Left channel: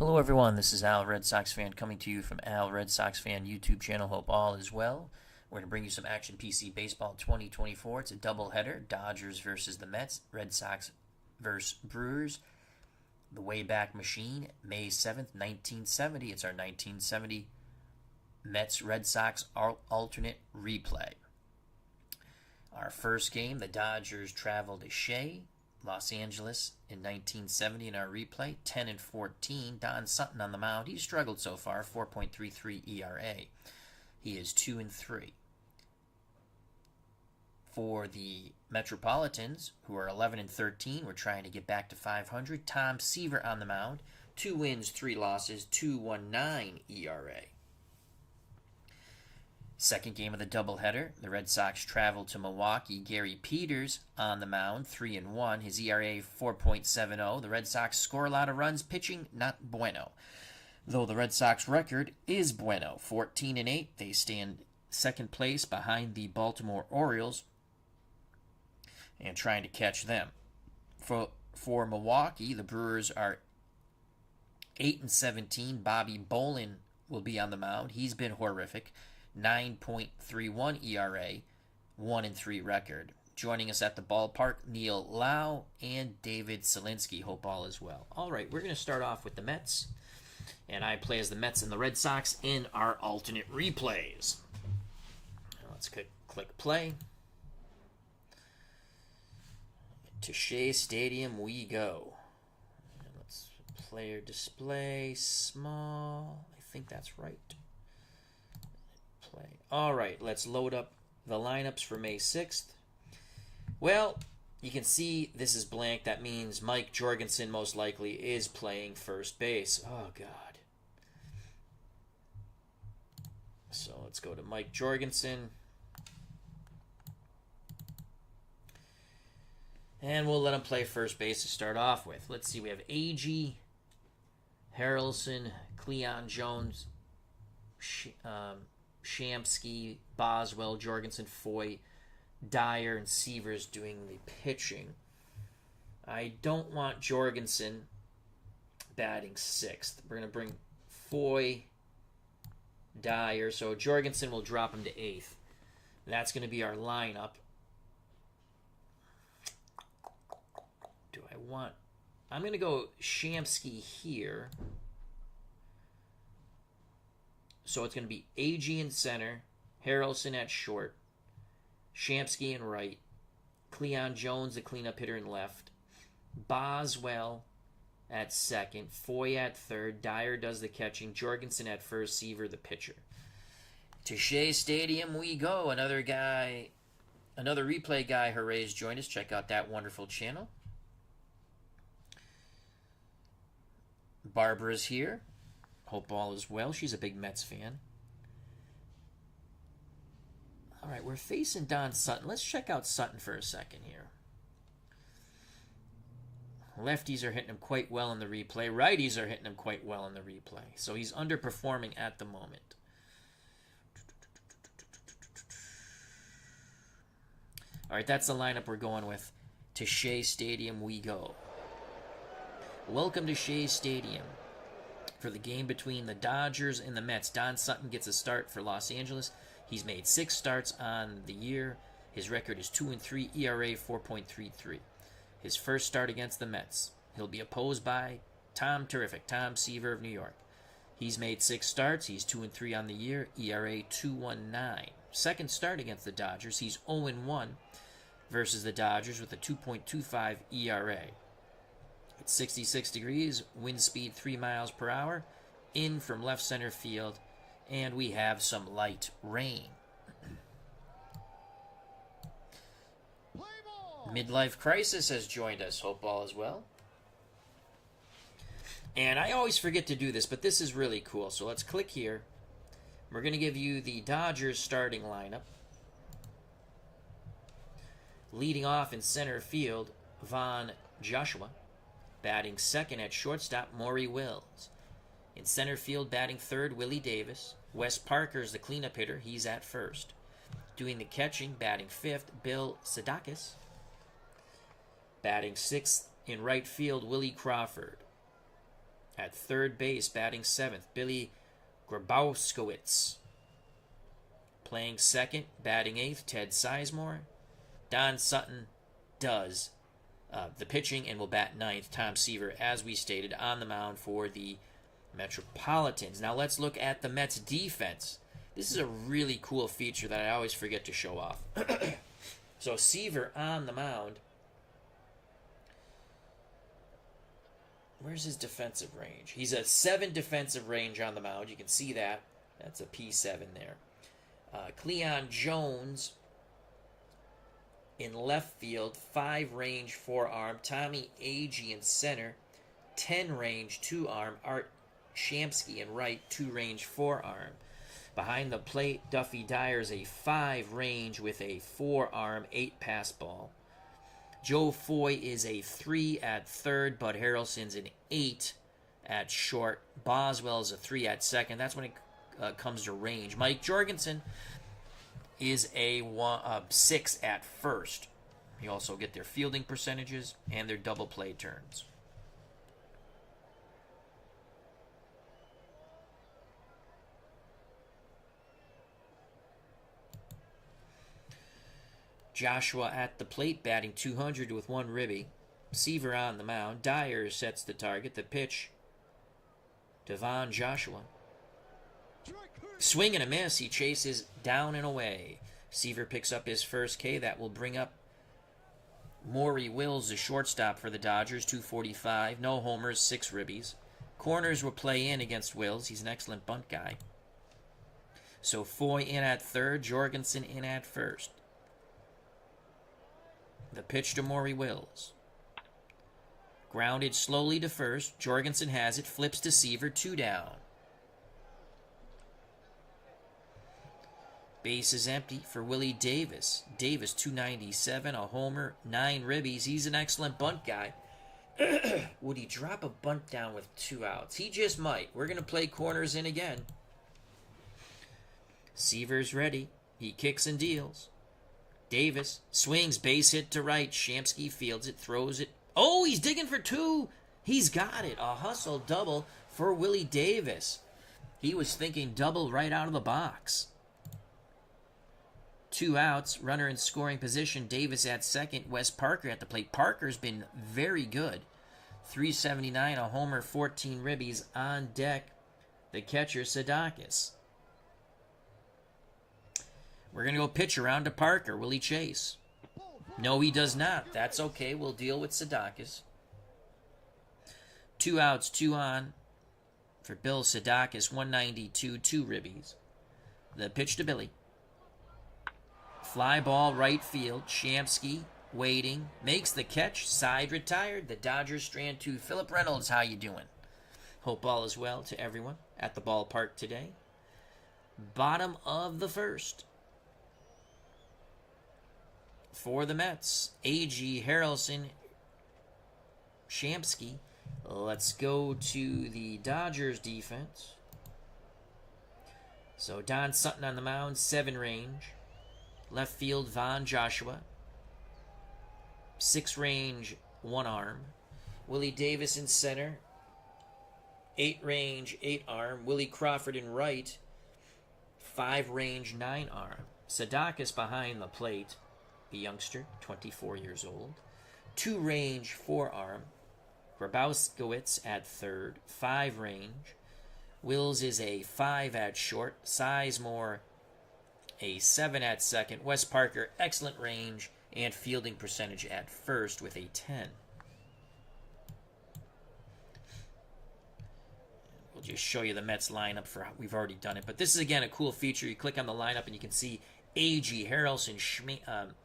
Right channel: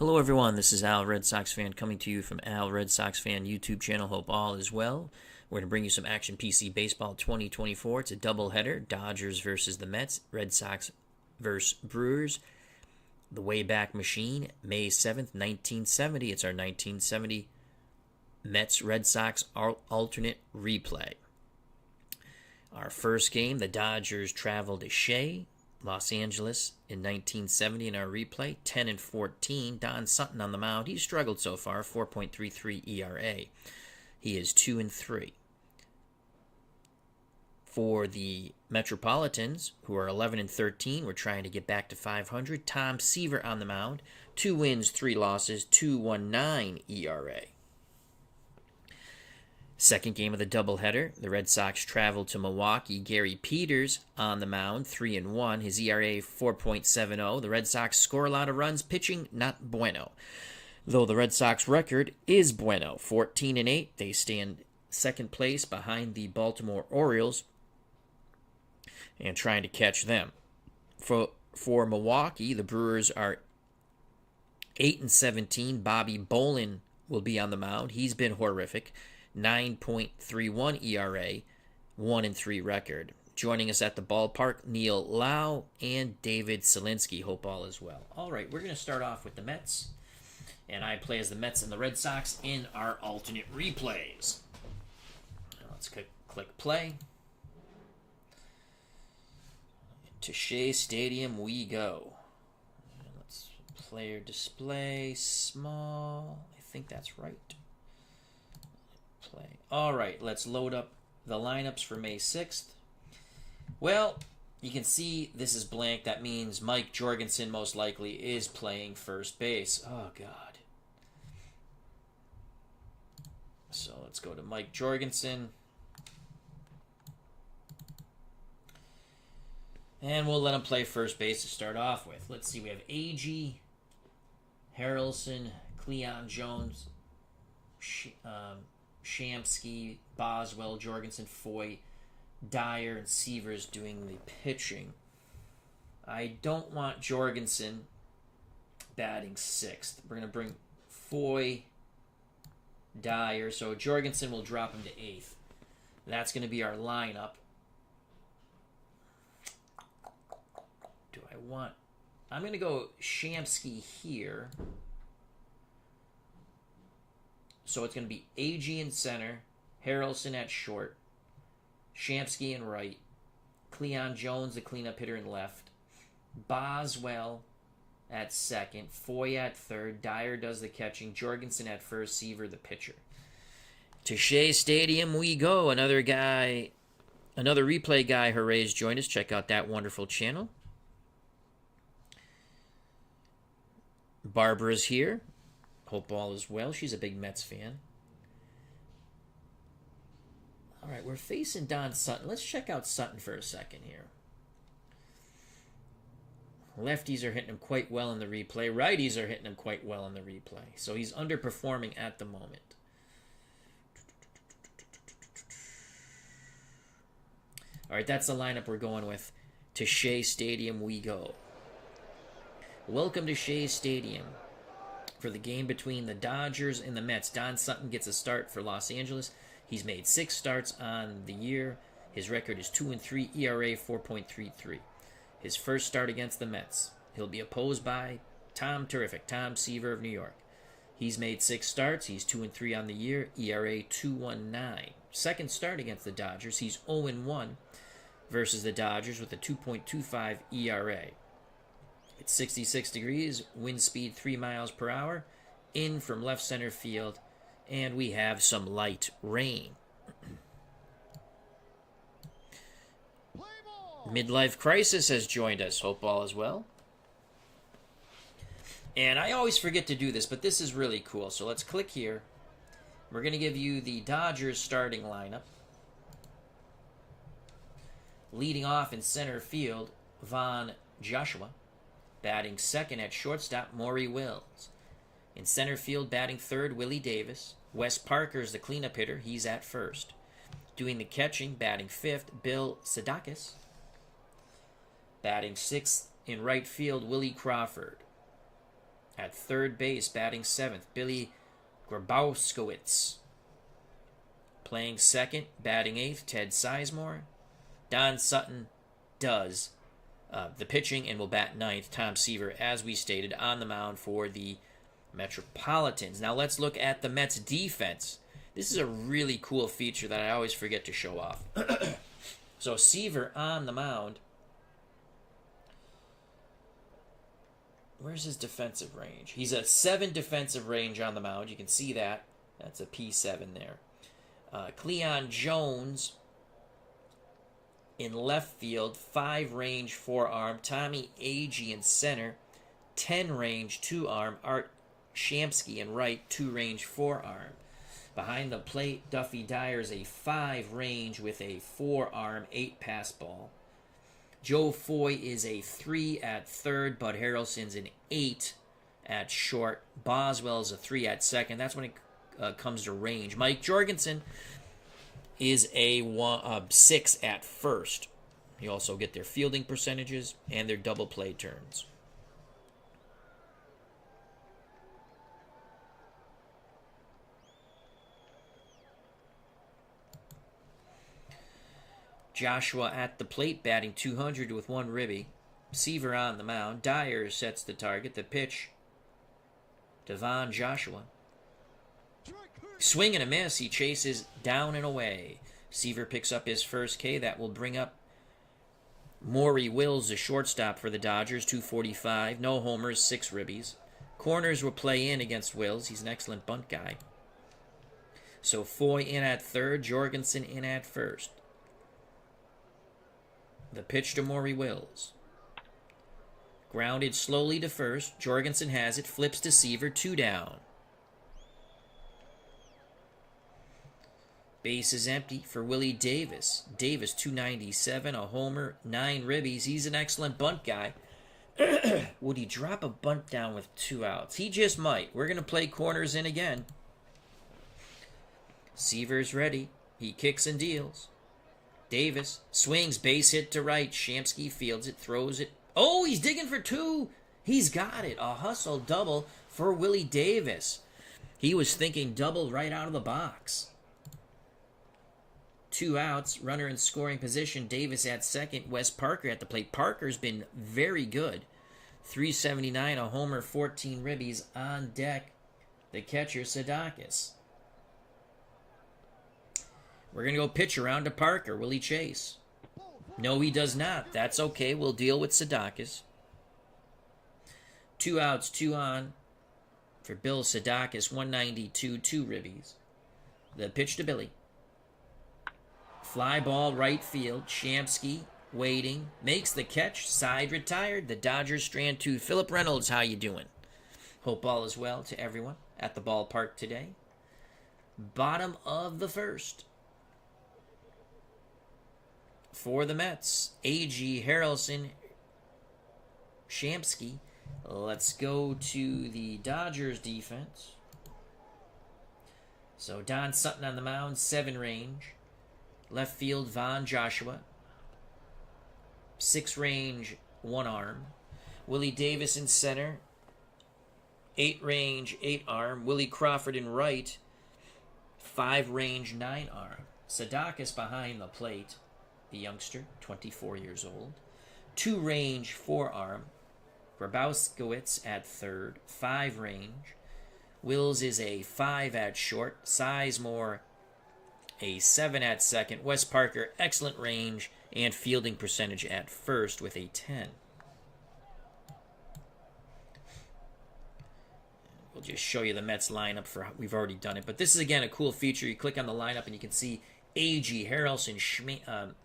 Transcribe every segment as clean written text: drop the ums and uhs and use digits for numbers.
Hello everyone, this is Al Red Sox Fan coming to you from Al Red Sox Fan YouTube channel. Hope all is well. We're going to bring you some Action PC Baseball 2024. It's a doubleheader, Dodgers versus the Mets, Red Sox versus Brewers. The Wayback Machine, May 7th, 1970. It's our 1970 Mets Red Sox alternate replay. Our first game, the Dodgers traveled to Shea, Los Angeles in 1970 in our replay, 10-14. Don Sutton on the mound. He's struggled so far, 4.33 ERA. He is 2-3. For the Metropolitans, who are 11-13, we're trying to get back to 500. Tom Seaver on the mound, 2 wins, 3 losses, 2.19 ERA. Second game of the doubleheader, the Red Sox traveled to Milwaukee. Gary Peters on the mound, 3-1. His ERA 4.70. The Red Sox score a lot of runs, pitching not bueno. Though the Red Sox record is bueno, 14-8. They stand second place behind the Baltimore Orioles and trying to catch them. For Milwaukee, the Brewers are 8-17. Bobby Bolin will be on the mound. He's been horrific. 9.31 ERA, 1-3 record. Joining us at the ballpark, Neil Lau and David Selinsky. Hope all is well. All right, we're going to start off with the Mets, and I play as the Mets and the Red Sox in our alternate replays. Let's click play. To Shea Stadium we go. And let's player display small. I think that's right. Play. All right, let's load up the lineups for May 6th. Well, you can see this is blank. That means Mike Jorgensen most likely is playing first base. Oh, God. So let's go to Mike Jorgensen. And we'll let him play first base to start off with. Let's see, we have A.G., Harrelson, Cleon Jones, Shamsky, Boswell, Jorgensen, Foy, Dyer, and Seavers doing the pitching. I don't want Jorgensen batting 6th. We're going to bring Foy, Dyer, so Jorgensen will drop him to 8th. That's going to be our lineup. Do I want... I'm going to go Shamsky here. So it's going to be A.G. in center, Harrelson at short, Shamsky in right, Cleon Jones, the cleanup hitter, in left, Boswell at second, Foy at third, Dyer does the catching, Jorgensen at first, Seaver the pitcher. To Shea Stadium we go. Another replay guy, Hoorays, joined us. Check out that wonderful channel. Barbara's here. Hope all is well. She's a big Mets fan. All right, we're facing Don Sutton. Let's check out Sutton for a second here. Lefties are hitting him quite well in the replay. Righties are hitting him quite well in the replay. So he's underperforming at the moment. All right, that's the lineup we're going with. To Shea Stadium we go. Welcome to Shea Stadium. For the game between the Dodgers and the Mets, Don Sutton gets a start for Los Angeles. He's made 6 starts on the year. His record is 2-3, ERA 4.33. His first start against the Mets. He'll be opposed by Tom Seaver of New York. He's made 6 starts. He's 2-3 on the year, ERA 2.19. Second start against the Dodgers. He's 0-1 versus the Dodgers with a 2.25 ERA. It's 66 degrees, wind speed 3 miles per hour, in from left center field, and we have some light rain. Midlife Crisis has joined us. Hope all is well. And I always forget to do this, but this is really cool. So let's click here. We're going to give you the Dodgers starting lineup. Leading off in center field, Von Joshua. Batting second at shortstop, Maury Wills. In center field, batting third, Willie Davis. Wes Parker's the cleanup hitter. He's at first. Doing the catching, batting fifth, Bill Sadakis. Batting sixth in right field, Willie Crawford. At third base, batting 7th, Billy Grabowskowitz. Playing second, batting 8th, Ted Sizemore. Don Sutton does the pitching and will bat 9th. Tom Seaver, as we stated, on the mound for the Metropolitans. Now let's look at the Mets defense. This is a really cool feature that I always forget to show off. So Seaver on the mound. Where's his defensive range? He's at 7 defensive range on the mound. You can see that. That's a P7 there. Cleon Jones in left field, 5 range, 4-arm. Tommy Agee in center, 10 range, 2-arm. Art Shamsky in right, 2 range, 4-arm. Behind the plate, Duffy Dyer's a 5 range with a 4-arm, 8-pass ball. Joe Foy is a 3 at third. Bud Harrelson's an 8 at short. Boswell is a 3 at second. That's when it comes to range. Mike Jorgensen is a 6 at first. You also get their fielding percentages and their double play turns. Joshua at the plate, batting 200 with 1 ribby. Seaver on the mound. Dyer sets the target. The pitch to Von Joshua. Swing and a miss. He chases down and away. Seaver picks up his first K. That will bring up Maury Wills, the shortstop for the Dodgers, 245. No homers, 6 ribbies. Corners will play in against Wills. He's an excellent bunt guy. So Foy in at third. Jorgensen in at first. The pitch to Maury Wills. Grounded slowly to first. Jorgensen has it. Flips to Seaver. 2 down. Base is empty for Willie Davis. Davis, 297, a homer, 9 ribbies. He's an excellent bunt guy. Would he drop a bunt down with 2 outs? He just might. We're going to play corners in again. Seaver's ready. He kicks and deals. Davis swings, base hit to right. Shamsky fields it, throws it. Oh, he's digging for 2. He's got it. A hustle double for Willie Davis. He was thinking double right out of the box. 2 outs, runner in scoring position. Davis at second. Wes Parker at the plate. Parker's been very good. 379, a homer, 14 ribbies. On deck, the catcher, Sadakis. We're going to go pitch around to Parker. Will he chase? No, he does not. That's okay. We'll deal with Sadakis. 2 outs, 2 on for Bill Sadakis. 192, 2 ribbies. The pitch to Billy. Fly ball right field. Shamsky waiting. Makes the catch. Side retired. The Dodgers strand 2. Philip Reynolds, how you doing? Hope all is well to everyone at the ballpark today. Bottom of the first. For the Mets, Agee, Harrelson, Shamsky. Let's go to the Dodgers defense. So Don Sutton on the mound, 7 range. Left field, Von Joshua. 6 range, 1 arm. Willie Davis in center. 8 range, 8 arm. Willie Crawford in right. 5 range, 9 arm. Sadakis behind the plate. The youngster, 24 years old. 2 range, 4 arm. Grabowskowitz at third. 5 range. Wills is a 5 at short. Sizemore a 7 at second. Wes Parker, excellent range and fielding percentage at first with a 10. We'll just show you the Mets lineup for we've already done it. But this is, again, a cool feature. You click on the lineup and you can see Agee, Harrelson,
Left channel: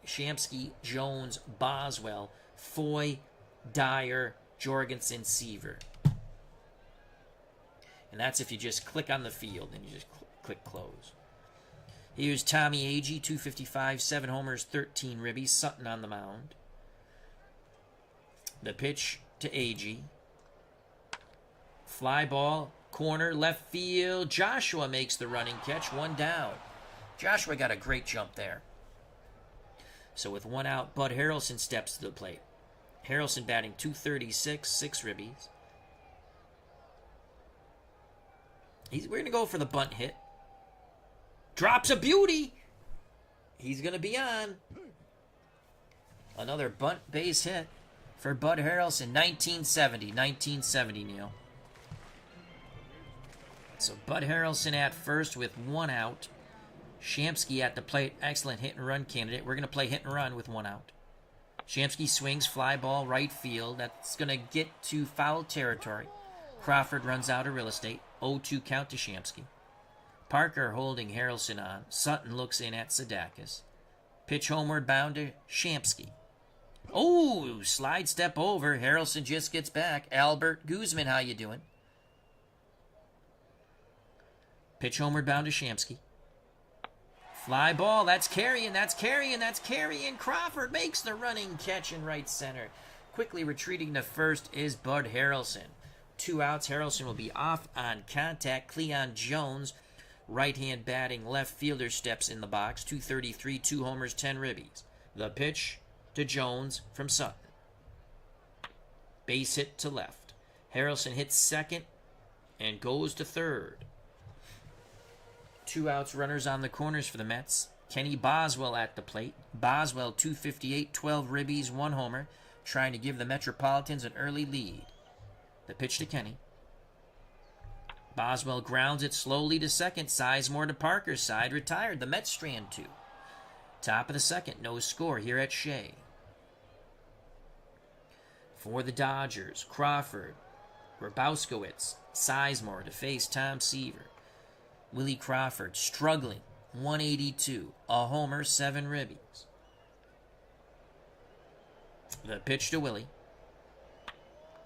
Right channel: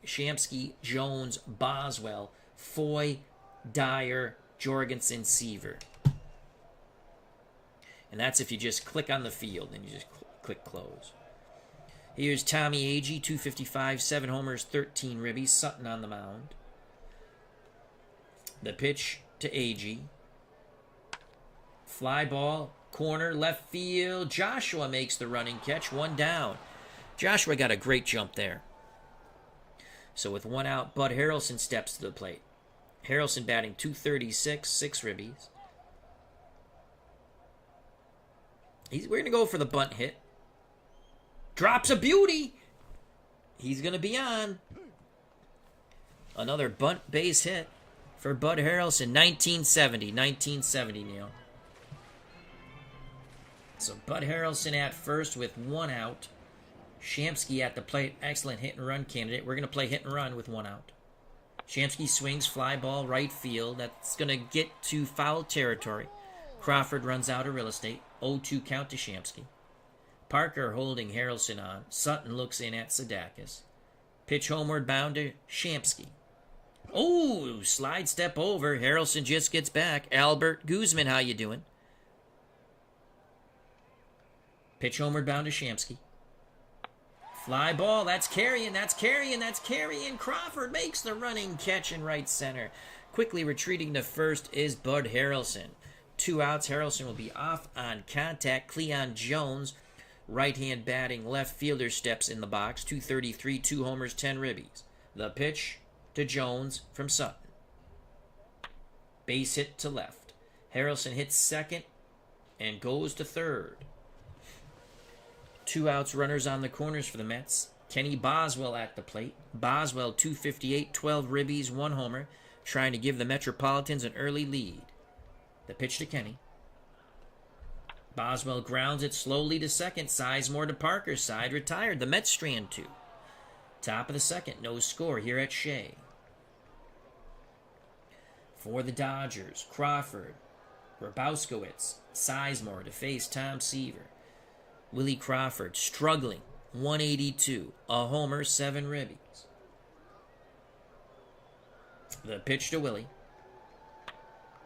Shamsky, Jones, Boswell, Foy, Dyer, Jorgensen, Seaver. And that's if you just click on the field and you just click close. Here's Tommy Agee, 255, 7 homers, 13 ribbies. Sutton on the mound. The pitch to Agee. Fly ball, corner, left field. Joshua makes the running catch, 1 down. Joshua got a great jump there. So with 1 out, Bud Harrelson steps to the plate. Harrelson batting 236, 6 ribbies. We're going to go for the bunt hit. Drops a beauty. He's going to be on. Another bunt base hit for Bud Harrelson. 1970, Neil. So Bud Harrelson at first with 1 out. Shamsky at the plate. Excellent hit and run candidate. We're going to play hit and run with 1 out. Shamsky swings, fly ball, right field. That's going to get to foul territory. Crawford runs out of real estate. 0-2 count to Shamsky. Parker holding Harrelson on. Sutton looks in at Sadakis. Pitch homeward bound to Shamsky. Oh, slide step over. Harrelson just gets back. Albert Guzman, how you doing? Pitch homeward bound to Shamsky. Fly ball, that's carrying. Crawford makes the running catch in right center. Quickly retreating to first is Bud Harrelson. 2 outs, Harrelson will be off on contact. Cleon Jones, right-hand batting left fielder, steps in the box. 233, 2 homers, 10 ribbies. The pitch to Jones from Sutton. Base hit to left. Harrelson hits second and goes to third. 2 outs, runners on the corners for the Mets. Kenny Boswell at the plate. Boswell, 258, 12 ribbies, 1 homer, trying to give the Metropolitans an early lead. The pitch to Kenny. Boswell grounds it slowly to second. Sizemore to Parker's side, retired. The Mets strand 2. Top of the second, no score here at Shea. For the Dodgers, Crawford, Grabowskowitz, Sizemore to face Tom Seaver. Willie Crawford struggling, 182, a homer, 7 ribbies. The pitch to Willie.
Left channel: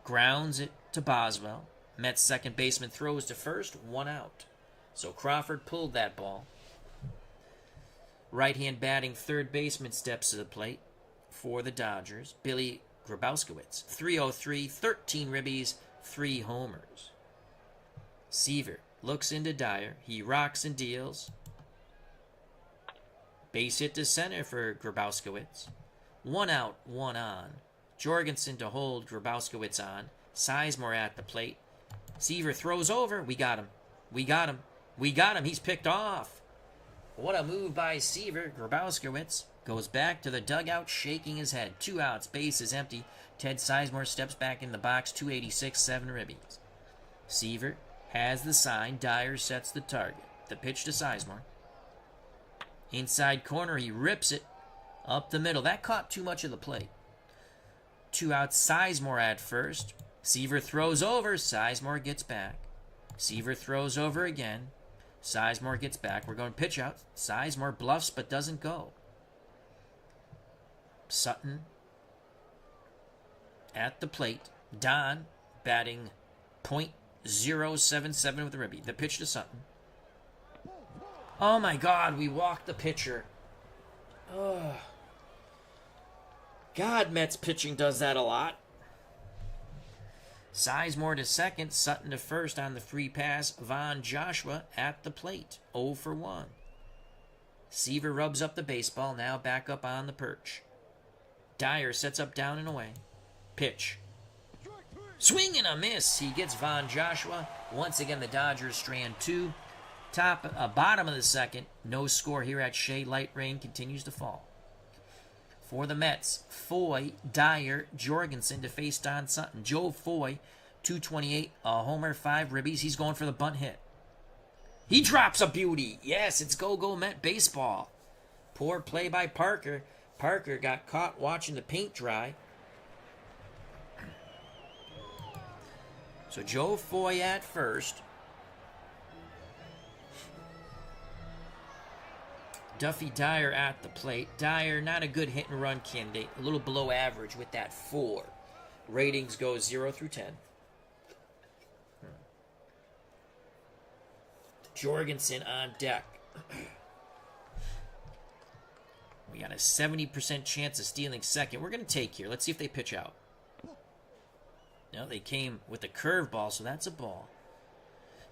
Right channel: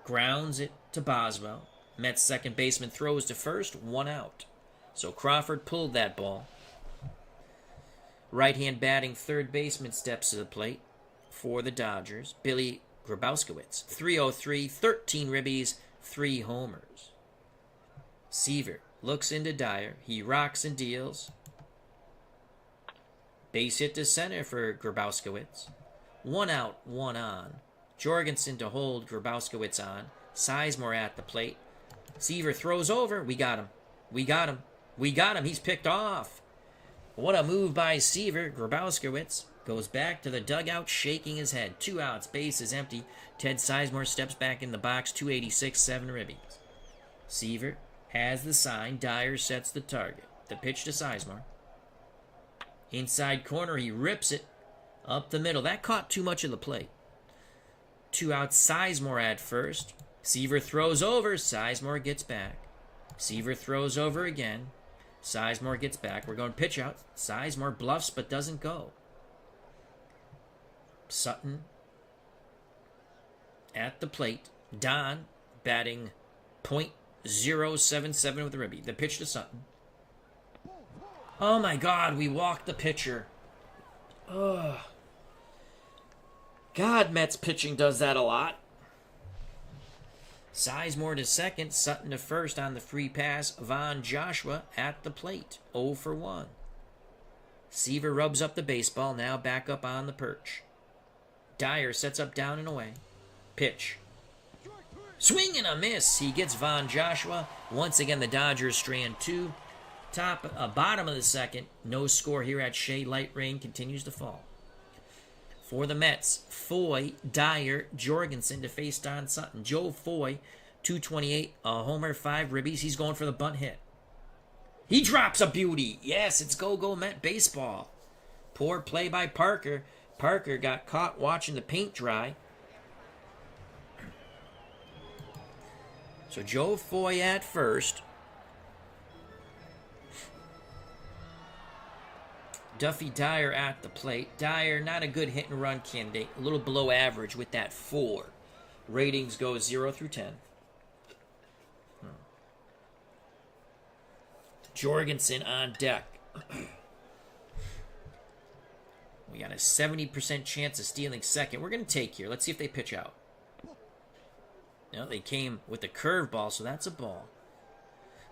Grounds it to Boswell. Mets second baseman throws to first, 1 out. So Crawford pulled that ball. Right-hand batting third baseman steps to the plate for the Dodgers. Billy Grabowskowitz, 303, 13 ribbies, 3 homers. Seaver looks into Dyer. He rocks and deals. Base hit to center for Grabowskowitz. 1 out, 1 on. Jorgensen to hold Grabowskowitz on. Sizemore at the plate. Seaver throws over. We got him. He's picked off. What a move by Seaver. Grabowskowitz goes back to the dugout, shaking his head. 2 outs, base is empty. Ted Sizemore steps back in the box. 286, 7 ribbies. Seaver has the sign. Dyer sets the target. The pitch to Sizemore. Inside corner, he rips it up the middle. That caught too much of the plate. 2 outs, Sizemore at first. Seaver throws over. Sizemore gets back. Seaver throws over again. Sizemore gets back. We're going pitch out. Sizemore bluffs but doesn't go. Sutton at the plate. Don batting .077 with the ribby. The pitch to Sutton. Oh my God, we walked the pitcher. Ugh. God, Mets pitching does that a lot. Sizemore to second, Sutton to first on the free pass. Von Joshua at the plate, 0 for 1. Seaver rubs up the baseball, now back up on the perch. Dyer sets up down and away. Pitch. Swing and a miss. He gets Von Joshua. Once again, the Dodgers strand 2. Bottom of the second. No score here at Shea. Light rain continues to fall. For the Mets, Foy, Dyer, Jorgensen to face Don Sutton. Joe Foy, 228, a homer, 5 ribbies. He's going for the bunt hit. He drops a beauty. Yes, it's go-go Met baseball. Poor play by Parker. Parker got caught watching the paint dry. So Joe Foy at first. Duffy Dyer at the plate. Dyer, not a good hit and run candidate. A little below average with that 4. Ratings go 0 through 10. Jorgensen on deck. We got a 70% chance of stealing second. We're going to take here. Let's see if they pitch out. No, they came with a curveball, so that's a ball.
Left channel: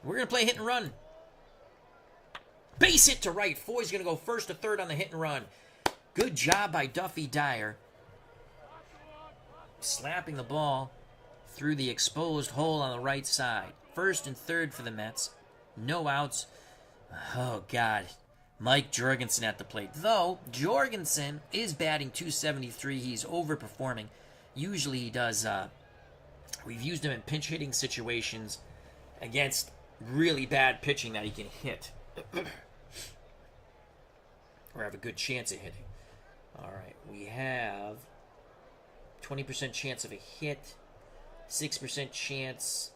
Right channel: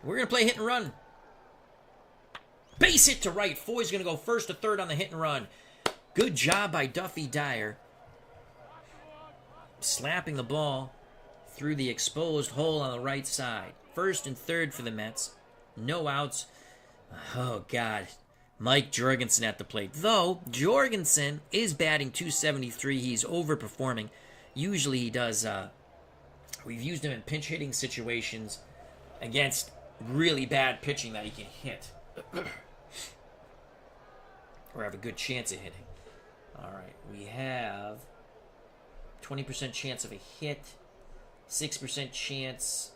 We're going to play hit and run. Base hit to right. Foy's going to go first to third on the hit and run. Good job by Duffy Dyer. Slapping the ball through the exposed hole on the right side. First and third for the Mets. No outs. Oh, God. Mike Jorgensen at the plate. Though, Jorgensen is batting .273. He's overperforming. Usually he does... we've used him in pinch hitting situations against really bad pitching that he can hit. Or have a good chance of hitting. All right, we have 20% chance of a hit, 6% chance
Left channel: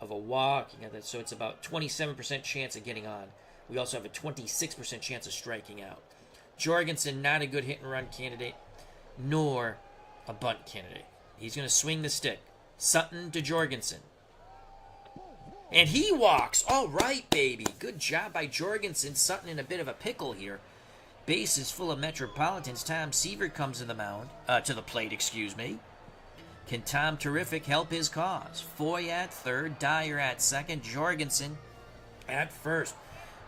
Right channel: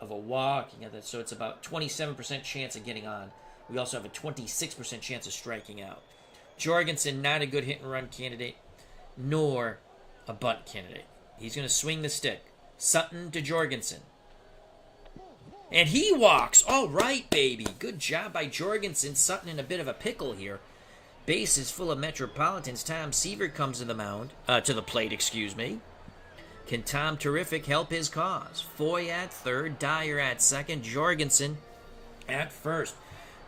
of a walk. You got that, so it's about 27% chance of getting on. We also have a 26% chance of striking out. Jorgensen, not a good hit and run candidate, nor a bunt candidate. He's going to swing the stick. Sutton to Jorgensen. And he walks. All right, baby. Good job by Jorgensen. Sutton in a bit of a pickle here. Bases full of Metropolitans. Tom Seaver comes to the plate, excuse me. Can Tom Terrific help his cause? Foy at third, Dyer at second, Jorgensen at first.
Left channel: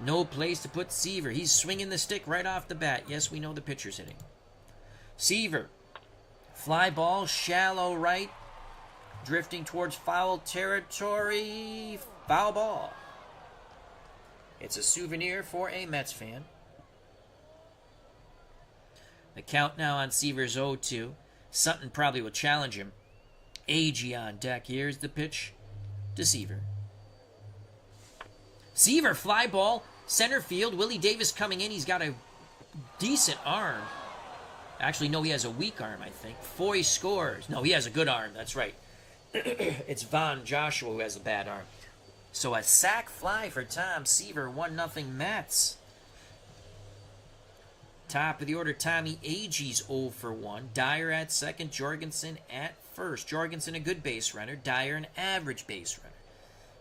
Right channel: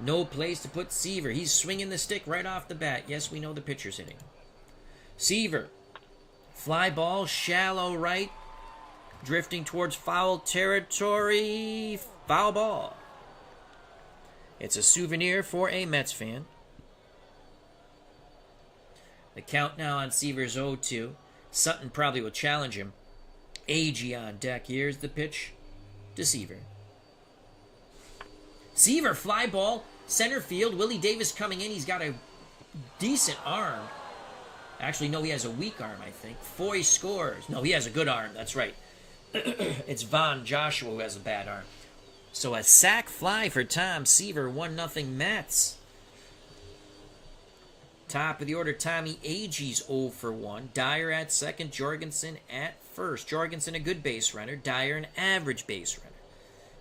No place to put Seaver. He's swinging the stick right off the bat. Yes, we know the pitcher's hitting. Seaver. Fly ball, shallow right. Drifting towards foul territory. Foul ball. It's a souvenir for a Mets fan. The count now on Seaver's 0-2. Sutton probably will challenge him. Agee on deck. Here's the pitch to Seaver. Seaver, fly ball, center field. Willie Davis coming in. He's got a decent arm. Actually, no, he has a weak arm, I think. Foy scores. No, he has a good arm. That's right. It's Von Joshua who has a bad arm. So a sac fly for Tom Seaver. 1-0 Mets. Top of the order, Tommy Agee's 0 for 1. Dyer at second, Jorgensen at first. Jorgensen a good base runner, Dyer an average base runner.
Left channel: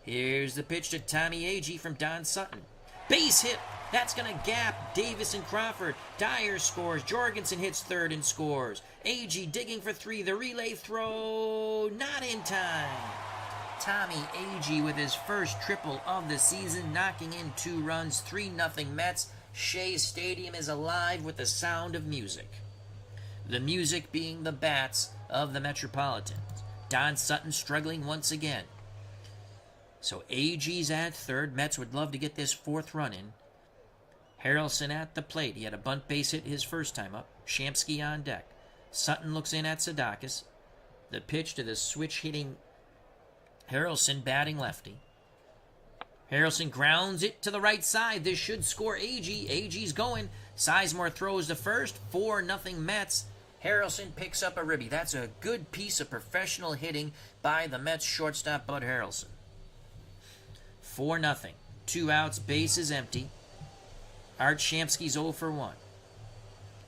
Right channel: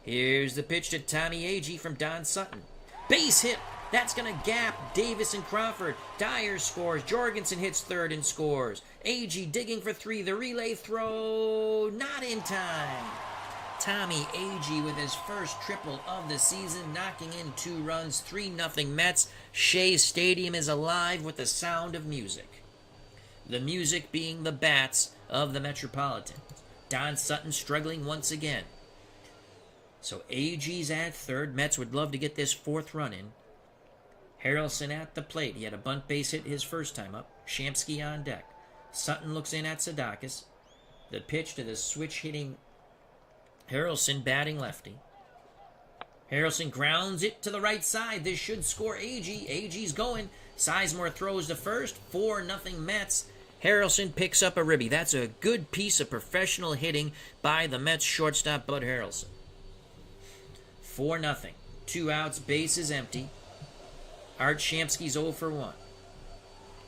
Here's the pitch to Tommy Agee from Don Sutton. Base hit. That's going to gap Davis and Crawford. Dyer scores. Jorgensen hits third and scores. Agee digging for 3. The relay throw not in time. Tommy Agee with his first triple of the season, knocking in 2 runs, 3-0 Mets. Shea Stadium is alive with the sound of music. The music being the bats of the Metropolitans. Don Sutton struggling once again. So Agee's at third. Mets would love to get this 4th run in. Harrelson at the plate. He had a bunt base hit his first time up. Shamsky on deck. Sutton looks in at Sadakis. The pitch to the switch-hitting Harrelson, batting lefty. Harrelson grounds it to the right side. This should score Agee. Agee's going. Sizemore throws to first. 4-0 Mets. Harrelson picks up a ribby. That's a good piece of professional hitting by the Mets shortstop, Bud Harrelson. 4-0. 2 outs, bases empty. Art Shamsky's 0 for 1.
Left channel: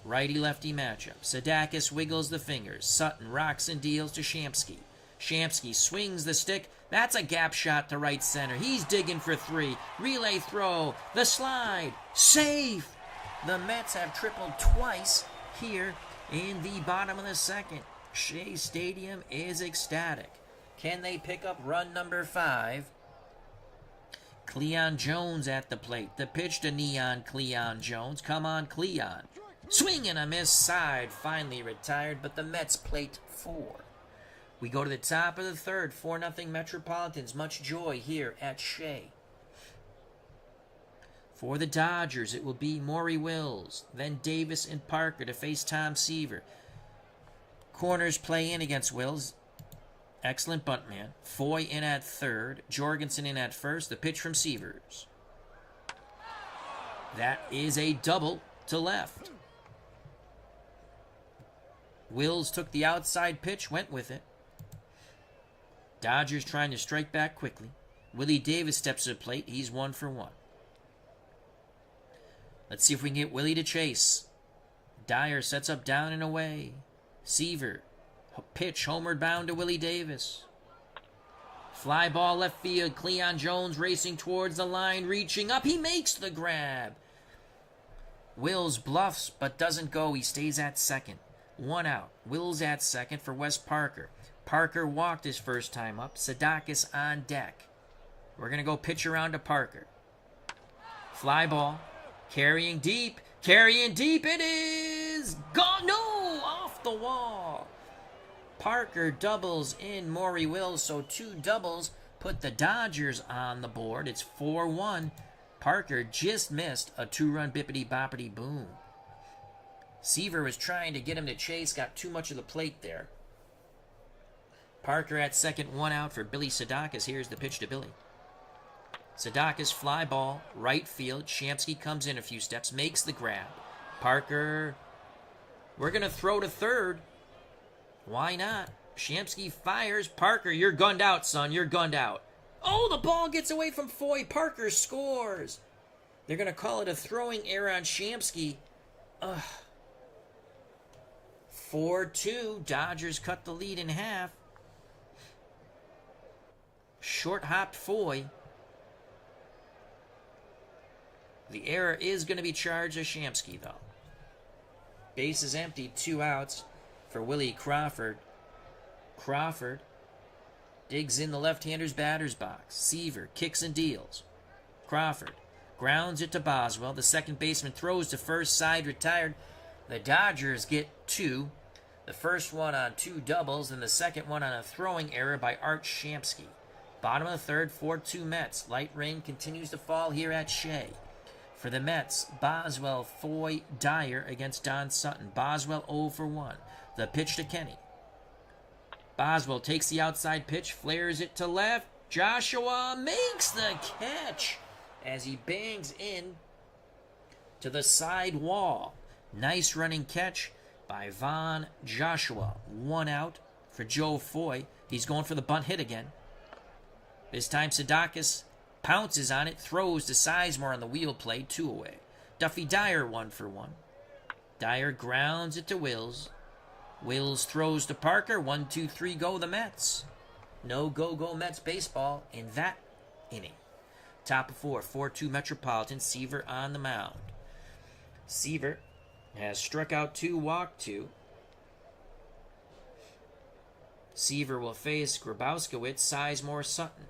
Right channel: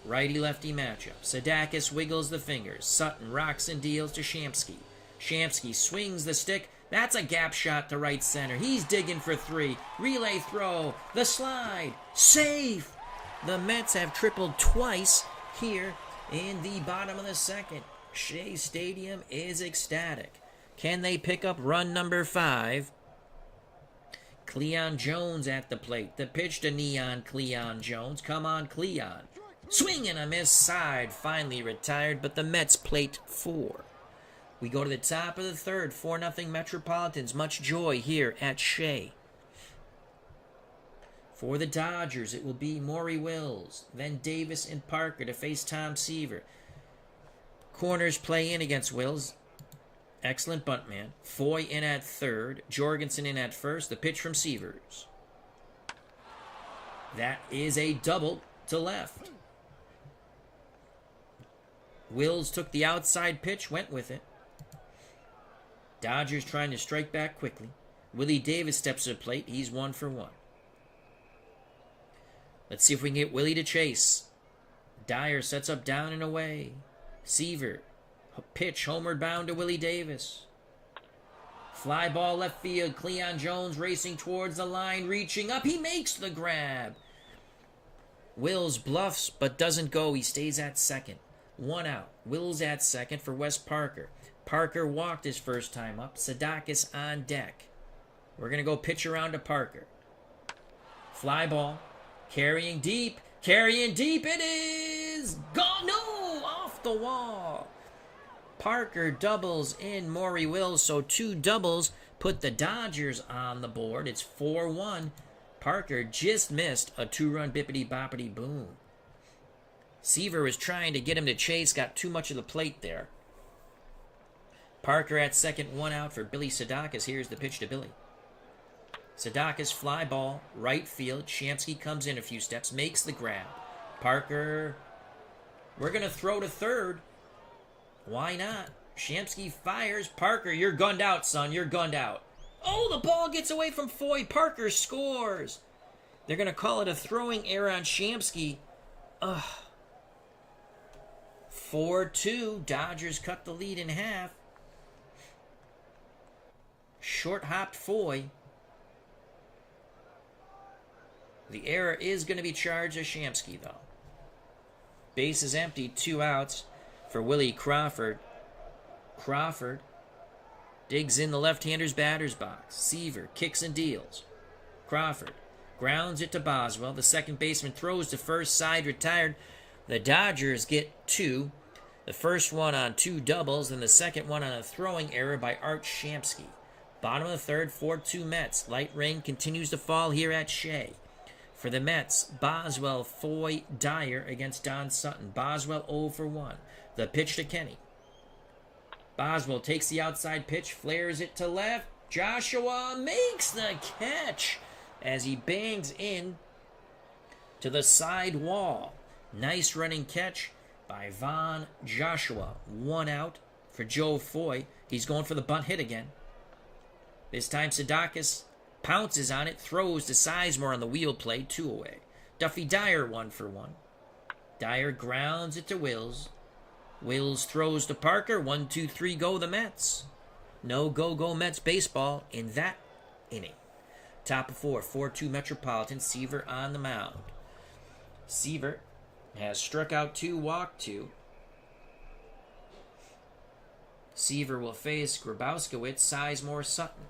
Righty-lefty matchup. Sadakis wiggles the fingers. Sutton rocks and deals to Shamsky. Shamsky swings the stick. That's a gap shot to right center. He's digging for 3. Relay throw. The slide. Safe. The Mets have tripled twice here in the bottom of the second. Shea Stadium is ecstatic. Can they pick up run number 5? Cleon Jones at the plate. The pitch to Neon Cleon Jones. Come on, Cleon. Swing and a miss. Side finally retired, but the Mets plate 4. We go to the top of the third. 4-0 Metropolitans. Much joy here at Shea. For the Dodgers, it will be Maury Wills, then Davis and Parker to face Tom Seaver. Corners play in against Wills. Excellent bunt man. Foy in at third. Jorgensen in at first. The pitch from Seavers. That is a double to left. Wills took the outside pitch, went with it. Dodgers trying to strike back quickly. Willie Davis steps to the plate. He's 1 for 1. Let's see if we can get Willie to chase. Dyer sets up down and away. Seaver. Pitch homeward bound to Willie Davis. Fly ball left field. Cleon Jones racing towards the line. Reaching up. He makes the grab. Wills bluffs but doesn't go. He stays at second. 1 out. Wills at second for Wes Parker. Parker walked his first time up. Sadakis on deck. We're going to go pitch around to Parker. Fly ball. Carrying deep. It is gone. No! Off the wall. Parker doubles in Maury Wills. So 2 doubles put the Dodgers on the board. It's 4-1. Parker just missed a 2-run bippity-boppity-boom. Seaver was trying to get him to chase, got too much of the plate there. Parker at second, 1 out for Billy Sadakis. Here's the pitch to Billy. Sadakis fly ball, right field. Shamsky comes in a few steps, makes the grab. Parker, we're going to throw to third. Why not? Shamsky fires. Parker, you're gunned out, son. You're gunned out. Oh, the ball gets away from Foy. Parker scores. They're going to call it a throwing error on Shamsky. 4-2. Dodgers cut the lead in half. Short-hopped Foy. The error is going to be charged to Shamsky, though. Base is empty. 2 outs for Willie Crawford. Crawford digs in the left-hander's batter's box. Seaver kicks and deals. Crawford grounds it to Boswell. The second baseman throws to first, side retired. The Dodgers get 2. The first one on 2 doubles, and the second one on a throwing error by Art Shamsky. Bottom of the third, 4-2 Mets. Light rain continues to fall here at Shea. For the Mets, Boswell, Foy, Dyer against Don Sutton. Boswell 0 for 1. The pitch to Kenny. Boswell takes the outside pitch, flares it to left. Joshua makes the catch as he bangs in to the side wall. Nice running catch by Von Joshua. 1 out for Joe Foy. He's going for the bunt hit again. This time Sadakis pounces on it, throws to Sizemore on the wheel play, 2 away. Duffy Dyer 1 for 1. Dyer grounds it to Wills. Wills throws to Parker. 1-2-3 go the Mets. No go Mets baseball in that inning. Top of 4, 4-2 Metropolitan. Seaver on the mound. Seaver has struck out 2, walked 2. Seaver will face Grabowskiewicz, Sizemore, Sutton.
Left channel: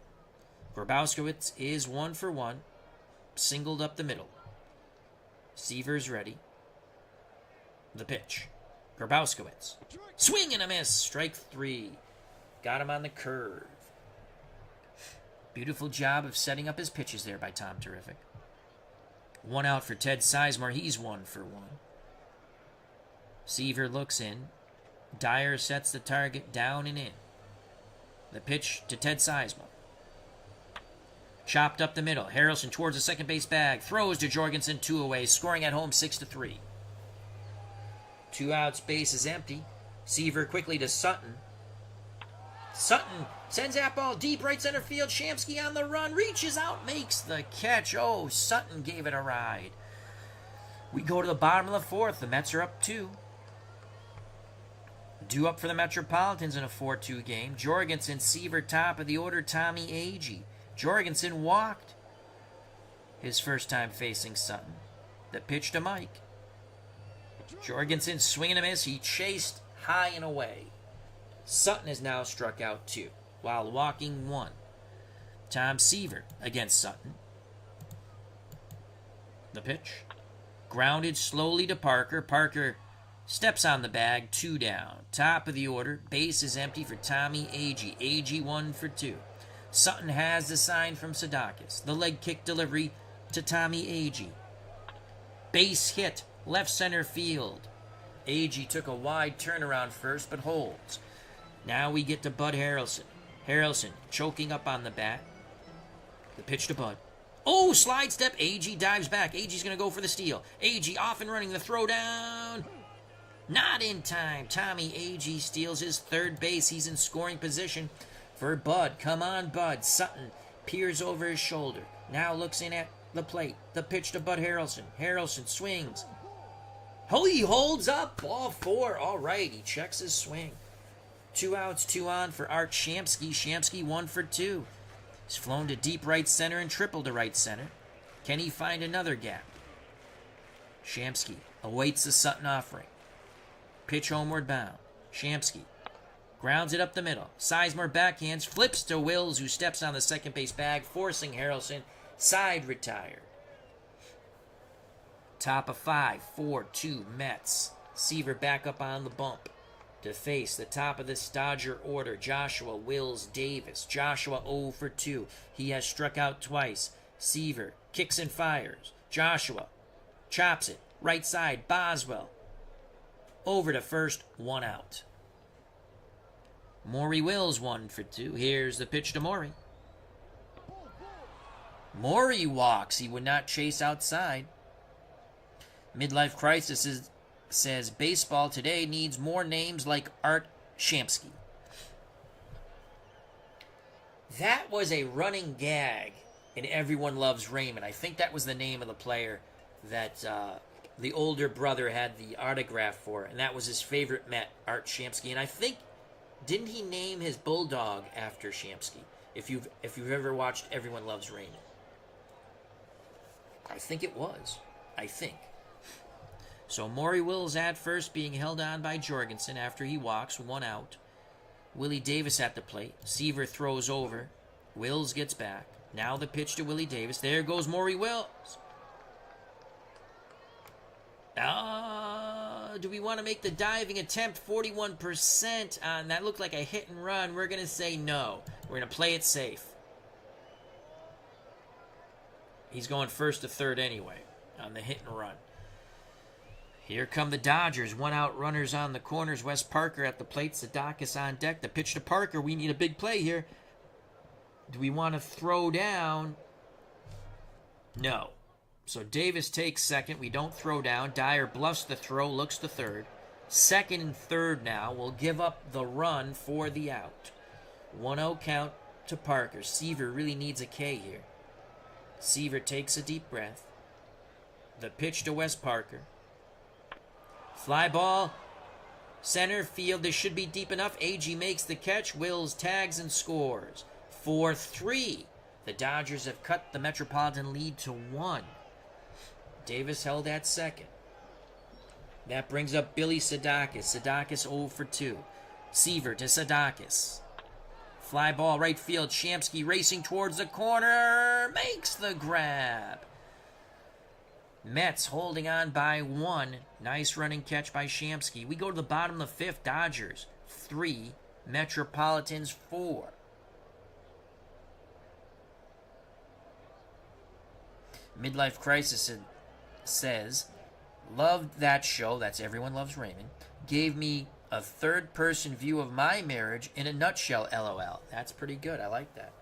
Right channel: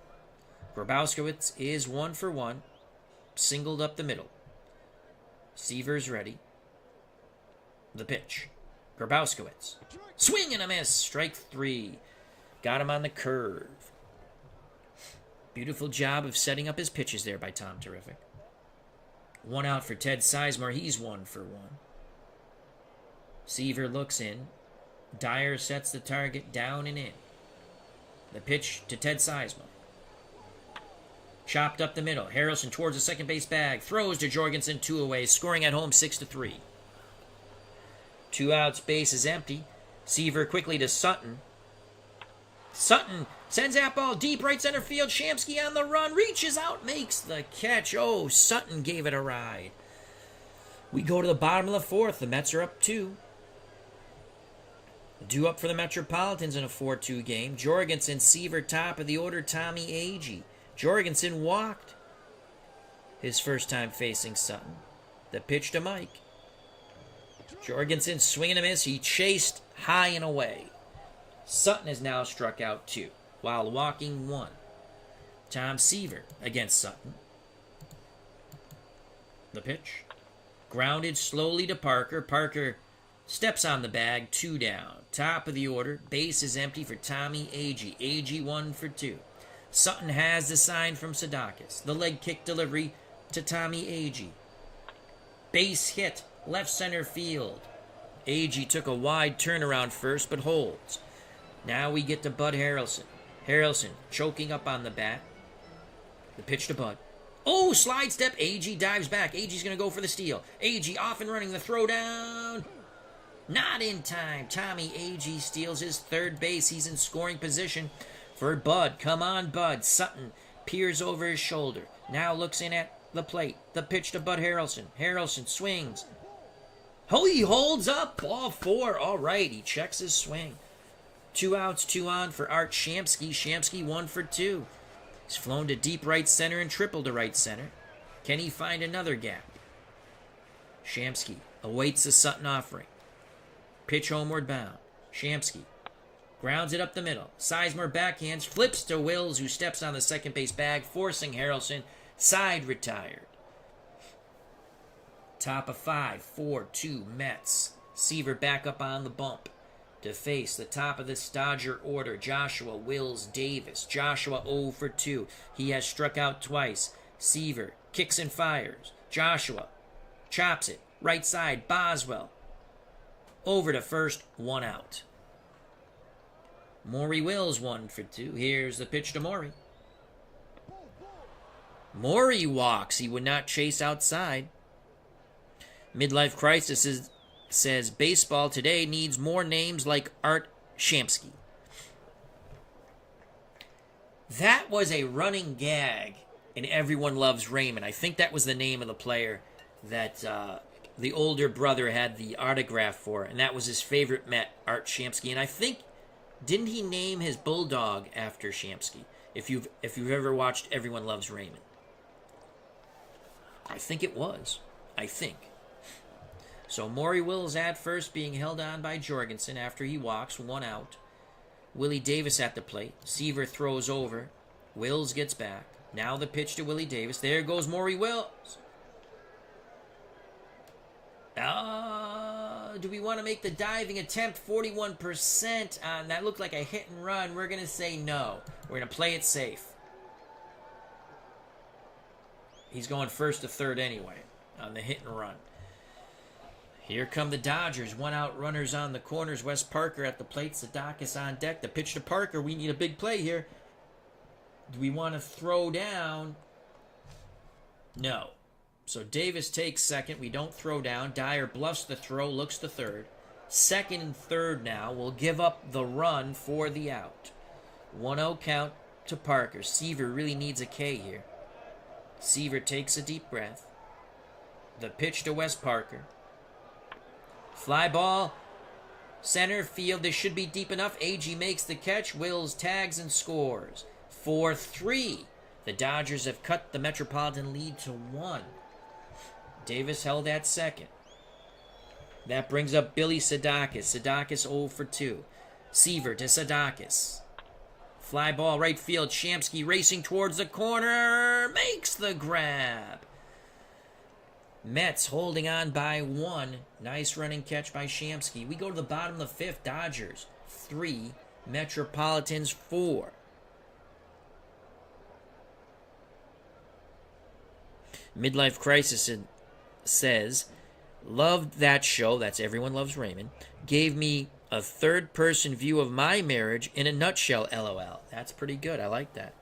Grabowskiewicz is 1 for 1. Singled up the middle. Seaver's ready. The pitch. Grabowskiewicz. Swing and a miss. Strike 3. Got him on the curve. Beautiful job of setting up his pitches there by Tom Terrific. 1 out for Ted Sizemore. He's 1 for 1. Seaver looks in. Dyer sets the target down and in. The pitch to Ted Sizemore. Chopped up the middle. Harrelson towards the second base bag. Throws to Jorgensen. 2 away. Scoring at home 6-3. 2 outs. Base is empty. Seaver quickly to Sutton. Sutton sends that ball deep right center field. Shamsky on the run. Reaches out. Makes the catch. Oh, Sutton gave it a ride. We go to the bottom of the 4th. The Mets are up 2. Due up for the Metropolitans in a 4-2 game. Jorgensen, Seaver, top of the order. Tommy Agee. Jorgensen walked his first time facing Sutton. The pitch to Mike. Jorgensen swinging a miss. He chased high and away. Sutton has now struck out 2 while walking 1. Tom Seaver against Sutton. The pitch. Grounded slowly to Parker. Parker steps on the bag. 2 down. Top of the order. Base is empty for Tommy Agee. Agee 1 for 2. Sutton has the sign from Sadakis. The leg kick delivery to Tommy Agee. Base hit, left center field. Agee took a wide turnaround first, but holds. Now we get to Bud Harrelson. Harrelson choking up on the bat. The pitch to Bud. Oh, slide step. Agee dives back. Agee's going to go for the steal. Agee off and running the throw down. Not in time. Tommy Agee steals his third base. He's in scoring position for Bud. Come on, Bud. Sutton peers over his shoulder. Now looks in at the plate. The pitch to Bud Harrelson. Harrelson swings. Oh, he holds up. Ball 4. All right, he checks his swing. 2 outs, 2 on for Art Shamsky. Shamsky 1 for 2. He's flown to deep right center and tripled to right center. Can he find another gap? Shamsky awaits the Sutton offering. Pitch homeward bound. Shamsky grounds it up the middle. Sizemore backhands, flips to Wills, who steps on the second base bag, forcing Harrelson. Side retired. Top of 5, 4-2 Mets. Seaver back up on the bump. to face the top of this Dodger order. Joshua Wills Davis. Joshua 0 for 2. He has struck out twice. Seaver kicks and fires. Joshua chops it. Right side, Boswell. Over to first, 1 out. Maury Wills 1 for 2. Here's the pitch to Maury. Maury walks. He would not chase outside. Midlife Crisis says baseball today needs more names like Art Shamsky. That was a running gag in Everyone Loves Raymond. I think that was the name of the player that the older brother had the autograph for, and that was his favorite Met, Art Shamsky. And I think, didn't he name his bulldog after Shamsky? If you've ever watched Everyone Loves Raymond, I think it was. I think. So Maury Wills at first, being held on by Jorgensen after he walks, 1 out. Willie Davis at the plate. Seaver throws over. Wills gets back. Now the pitch to Willie Davis. There goes Maury Wills. Do we want to make the diving attempt? 41% on that. Looked like a hit and run. We're going to say no. We're going to play it safe. He's going first to third anyway on the hit and run. Here come the Dodgers. 1 out, runners on the corners. Wes Parker at the plate. Sadakis on deck. The pitch to Parker. We need a big play here. Do we want to throw down? No. So Davis takes second. We don't throw down. Dyer bluffs the throw. Looks to third. Second and third now. We'll give up the run for the out. 1-0 count to Parker. Seaver really needs a K here. Seaver takes a deep breath. The pitch to Wes Parker. Fly ball, center field. This should be deep enough. AG makes the catch. Wills tags and scores. 4-3. The Dodgers have cut the Metropolitan lead to 1. Davis held at second. That brings up Billy Sadakis. Sadakis 0 for 2. Seaver to Sadakis. Fly ball right field. Shamsky racing towards the corner. Makes the grab. Mets holding on by 1. Nice running catch by Shamsky. We go to the bottom of the 5th. Dodgers 3. Metropolitans 4. Midlife Crisis says, loved that show. That's Everyone Loves Raymond. Gave me a third-person view of my marriage in a nutshell, LOL. That's pretty good. I like that.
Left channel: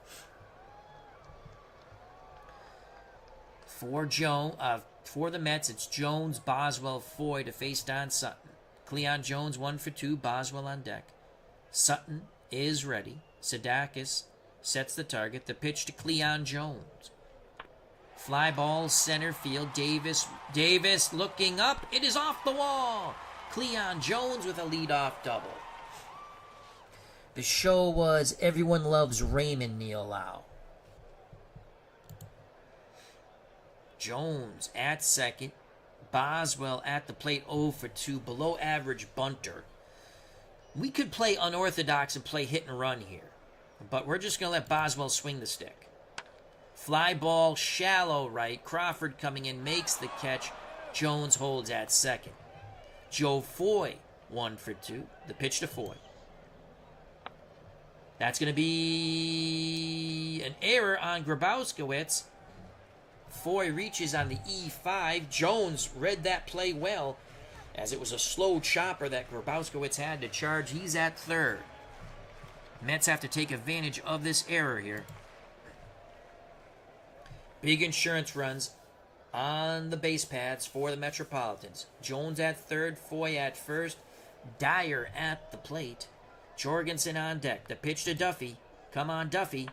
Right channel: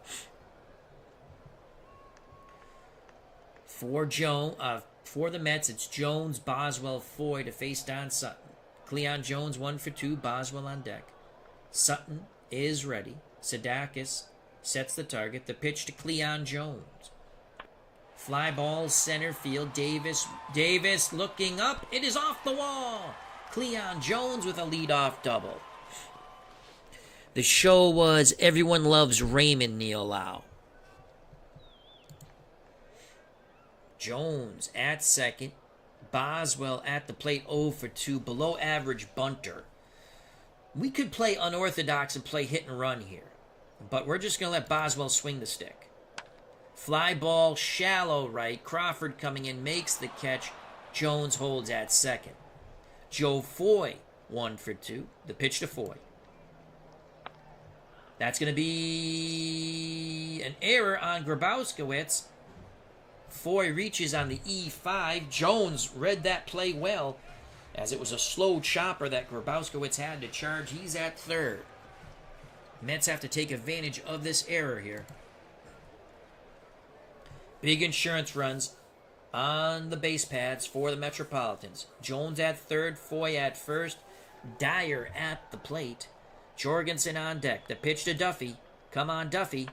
For the Mets, it's Jones, Boswell, Foy to face Don Sutton. Cleon Jones 1 for 2, Boswell on deck. Sutton is ready. Sadakis sets the target. The pitch to Cleon Jones. Fly ball, center field. Davis looking up. It is off the wall. Cleon Jones with a leadoff double. The show was Everyone Loves Raymond, Neil Lau. Jones at second. Boswell at the plate 0 for 2. Below average bunter. We could play unorthodox and play hit and run here. But we're just going to let Boswell swing the stick. Fly ball, shallow right. Crawford coming in, makes the catch. Jones holds at second. Joe Foy 1 for 2. The pitch to Foy. That's going to be an error on Grabowskiewicz. Foy reaches on the E5. Jones read that play well, as it was a slow chopper that Grabowskiewicz had to charge. He's at third. Mets have to take advantage of this error here. Big insurance runs on the base pads for the Metropolitans. Jones at third, Foy at first, Dyer at the plate. Jorgensen on deck. The pitch to Duffy. Come on, Duffy.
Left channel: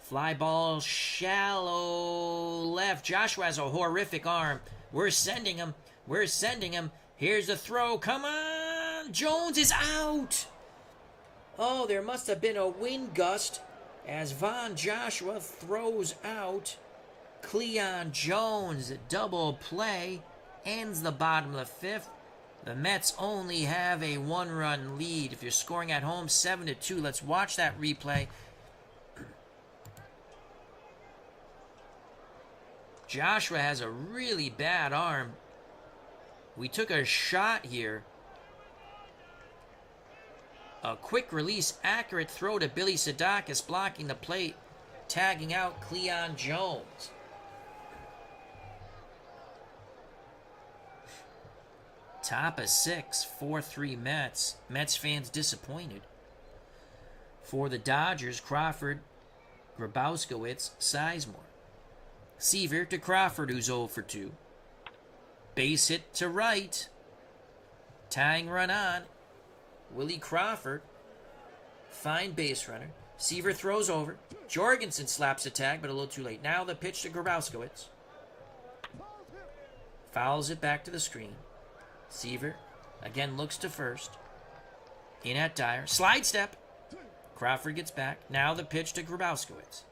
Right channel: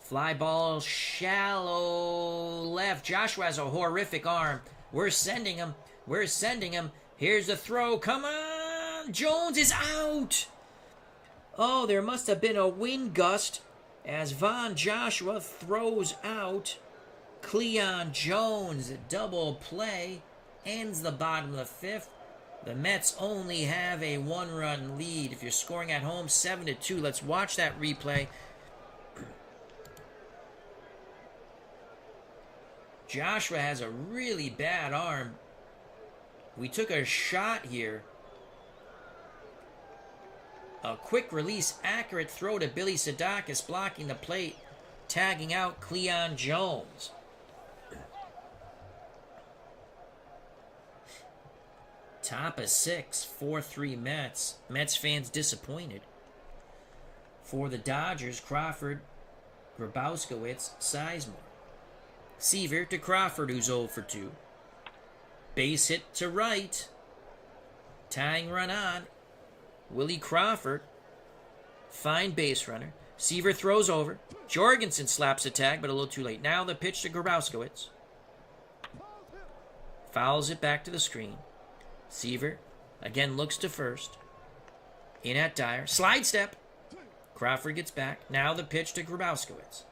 Fly ball, shallow left. Joshua has a horrific arm. We're sending him. Here's the throw. Come on. Jones is out. Oh, there must have been a wind gust as Von Joshua throws out. Cleon Jones, double play, ends the bottom of the 5th. The Mets only have a 1-run lead. If you're scoring at home, 7-2. Let's watch that replay. Joshua has a really bad arm. We took a shot here A quick release, accurate throw to Billy Sadakis, blocking the plate, tagging out Cleon Jones. Top of 6, 4-3 Mets. Mets fans disappointed. For the Dodgers, Crawford, Grabowskowitz, Sizemore. Seaver to Crawford, who's 0 for 2. Base hit to right. Tying run on. Willie Crawford. Fine base runner. Seaver throws over. Jorgensen slaps a tag, but a little too late. Now the pitch to Grabowskowitz. Fouls it back to the screen. Seaver again looks to first. In at Dyer. Slide step. Crawford gets back. Now the pitch to Grabowskowitz.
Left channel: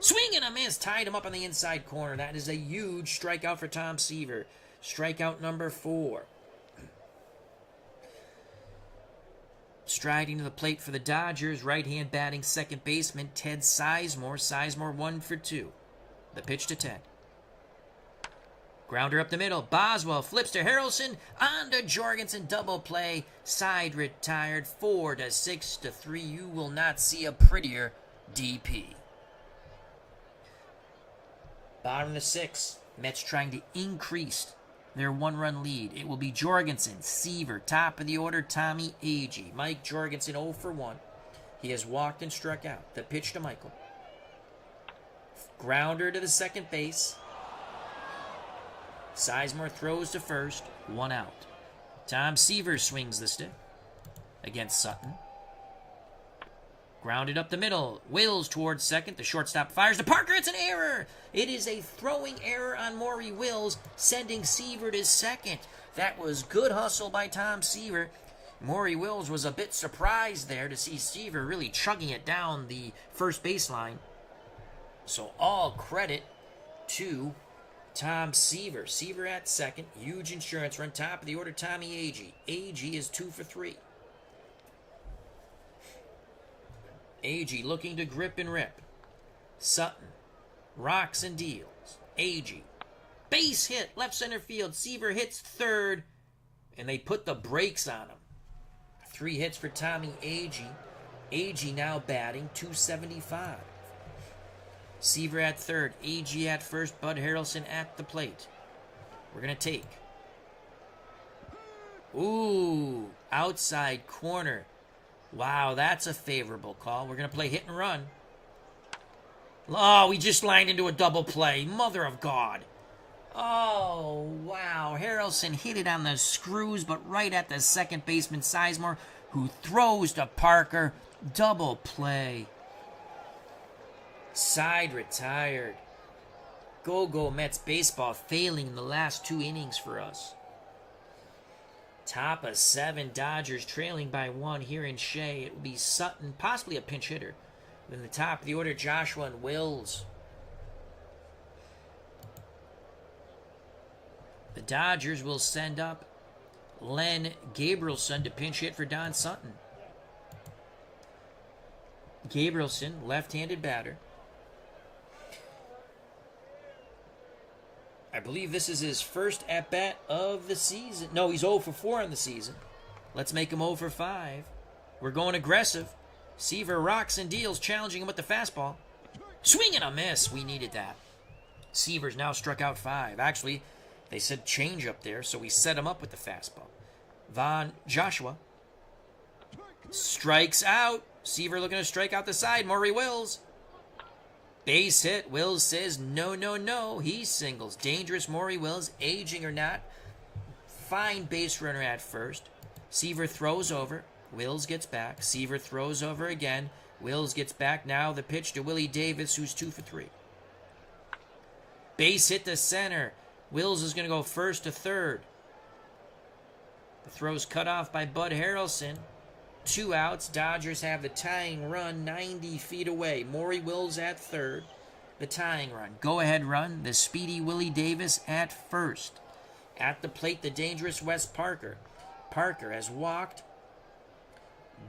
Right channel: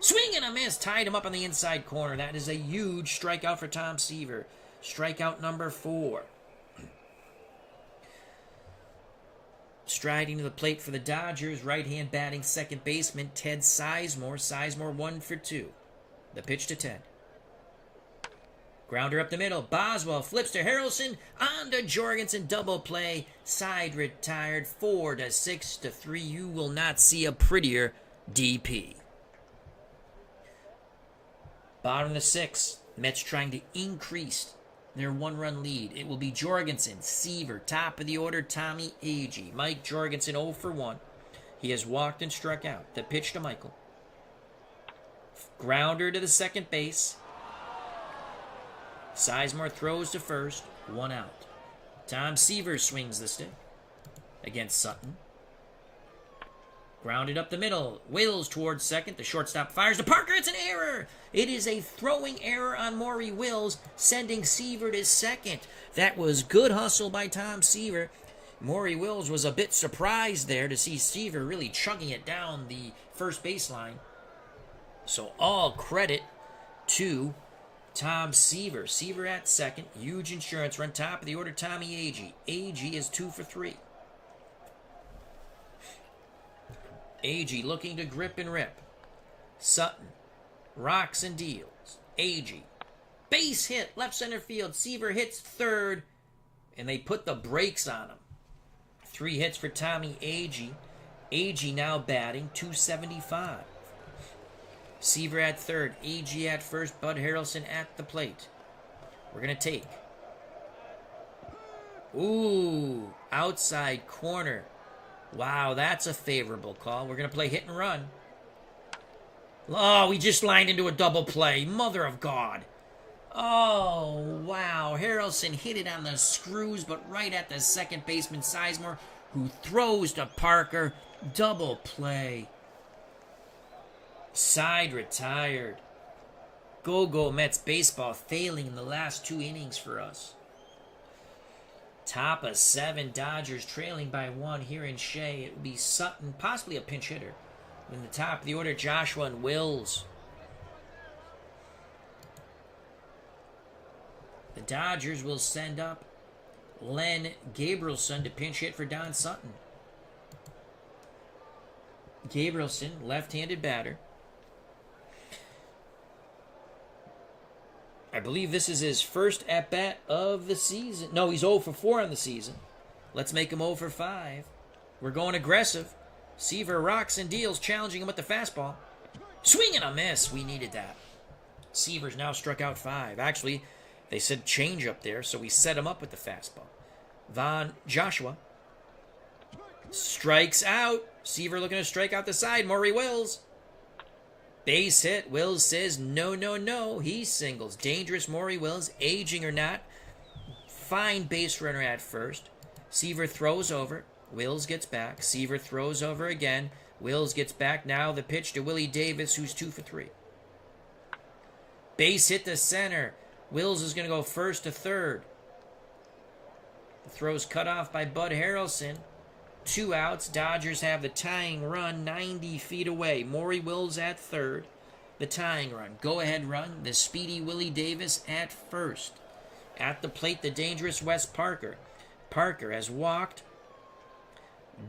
Swing and a miss. Tied him up on the inside corner. That is a huge strikeout for Tom Seaver. Strikeout number 4. Striding to the plate for the Dodgers. Right-hand batting second baseman Ted Sizemore. Sizemore 1 for 2. The pitch to Ted. Grounder up the middle. Boswell flips to Harrelson. On to Jorgensen. Double play. Side retired. 4-6-3. You will not see a prettier DP. Bottom of the 6th. Mets trying to increase their 1-run lead. It will be Jorgensen, Seaver, top of the order, Tommy Agee. Mike Jorgensen 0 for 1. He has walked and struck out. The pitch to Michael. Grounder to the second base. Sizemore throws to first. 1 out. Tom Seaver swings the stick against Sutton. Grounded up the middle. Wills towards second. The shortstop fires to Parker. It's an error. It is a throwing error on Maury Wills, sending Seaver to second. That was good hustle by Tom Seaver. Maury Wills was a bit surprised there to see Seaver really chugging it down the first baseline. So all credit to Tom Seaver. Seaver at second. Huge insurance run. Top of the order, Tommy Agee. Agee is 2 for 3. Agee looking to grip and rip. Sutton rocks and deals. Agee. Base hit. Left center field. Seaver hits third. And they put the brakes on him. 3 hits for Tommy Agee. Agee now batting .275. Seaver at third. Agee at first. Bud Harrelson at the plate. We're going to take. Ooh. Outside corner. Wow, that's a favorable call. We're going to play hit and run. Oh, we just lined into a double play. Mother of God. Oh, wow. Harrelson hit it on the screws, but right at the second baseman, Sizemore, who throws to Parker. Double play. Side retired. Go Mets baseball failing in the last 2 innings for us. Top of 7, Dodgers trailing by 1 here in Shea. It will be Sutton, possibly a pinch hitter. In the top of the order, Joshua and Wills. The Dodgers will send up Len Gabrielson to pinch hit for Don Sutton. Gabrielson, left-handed batter. I believe this is his first at-bat of the season. No, he's 0 for 4 on the season. Let's make him 0 for 5. We're going aggressive. Seaver rocks and deals, challenging him with the fastball. Swing and a miss. We needed that. Seaver's now struck out 5. Actually, they said change up there, so we set him up with the fastball. Joshua strikes out. Seaver looking to strike out the side. Maury Wills. Base hit. Wills says no. He singles. Dangerous Maury Wills, aging or not. Fine base runner at first. Seaver throws over. Wills gets back. Seaver throws over again. Wills gets back. Now the pitch to Willie Davis, who's 2 for 3. Base hit to center. Wills is going to go first to third. The throw's cut off by Bud Harrelson. 2 outs. Dodgers have the tying run 90 feet away. Maury Wills at third. The tying run. Go-ahead run. The speedy Willie Davis at first. At the plate, the dangerous Wes Parker. Parker has walked,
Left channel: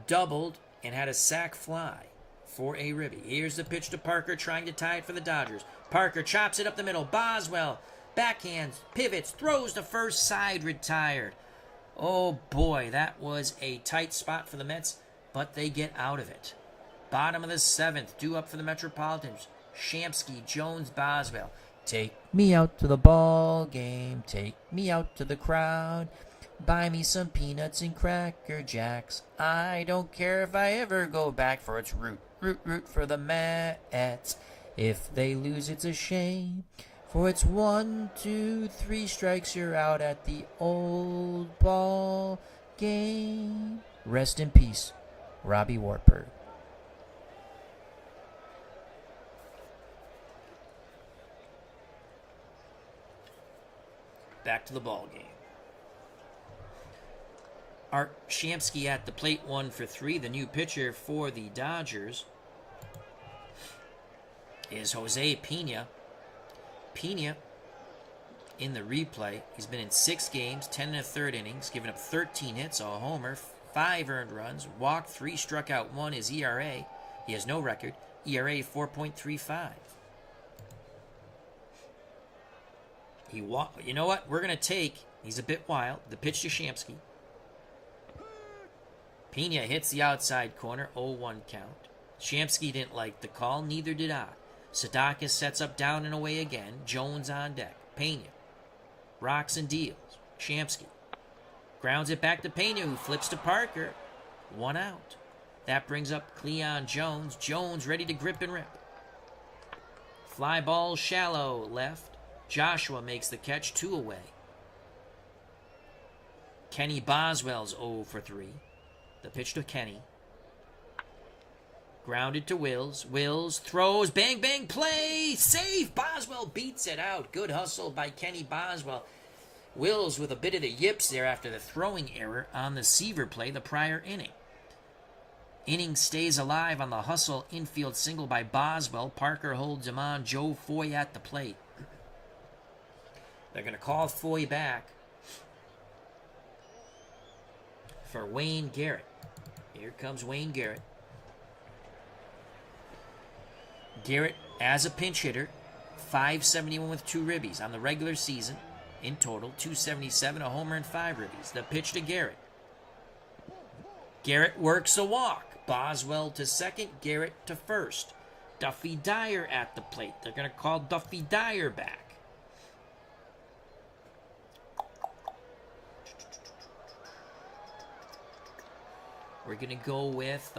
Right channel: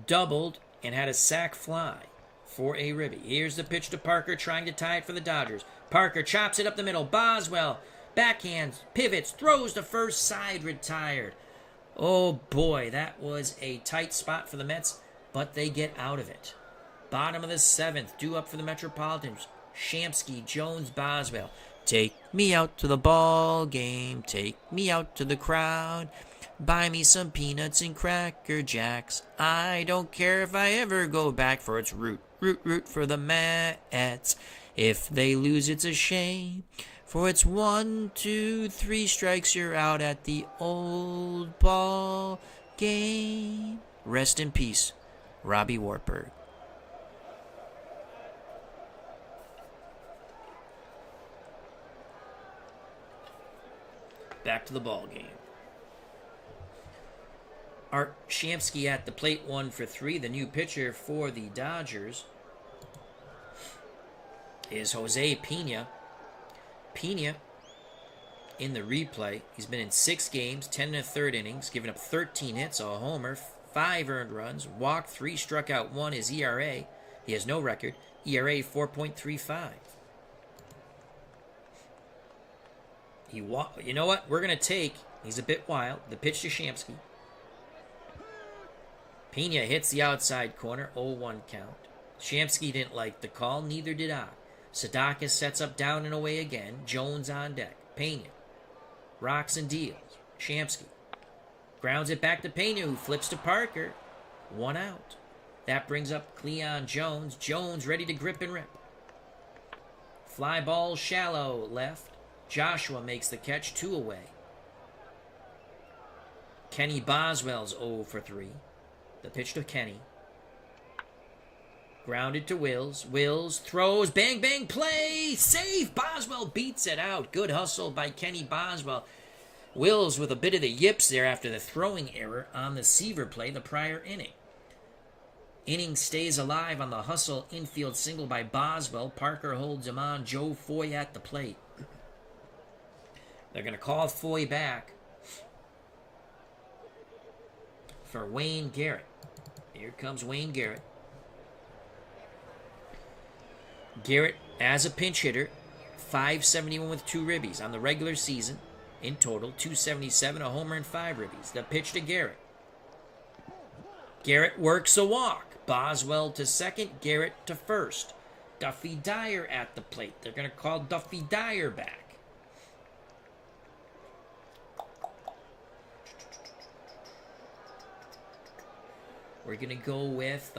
doubled, and had a sac fly for a ribby. Here's the pitch to Parker, trying to tie it for the Dodgers. Parker chops it up the middle. Boswell, backhands, pivots, throws to first, side retired. Oh boy, that was a tight spot for the Mets. but they get out of it. Bottom of the 7th, due up for the Metropolitans. Shamsky, Jones, Boswell. Take me out to the ball game. Take me out to the crowd. Buy me some peanuts and Cracker Jacks. I don't care if I ever go back, for it's root for the Mets. If they lose, it's a shame, for it's 1, 2, 3 strikes, you're out at the old ball game. Rest in peace, Robbie Wartburg. Back to the ball game. Art Shamsky at the plate, 1 for 3. The new pitcher for the Dodgers is Jose Pena. Pena, in the replay, he's been in 6 games, 10 1/3 innings, given up 13 hits, a homer, 5 earned runs, walked 3, struck out 1. His ERA, he has no record, ERA 4.35. You know what? We're going to take, he's a bit wild, the pitch to Shamsky. Pena hits the outside corner, 0-1 count. Shamsky didn't like the call, neither did I. Sadakis sets up down and away again. Jones on deck. Pena rocks and deals. Shamsky grounds it back to Pena, who flips to Parker. 1 out. That brings up Cleon Jones. Jones ready to grip and rip. Fly ball shallow left. Joshua makes the catch, 2 away. Kenny Boswell's 0 for 3. The pitch to Kenny. Grounded to Wills. Wills throws. Bang, bang, play. Save. Boswell beats it out. Good hustle by Kenny Boswell. Wills with a bit of the yips there after the throwing error on the Seaver play the prior inning. Inning stays alive on the hustle infield single by Boswell. Parker holds him on. Joe Foy at the plate. They're going to call Foy back for Wayne Garrett. Here comes Wayne Garrett. Garrett, as a pinch hitter, .571 with 2 ribbies on the regular season. In total, .277, a homer, and 5 ribbies. The pitch to Garrett. Garrett works a walk. Boswell to second, Garrett to first. Duffy Dyer at the plate. They're going to call Duffy Dyer back. We're going to go with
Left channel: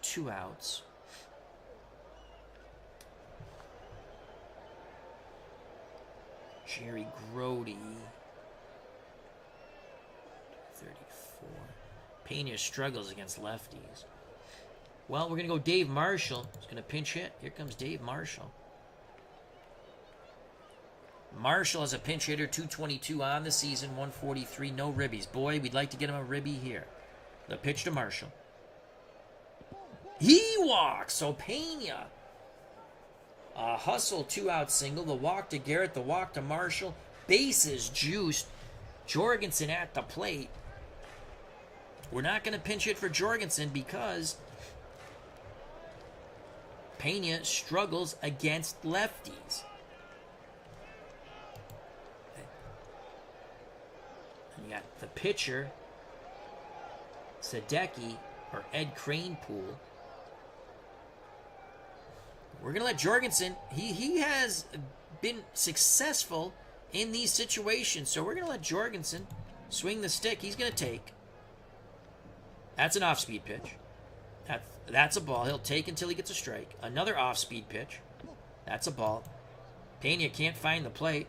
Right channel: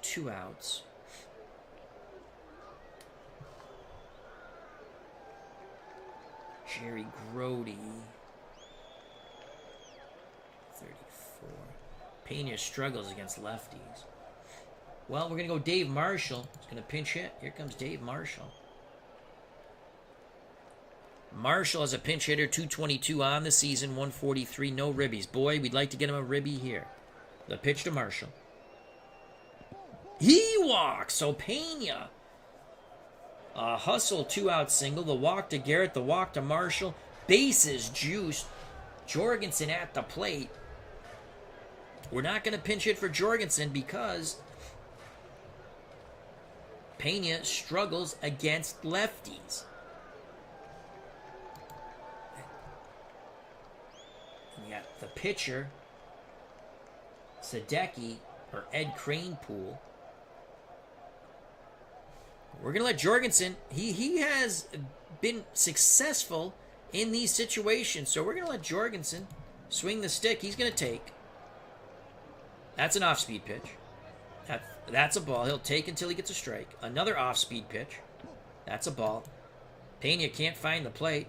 2 outs. Jerry Grody. 34. Pena struggles against lefties. Well, we're going to go Dave Marshall. He's going to pinch hit. Here comes Dave Marshall. Marshall as a pinch hitter, .222 on the season, 143, no ribbies. Boy, we'd like to get him a ribby here. The pitch to Marshall. He walks, so Pena. A hustle, 2-out single. The walk to Garrett, the walk to Marshall. Bases juiced. Jorgensen at the plate. We're not going to pinch hit for Jorgensen because Pena struggles against lefties. And you got the pitcher, Sadecki, or Ed Kranepool. We're going to let Jorgensen, he has been successful in these situations, so we're going to let Jorgensen swing the stick. He's going to take. That's an off-speed pitch. That's a ball. He'll take until he gets a strike. Another off-speed pitch. That's a ball. Pena can't find the plate.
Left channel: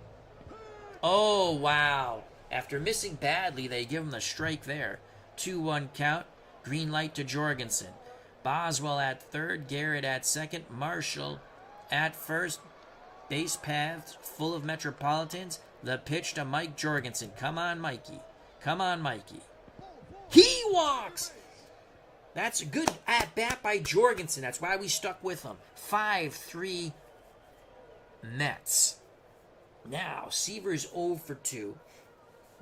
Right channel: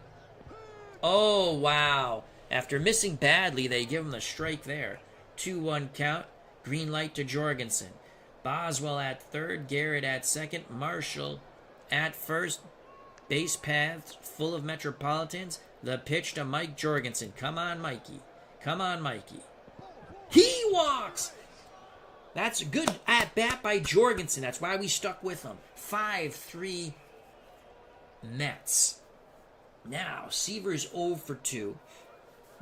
Oh, wow. After missing badly, they give him the strike there. 2-1 count. Green light to Jorgensen. Boswell at third, Garrett at second, Marshall at first. Base paths full of Metropolitans. The pitch to Mike Jorgensen. Come on, Mikey. Come on, Mikey. He walks! That's a good at-bat by Jorgensen. That's why we stuck with him. 5-3 Mets. Now, Seaver's 0 for 2.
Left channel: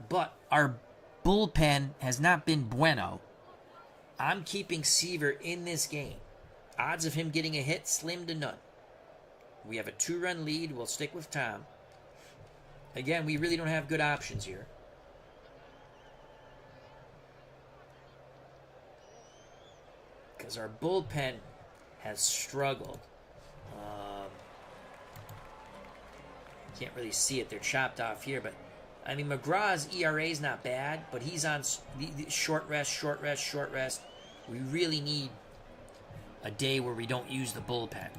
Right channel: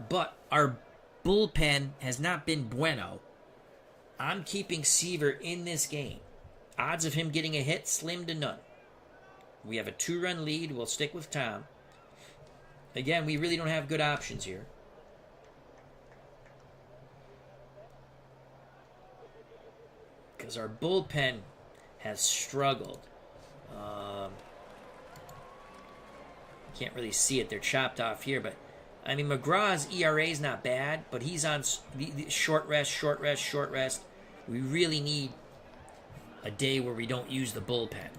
But our bullpen has not been bueno. I'm keeping Seaver in this game. Odds of him getting a hit, slim to none. We have a 2-run lead. We'll stick with Tom. Again, we really don't have good options here. because our bullpen has struggled. Can't really see it. They're chopped off here, but I mean, McGraw's ERA is not bad, but he's on the short rest. We really need a day where we don't use the bullpen.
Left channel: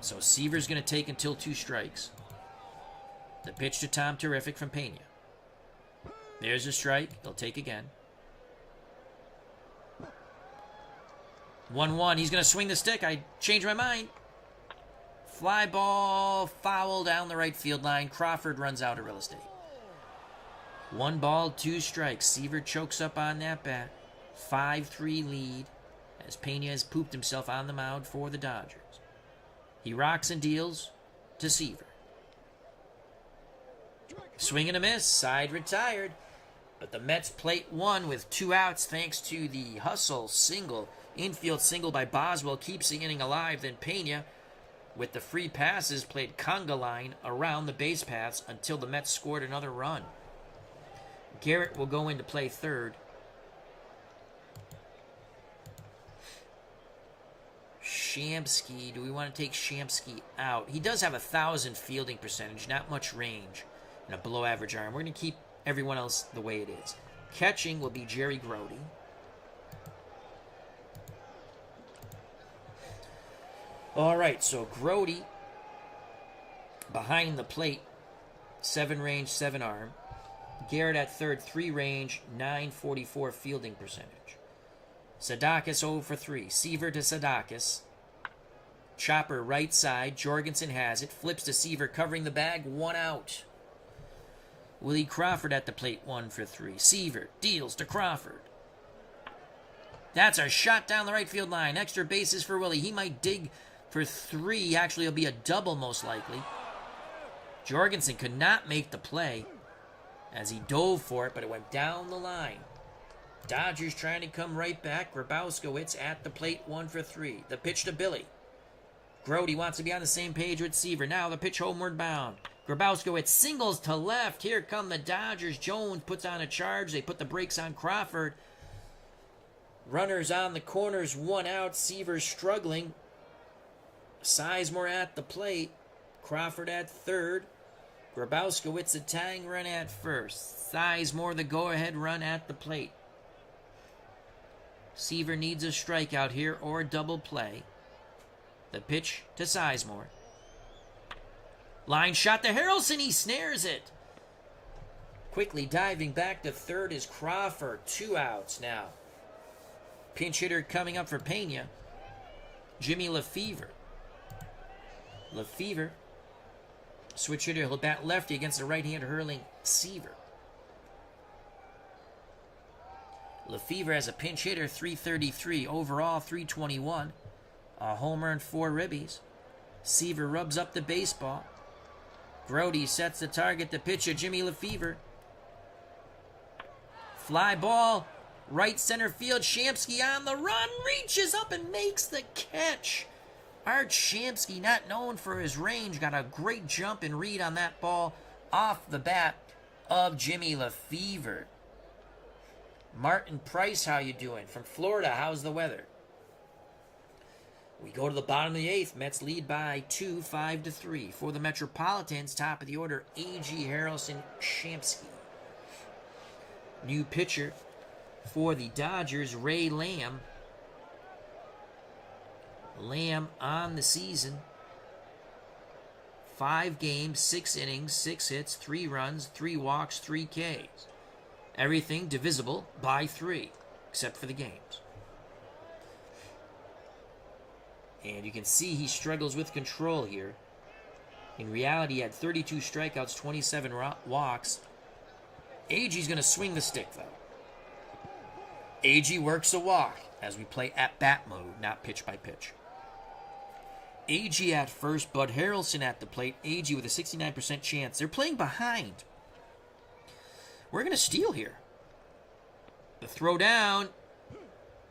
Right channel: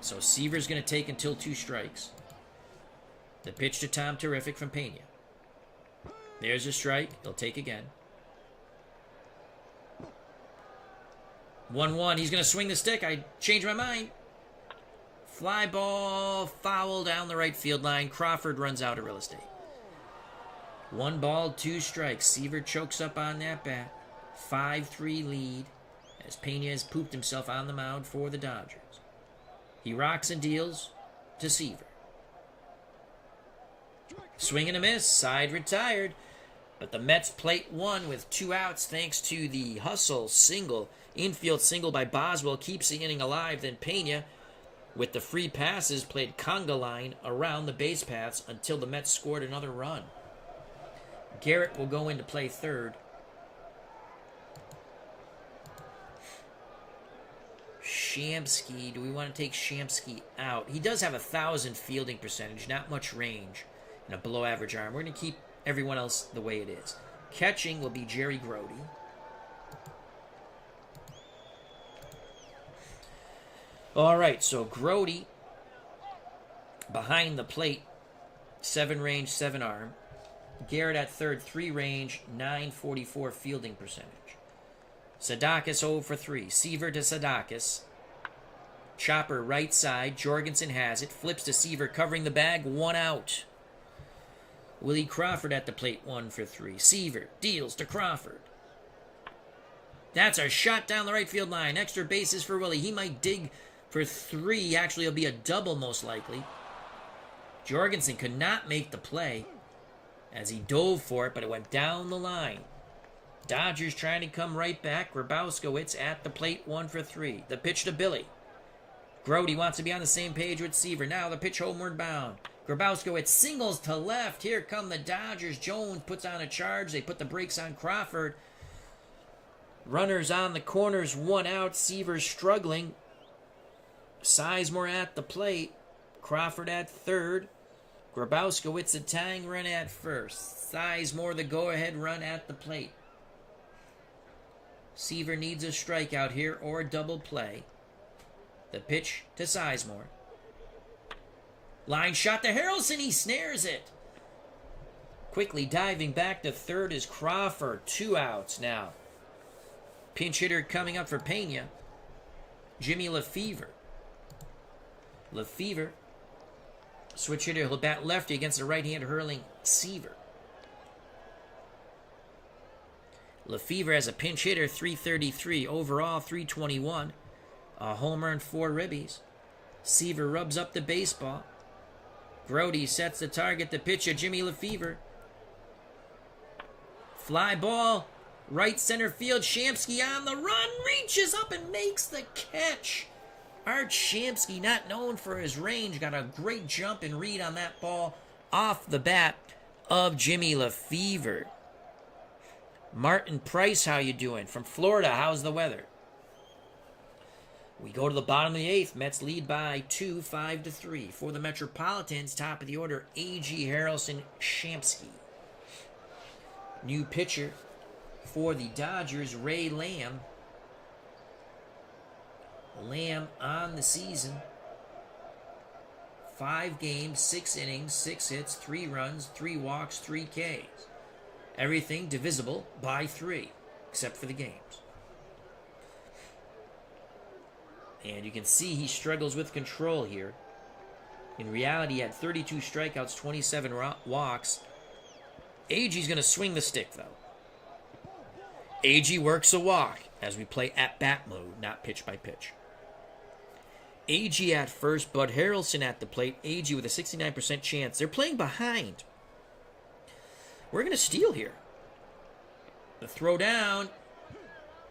So Seaver's going to take until 2 strikes. The pitch to Tom Terrific from Pena. There's a strike. He'll take again. 1-1. He's going to swing the stick. I changed my mind. Fly ball, foul down the right field line. Crawford runs out of real estate. 1 ball, 2 strikes. Seaver chokes up on that bat. 5-3 lead as Pena has pooped himself on the mound for the Dodgers. He rocks and deals to Seaver. Swing and a miss. Side retired. But the Mets plate 1 with 2 outs thanks to the hustle single. Infield single by Boswell keeps the inning alive. Then Pena, with the free passes, played conga line around the base paths until the Mets scored another run. Garrett will go in to play third. Shamsky, do we want to take Shamsky out? He does have 1,000 fielding percentage, not much range, and a below average arm. We're going to keep everyone else the way it is. Catching will be Jerry Grody. All right, so Grody behind the plate, 7 range, 7 arm. Garrett at third, 3 range, 944 fielding percentage. Sadakis 0 for 3. Seaver to Sadakis. Chopper right side. Jorgensen has it. Flips to Seaver, covering the bag. 1 out. Willie Crawford at the plate, 1 for 3. Seaver deals to Crawford. That's a shot down the right field line. Extra bases for Willie. He might dig for 3. Actually, it'll be a double most likely. Jorgensen could not make the play as he dove for it, but it went down the line. Dodgers trying to come right back. Grabowskowitz at the plate, 1 for 3. The pitch to Billy. Grody wants to be on the same page with Seaver. Now the pitch homeward bound. Grabowskowitz singles to left. Here come the Dodgers. Jones puts on a charge. They put the brakes on Crawford. Runners on the corners, 1 out. Seaver struggling. Sizemore at the plate. Crawford at third. Grabowskowitz a tying run at first. Sizemore the go-ahead run at the plate. Seaver needs a strikeout here or a double play. The pitch to Sizemore. Line shot to Harrelson. He snares it. Quickly diving back to third is Crawford. 2 outs now. Pinch hitter coming up for Pena. Jimmy Lefevre. Lefevre. Switch hitter. He'll bat lefty against the right-hand hurling Seaver. Lefevre has a pinch hitter, 333. Overall, 321. A homer and 4 ribbies. Seaver rubs up the baseball. Grody sets the target. The pitcher, Jimmy Lefevre. Fly ball. Right center field. Shamsky on the run. Reaches up and makes the catch. Art Shamsky, not known for his range, got a great jump and read on that ball off the bat of Jimmy Lefevre. Martin Price, how you doing? From Florida, how's the weather? We go to the bottom of the 8th. Mets lead by 2, 5-3. For the Metropolitans, top of the order, A.G. Harrelson Shamsky. New pitcher for the Dodgers, Ray Lamb. Lamb on the season. 5 games, 6 innings, 6 hits, 3 runs, 3 walks, 3 Ks. Everything divisible by 3, except for the games. And you can see he struggles with control here. In reality, he had 32 strikeouts, 27 walks. AG's going to swing the stick, though. AG works a walk as we play at-bat mode, not pitch by pitch. AG at first, Bud Harrelson at the plate. AG with a 69% chance. They're playing behind. We're going to steal here. The throw down.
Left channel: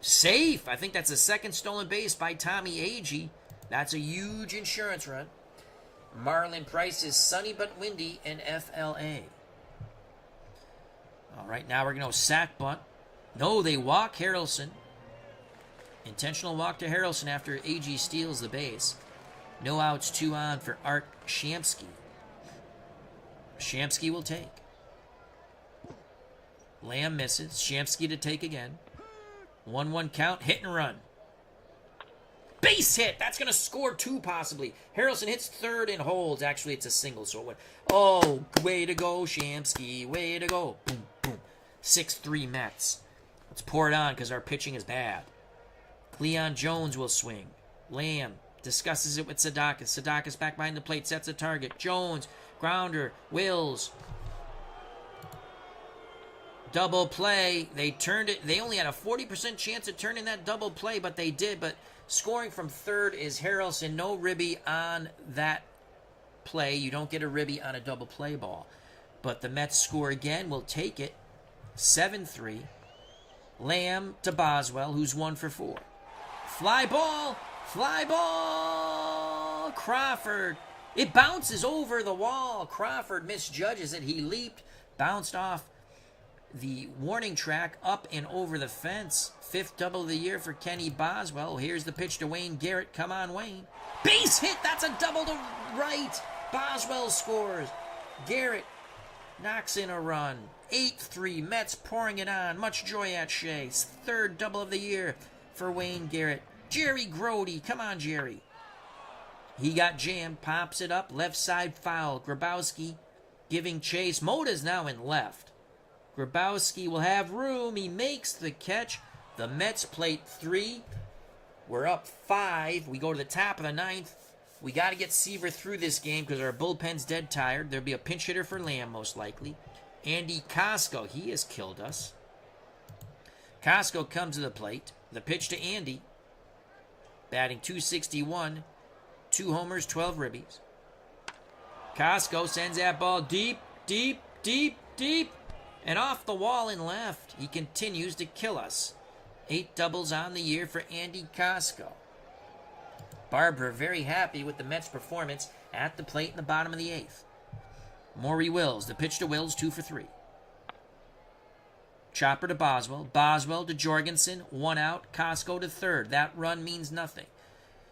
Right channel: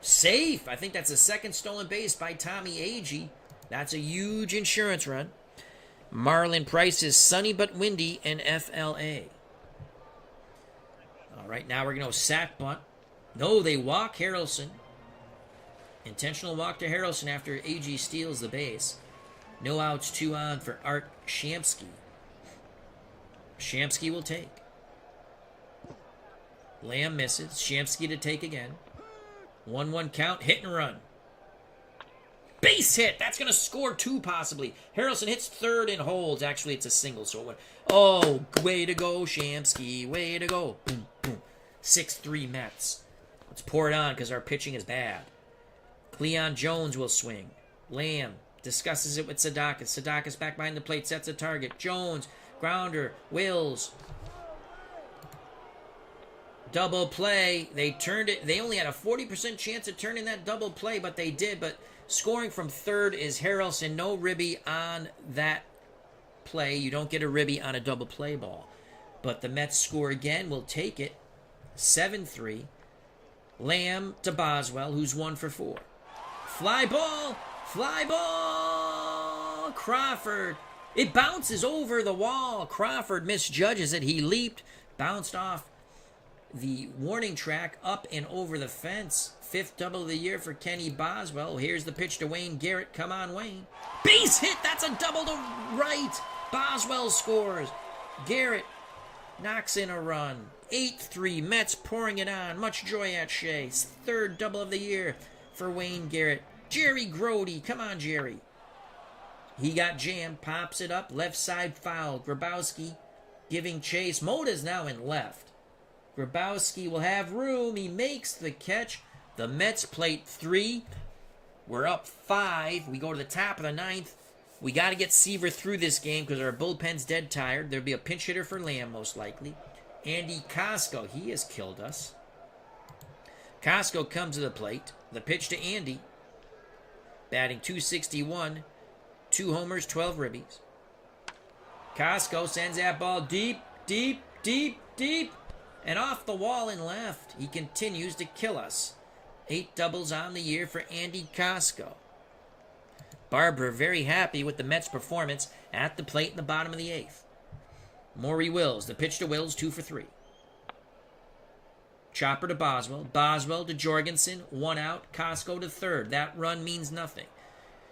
Safe. I think that's the second stolen base by Tommy Agee. That's a huge insurance run. Marlon Price is sunny but windy in FLA. All right, now we're going to sack bunt. No, they walk Harrelson. Intentional walk to Harrelson after AG steals the base. No outs, 2 on for Art Shamsky. Shamsky will take. Lamb misses. Shamsky to take again. 1-1 count. Hit and run. Base hit. That's going to score 2 possibly. Harrelson hits third and holds. Actually, it's a single, so it went. Oh, way to go, Shamsky. Way to go. Boom, boom. 6-3 Mets. Let's pour it on because our pitching is bad. Cleon Jones will swing. Lamb discusses it with Sadakis. Sadakis back behind the plate. Sets a target. Jones. Grounder. Wills. Double play. They turned it. They only had a 40% chance of turning that double play, but they did. But scoring from third is Harrelson. No ribby on that play. You don't get a ribby on a double play ball. But the Mets score again. We'll take it. 7-3. Lamb to Boswell, who's 1 for 4. Fly ball. Fly ball. Crawford. It bounces over the wall. Crawford misjudges it. He leaped. Bounced off the warning track up and over the fence. 5th double of the year for Kenny Boswell. Here's the pitch to Wayne Garrett. Come on, Wayne. Base hit. That's a double to right. Boswell scores. Garrett knocks in a run. 8-3. Mets pouring it on. Much joy at Shea. 3rd double of the year for Wayne Garrett. Jerry Grody. Come on, Jerry. He got jammed. Pops it up. Left side foul. Grabowski giving chase. Moda's now in left. Grabowski will have room. He makes the catch. The Mets plate 3. We're up 5. We go to the top of the 9th. We got to get Seaver through this game because our bullpen's dead tired. There'll be a pinch hitter for Lamb most likely. Andy Costco, he has killed us. Costco comes to the plate. The pitch to Andy. Batting .261. 2 homers, 12 ribbies. Costco sends that ball deep, deep, deep, deep. And off the wall and left. He continues to kill us. 8 doubles on the year for Andy Costco. Barber very happy with the Mets' performance at the plate in the bottom of the 8th. Maury Wills. The pitch to Wills, 2 for 3. Chopper to Boswell. Boswell to Jorgensen. 1 out. Costco to third. That run means nothing.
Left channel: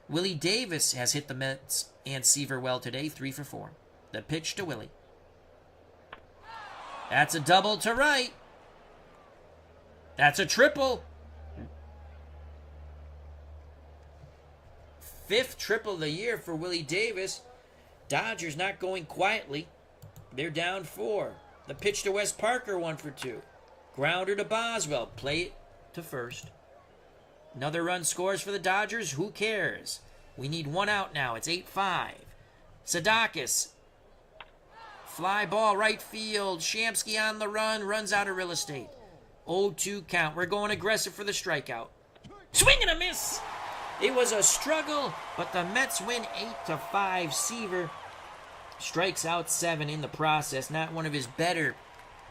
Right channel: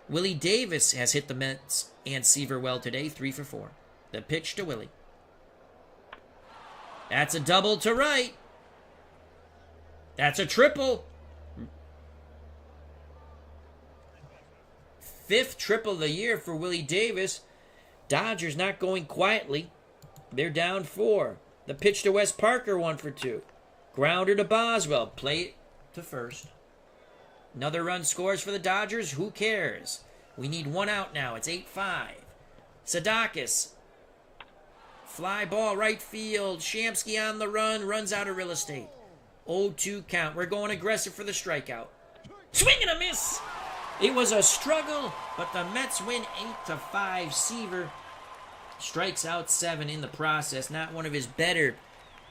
Willie Davis has hit the Mets and Seaver well today. 3 for 4. The pitch to Willie. That's a double to right. That's a triple. 5th triple of the year for Willie Davis. Dodgers not going quietly. They're down 4. The pitch to Wes Parker, 1 for 2. Grounder to Boswell. Play to first. Another run scores for the Dodgers. Who cares? We need 1 out now. It's 8-5. Sadakis. Fly ball right field. Shamsky on the run. Runs out of real estate. 0-2 count. We're going aggressive for the strikeout. Swing and a miss. It was a struggle, but the Mets win 8-5. Seaver strikes out 7 in the process. Not one of his better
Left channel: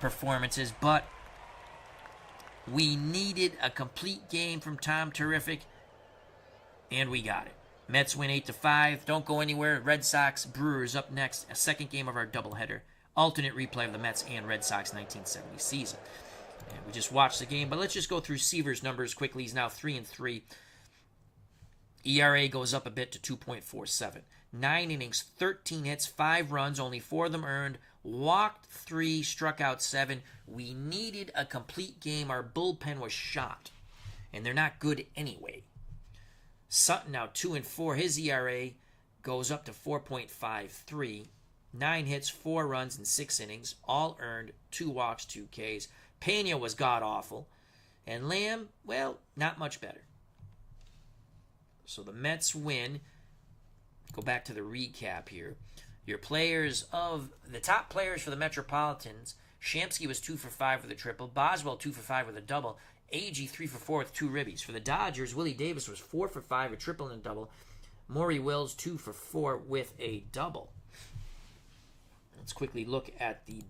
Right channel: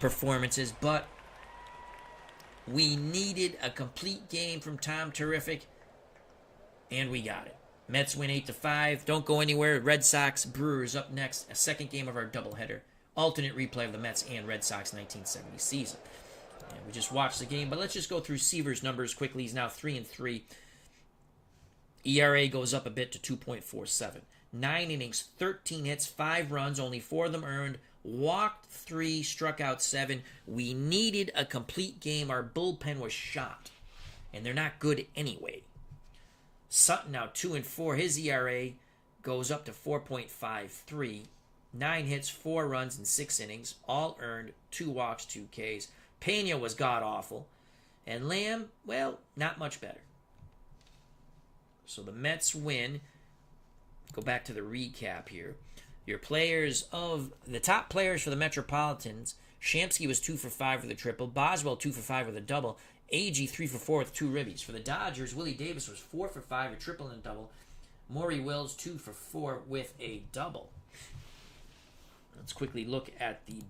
performances, but we needed a complete game from Tom Terrific, and we got it. Mets win 8-5. Don't go anywhere. Red Sox, Brewers up next. A second game of our doubleheader. Alternate replay of the Mets and Red Sox 1970 season. And we just watched the game, but let's just go through Seaver's numbers quickly. He's now 3-3. ERA goes up a bit to 2.47. 9 innings, 13 hits, 5 runs, only 4 of them earned. Walked 3, struck out 7. We needed a complete game. Our bullpen was shot, and they're not good anyway. Sutton now 2-4. His ERA goes up to 4.53. 9 hits, 4 runs in 6 innings, all earned, 2 walks, 2 Ks. Pena was god-awful. And Lamb, well, not much better. So the Mets win. Go back to the recap here. Your players of the top players for the Metropolitans, Shamsky was 2 for 5 with a triple. Boswell 2 for 5 with a double. Agee 3 for 4 with 2 ribbies. For the Dodgers, Willie Davis was 4 for 5, a triple and a double. Maury Wills 2 for 4 with a double. Let's quickly look at the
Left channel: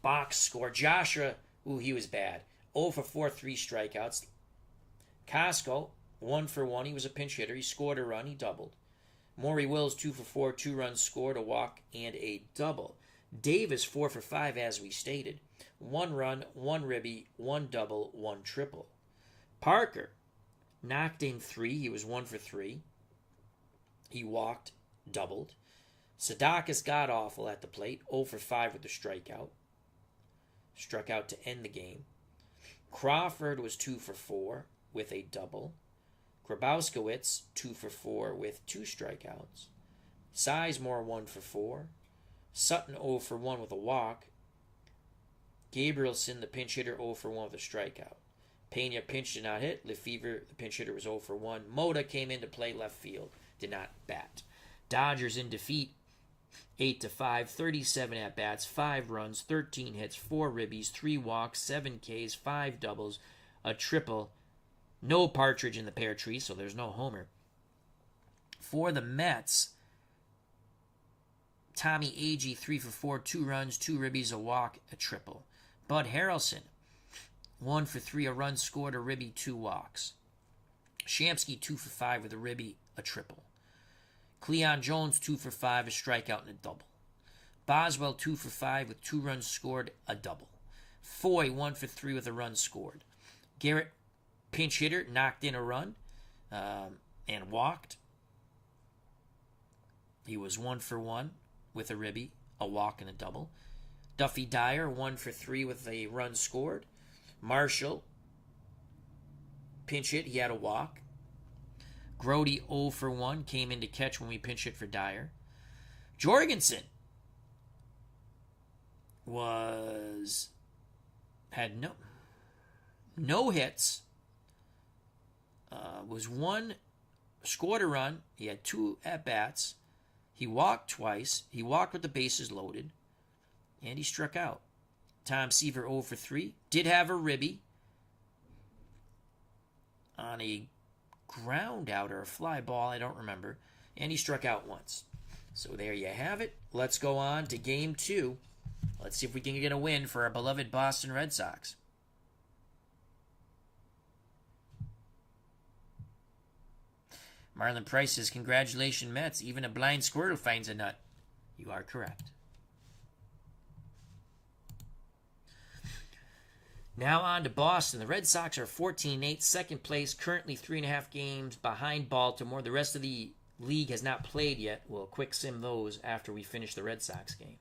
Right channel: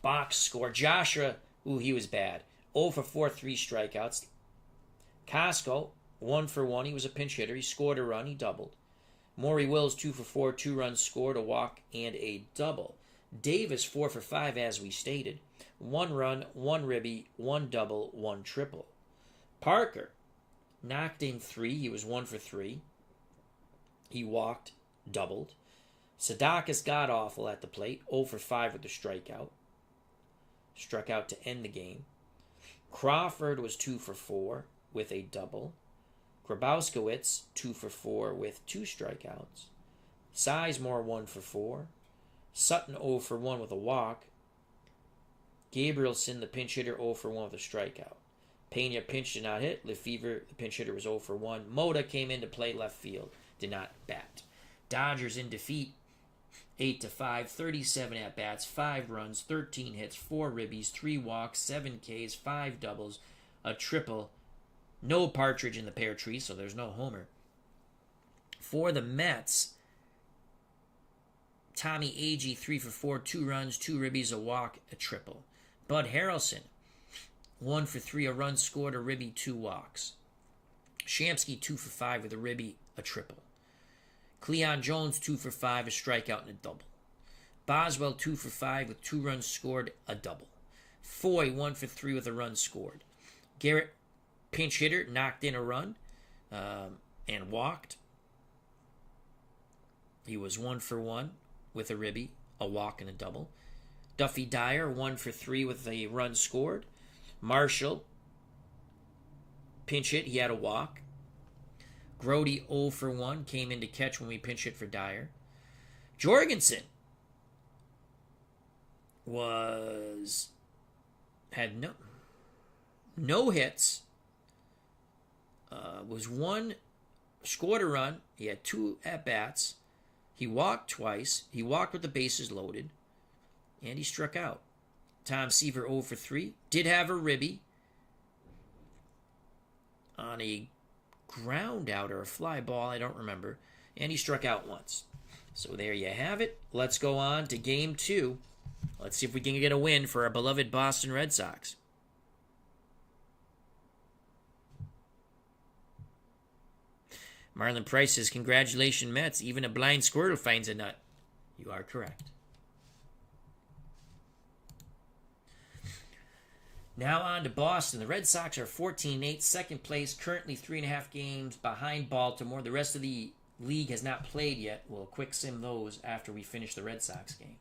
box score. Joshua, he was bad. 0 for 4, 3 strikeouts. Costco, 1 for 1. He was a pinch hitter. He scored a run. He doubled. Maury Wills, 2 for 4, 2 runs scored, a walk, and a double. Davis, 4 for 5, as we stated. 1 run, 1 ribby, 1 double, 1 triple. Parker, knocked in 3. He was 1 for 3. He walked, doubled. Sadakis got awful at the plate, 0 for 5 with a strikeout. Struck out to end the game. Crawford was 2 for 4 with a double. Grabowskiewicz, 2 for 4 with 2 strikeouts. Sizemore, 1 for 4. Sutton, 0 for 1 with a walk. Gabrielson, the pinch hitter, 0 for 1 with a strikeout. Pena pinch did not hit. Lefevre, the pinch hitter, was 0 for 1. Moda came in to play left field, did not bat. Dodgers in defeat, 8-5, 37 at-bats, 5 runs, 13 hits, 4 ribbies, 3 walks, 7 Ks, 5 doubles, a triple. No Partridge in the pear tree, so there's no homer. For the Mets, Tommy Agee, 3 for 4, 2 runs, 2 ribbies, a walk, a triple. Bud Harrelson, 1 for 3, a run scored, a ribby, 2 walks. Shamsky, 2 for 5 with a ribby, a triple. Cleon Jones, 2 for 5, a strikeout and a double. Boswell, 2 for 5 with 2 runs scored, a double. Foy, 1 for 3 with a run scored. Garrett, pinch hitter, knocked in a run and walked. He was 1 for 1 with a ribby, a walk and a double. Duffy Dyer, 1 for 3 with a run scored. Marshall, pinch hit, he had a walk. Grody, 0 for 1, came in to catch when we pinch hit for Dyer. Jorgensen had no hits. Scored a run. He had 2 at-bats. He walked twice. He walked with the bases loaded. And he struck out. Tom Seaver, 0 for 3. Did have a ribby on a ground out or a fly ball, I don't remember. And he struck out once. So there you have it. Let's go on to Game 2. Let's see if we can get a win for our beloved Boston Red Sox. Marlon Price says, congratulations, Mets. Even a blind squirrel finds a nut. You are correct. Now on to Boston. The Red Sox are 14-8, second place, currently 3.5 games behind Baltimore. The rest of the league has not played yet. We'll quick sim those after we finish the Red Sox game.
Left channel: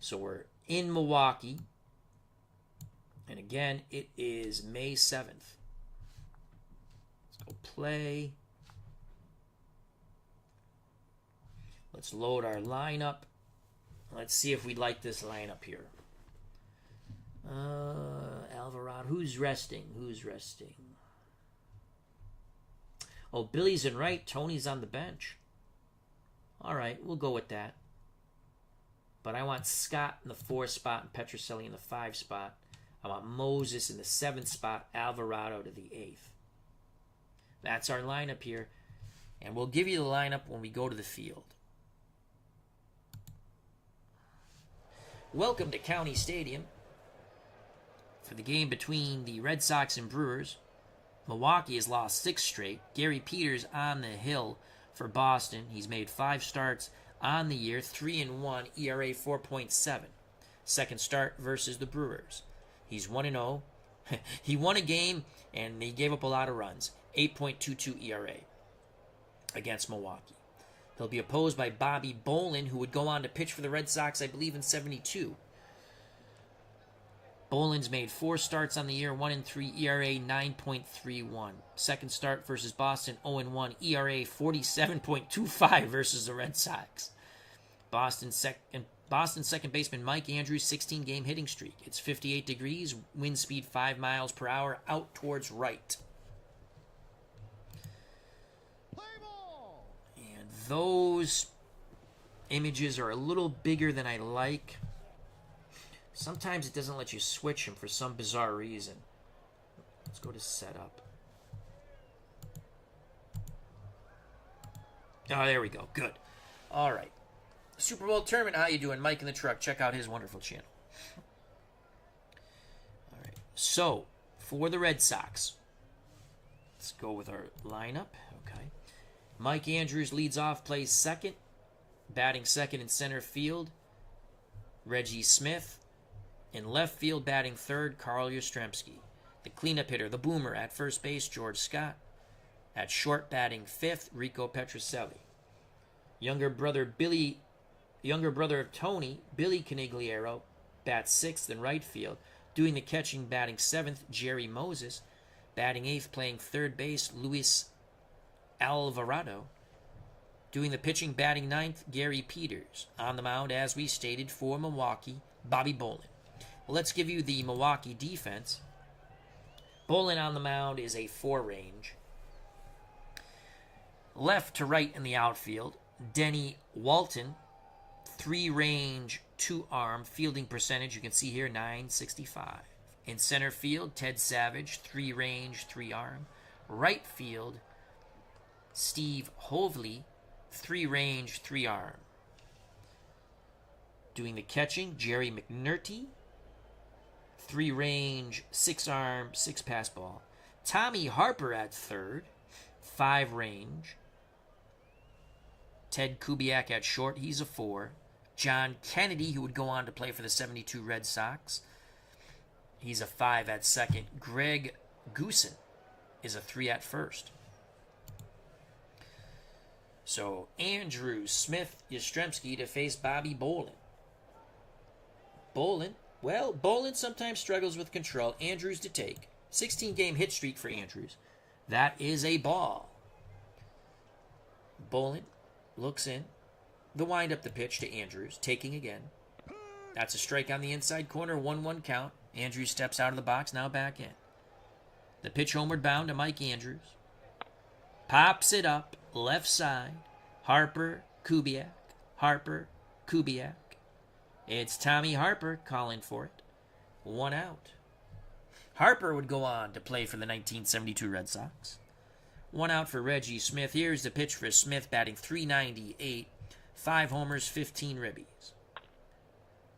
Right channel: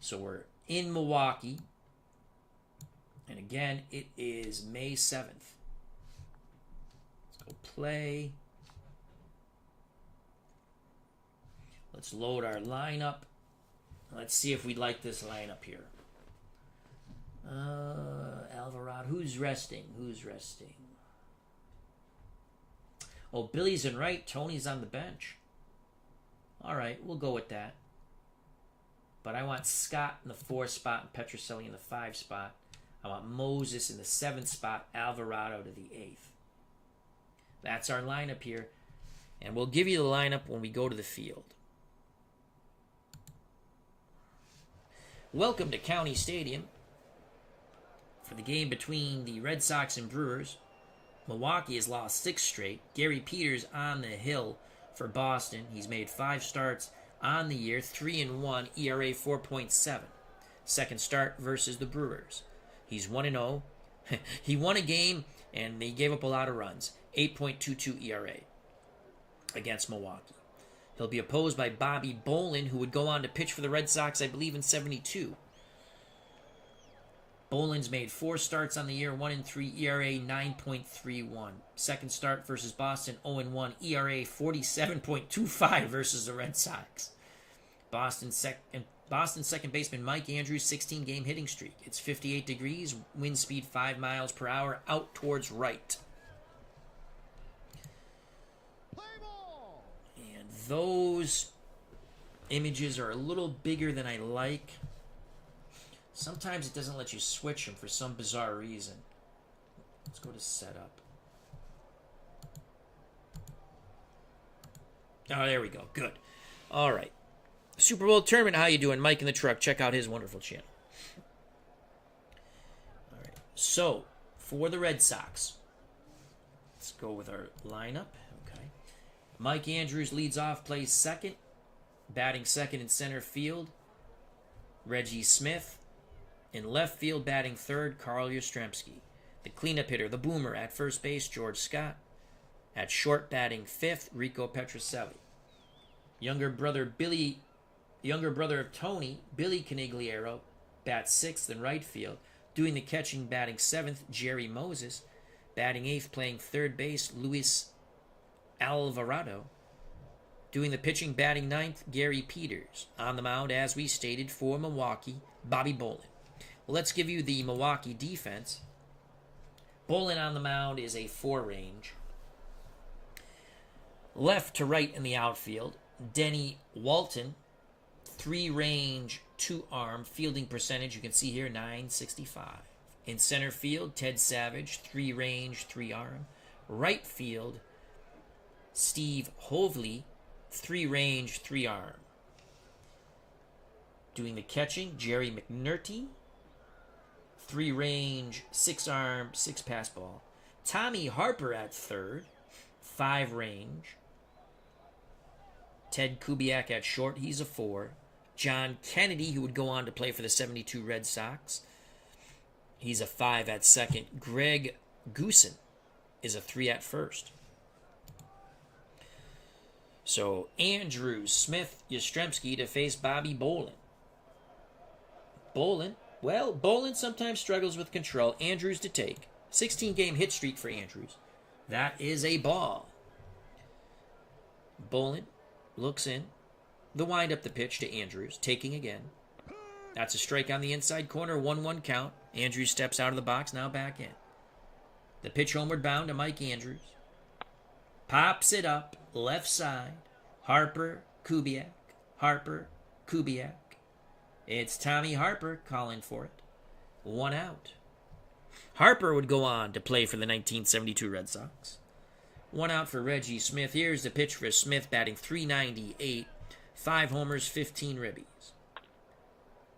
So we're in Milwaukee. And again, it is May 7th. Let's go play. Let's load our lineup. Let's see if we like this lineup here. Alvarado. Who's resting? Oh, Billy's in right. Tony's on the bench. All right, we'll go with that. But I want Scott in the 4th spot and Petrocelli in the 5 spot. I want Moses in the 7th spot, Alvarado to the 8th. That's our lineup here. And we'll give you the lineup when we go to the field. Welcome to County Stadium for the game between the Red Sox and Brewers. Milwaukee has lost 6 straight. Gary Peters on the hill for Boston. He's made 5 starts on the year, 3-1, ERA 4.7. Second start versus the Brewers. He's 1-0. He won a game and they gave up a lot of runs. 8.22 ERA against Milwaukee. He'll be opposed by Bobby Bolin, who would go on to pitch for the Red Sox, I believe, in 72. Bolin's made 4 starts on the year, 1-3, ERA 9.31. Second start versus Boston, 0-1, ERA 47.25 versus the Red Sox. Boston's second baseman Mike Andrews, 16-game hitting streak. It's 58 degrees, wind speed 5 miles per hour, out towards right. And those images are a little bigger than I like. Sometimes it doesn't let you switch them for some bizarre reason. Let's go to setup. Oh, there we go. Good. All right. Super Bowl tournament. How you doing? Mike in the truck. Check out his wonderful channel. All right. So, for the Red Sox, let's go with our lineup. Okay. Mike Andrews leads off, plays second. Batting second in center field, Reggie Smith. In left field, batting third, Carl Yastrzemski. The cleanup hitter, the boomer at first base, George Scott. At short, batting fifth, Rico Petrocelli. Younger brother of Tony, Billy Canigliaro, bats sixth in right field. Doing the catching, batting seventh, Jerry Moses. Batting eighth, playing third base, Luis Alvarado. Doing the pitching, batting ninth, Gary Peters. On the mound, as we stated, for Milwaukee, Bobby Bolin. Well, let's give you the Milwaukee defense. Bolin on the mound is a 4-range. Left to right in the outfield, Denny Walton, 3-range, 2-arm. Fielding percentage, you can see here, .965. In center field, Ted Savage, 3-range, 3-arm. Right field, Steve Hovley, 3-range, 3-arm. Doing the catching, Jerry McNulty, 3-range, 6-arm, 6-pass ball. Tommy Harper at third, 5-range. Ted Kubiak at short, he's a 4. John Kennedy, who would go on to play for the 72 Red Sox, he's a 5 at second. Greg Goosen is a 3 at first. So, Andrews, Smith, Yastrzemski to face Bobby Bolin. Bolin sometimes struggles with control. Andrews to take. 16-game hit streak for Andrews. That is a ball. Bolin looks in. The wind-up the pitch to Andrews. Taking again. That's a strike on the inside corner. 1-1 count. Andrews steps out of the box. Now back in. The pitch homeward bound to Mike Andrews. Pops it up. Left side. Harper, Kubiak. Harper, Kubiak. It's Tommy Harper calling for it. 1 out. Harper would go on to play for the 1972 Red Sox. 1 out for Reggie Smith. Here's the pitch for Smith, batting .398. 5 homers, 15 ribbies.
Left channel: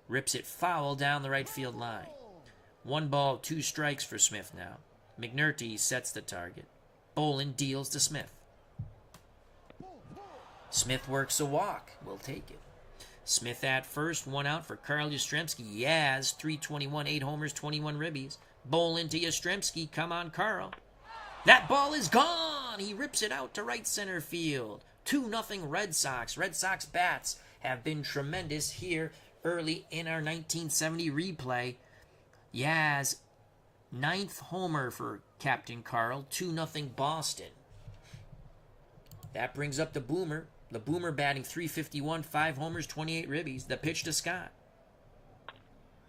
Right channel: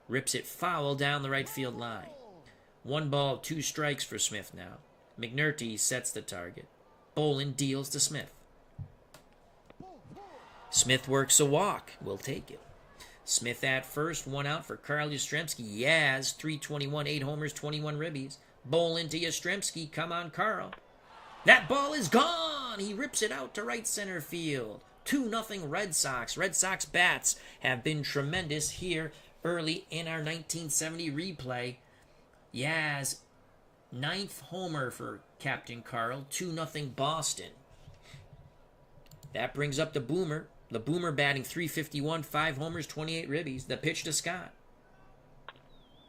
Rips it foul down the right field line. 1 ball, 2 strikes for Smith now. McNulty sets the target. Bolin deals to Smith. Smith works a walk. We'll take it. Smith at first, 1 out for Carl Yastrzemski. Yaz, .321, 8 homers, 21 ribbies. Bolin to Yastrzemski. Come on, Carl. That ball is gone. He rips it out to right center field. 2-0 Red Sox. Red Sox bats have been tremendous here early in our 1970 replay. Yaz, 9th homer for Captain Carl. 2-0 Boston. That brings up the Boomer. The Boomer batting .351, 5 homers, 28 ribbies. The pitch to Scott.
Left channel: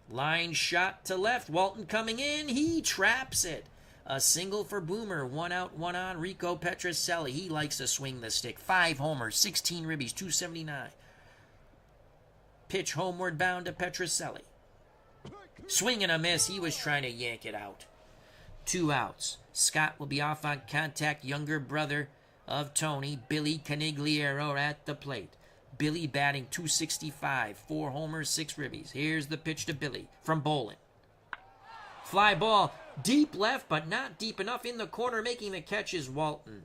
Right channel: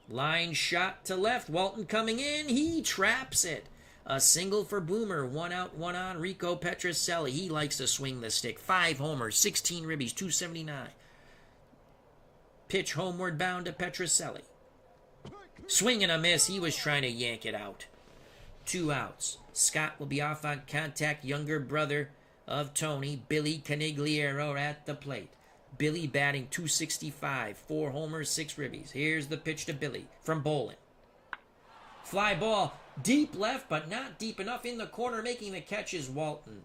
Line shot to left. Walton coming in. He traps it. A single for Boomer. 1 out, 1 on. Rico Petrocelli. He likes to swing the stick. 5 homers, 16 ribbies, 279. Pitch homeward bound to Petrocelli. Swing and a miss. He was trying to yank it out. 2 outs. Scott will be off on contact. Younger brother of Tony, Billy Canigliaro at the plate. Billy batting .265, 4 homers, 6 ribbies. Here's the pitch to Billy from Bolin. Fly ball, deep left, but not deep enough in the corner. Making the catch is Walton.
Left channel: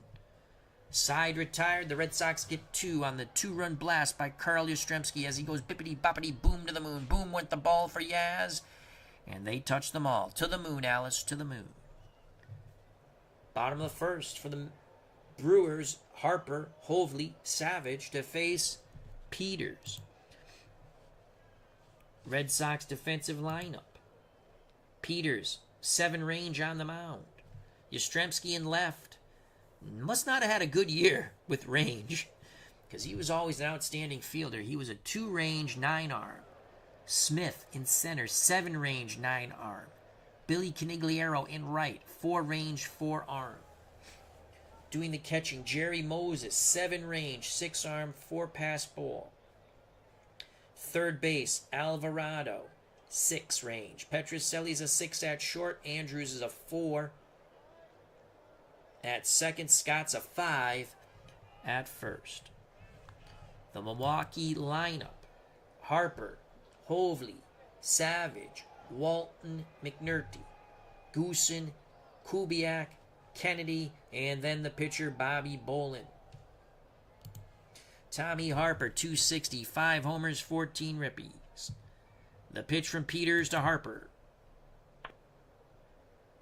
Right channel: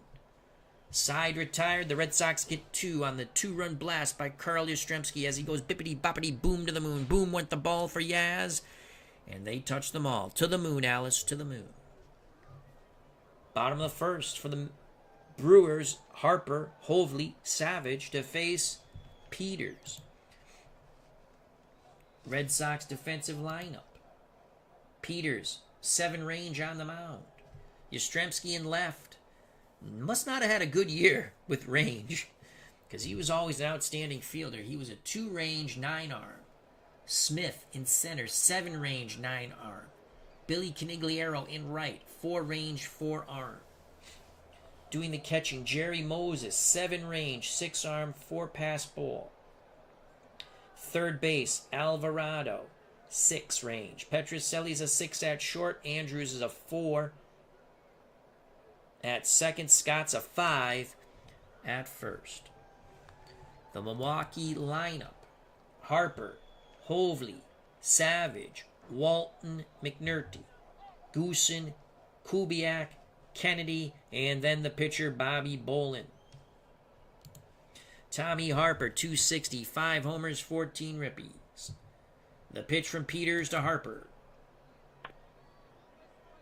Side retired. The Red Sox get 2 on the 2-run blast by Carl Yastrzemski as he goes bippity-boppity boom to the moon. Boom went the ball for Yaz. And they touch them all. To the moon, Alice, to the moon. Bottom of the first for the Brewers, Harper, Hovley, Savage to face Peters. Red Sox defensive lineup. Peters, 7-range on the mound. Yastrzemski in left. Must not have had a good year with range, because he was always an outstanding fielder. He was a 2-range, 9-arm. Smith in center, 7-range, 9-arm. Billy Canigliaro in right, 4-range, 4-arm. Doing the catching, Jerry Moses, 7-range, 6-arm, 4-pass ball. Third base, Alvarado, 6-range. Petrocelli's a 6 at short. Andrews is a 4 at second. Scott's a 5 at first. The Milwaukee lineup: Harper, Hovley, Savage, Walton, McNulty, Goosen, Kubiak, Kennedy, and then the pitcher, Bobby Bolin. Tommy Harper, .260, 5 homers, 14 ribbies. The pitch from Peters to Harper.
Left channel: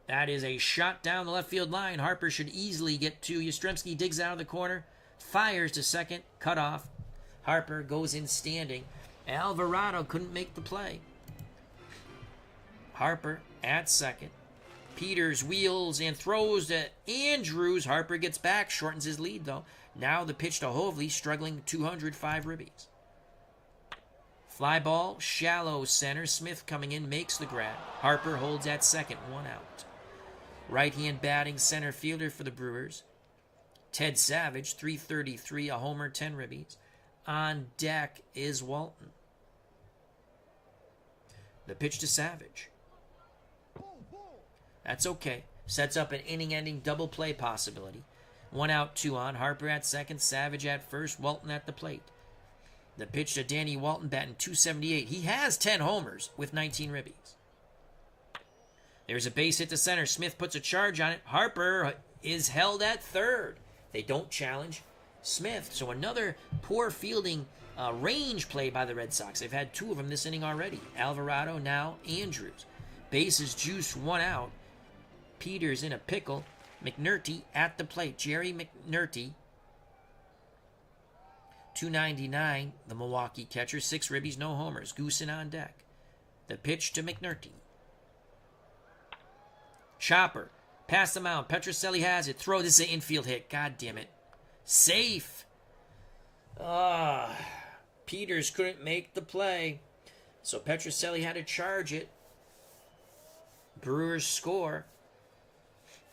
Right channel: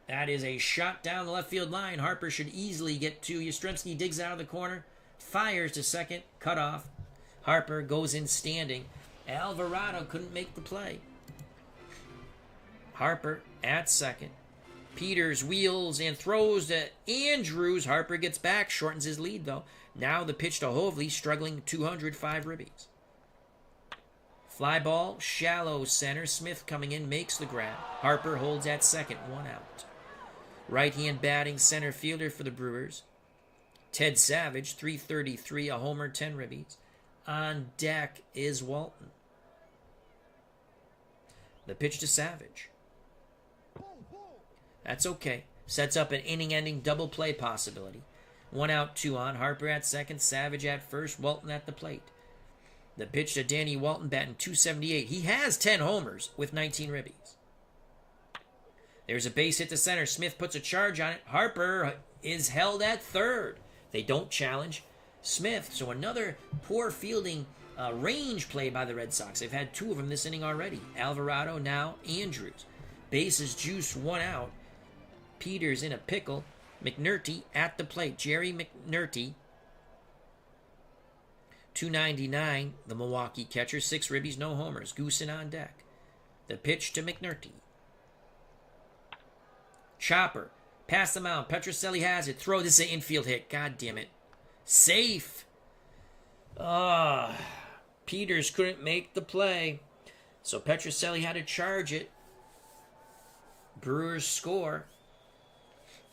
That is a shot down the left field line. Harper should easily get to. Yastrzemski digs out of the corner, fires to second, cut off. Harper goes in standing. Alvarado couldn't make the play. Harper at second. Peters wheels and throws to Andrews. Harper gets back, shortens his lead though. Now the pitch to Hovley, struggling 205 ribbies. Fly ball, shallow center. Smith coming in, makes the grab. Harper holds at second, 1 out. Right-hand batting center fielder for the Brewers. Ted Savage, 333, a homer, 10 ribbies. On deck is Walton. The pitch to Savage. That's okay. Sets up an inning-ending double play possibility. 1 out, 2 on. Harper at second, Savage at first, Walton at the plate. The pitch to Danny Walton, batting .278. He has 10 homers with 19 ribbies. There's a base hit to center. Smith puts a charge on it. Harper is held at third. They don't challenge Smith. So another poor fielding range play by the Red Sox. They've had 2 of them this inning already. Alvarado, now Andrews. Bases juiced, 1 out. Peters in a pickle. McNerney at the plate. Jerry McNerney, 299, the Milwaukee catcher. 6 ribbies, no homers. Goosen on deck. The pitch to McNerney. Chopper, past the mound. Petrocelli has it. Throw. This is an infield hit. God damn it. Safe. Peters couldn't make the play. So Petrocelli had to charge it. Brewers score.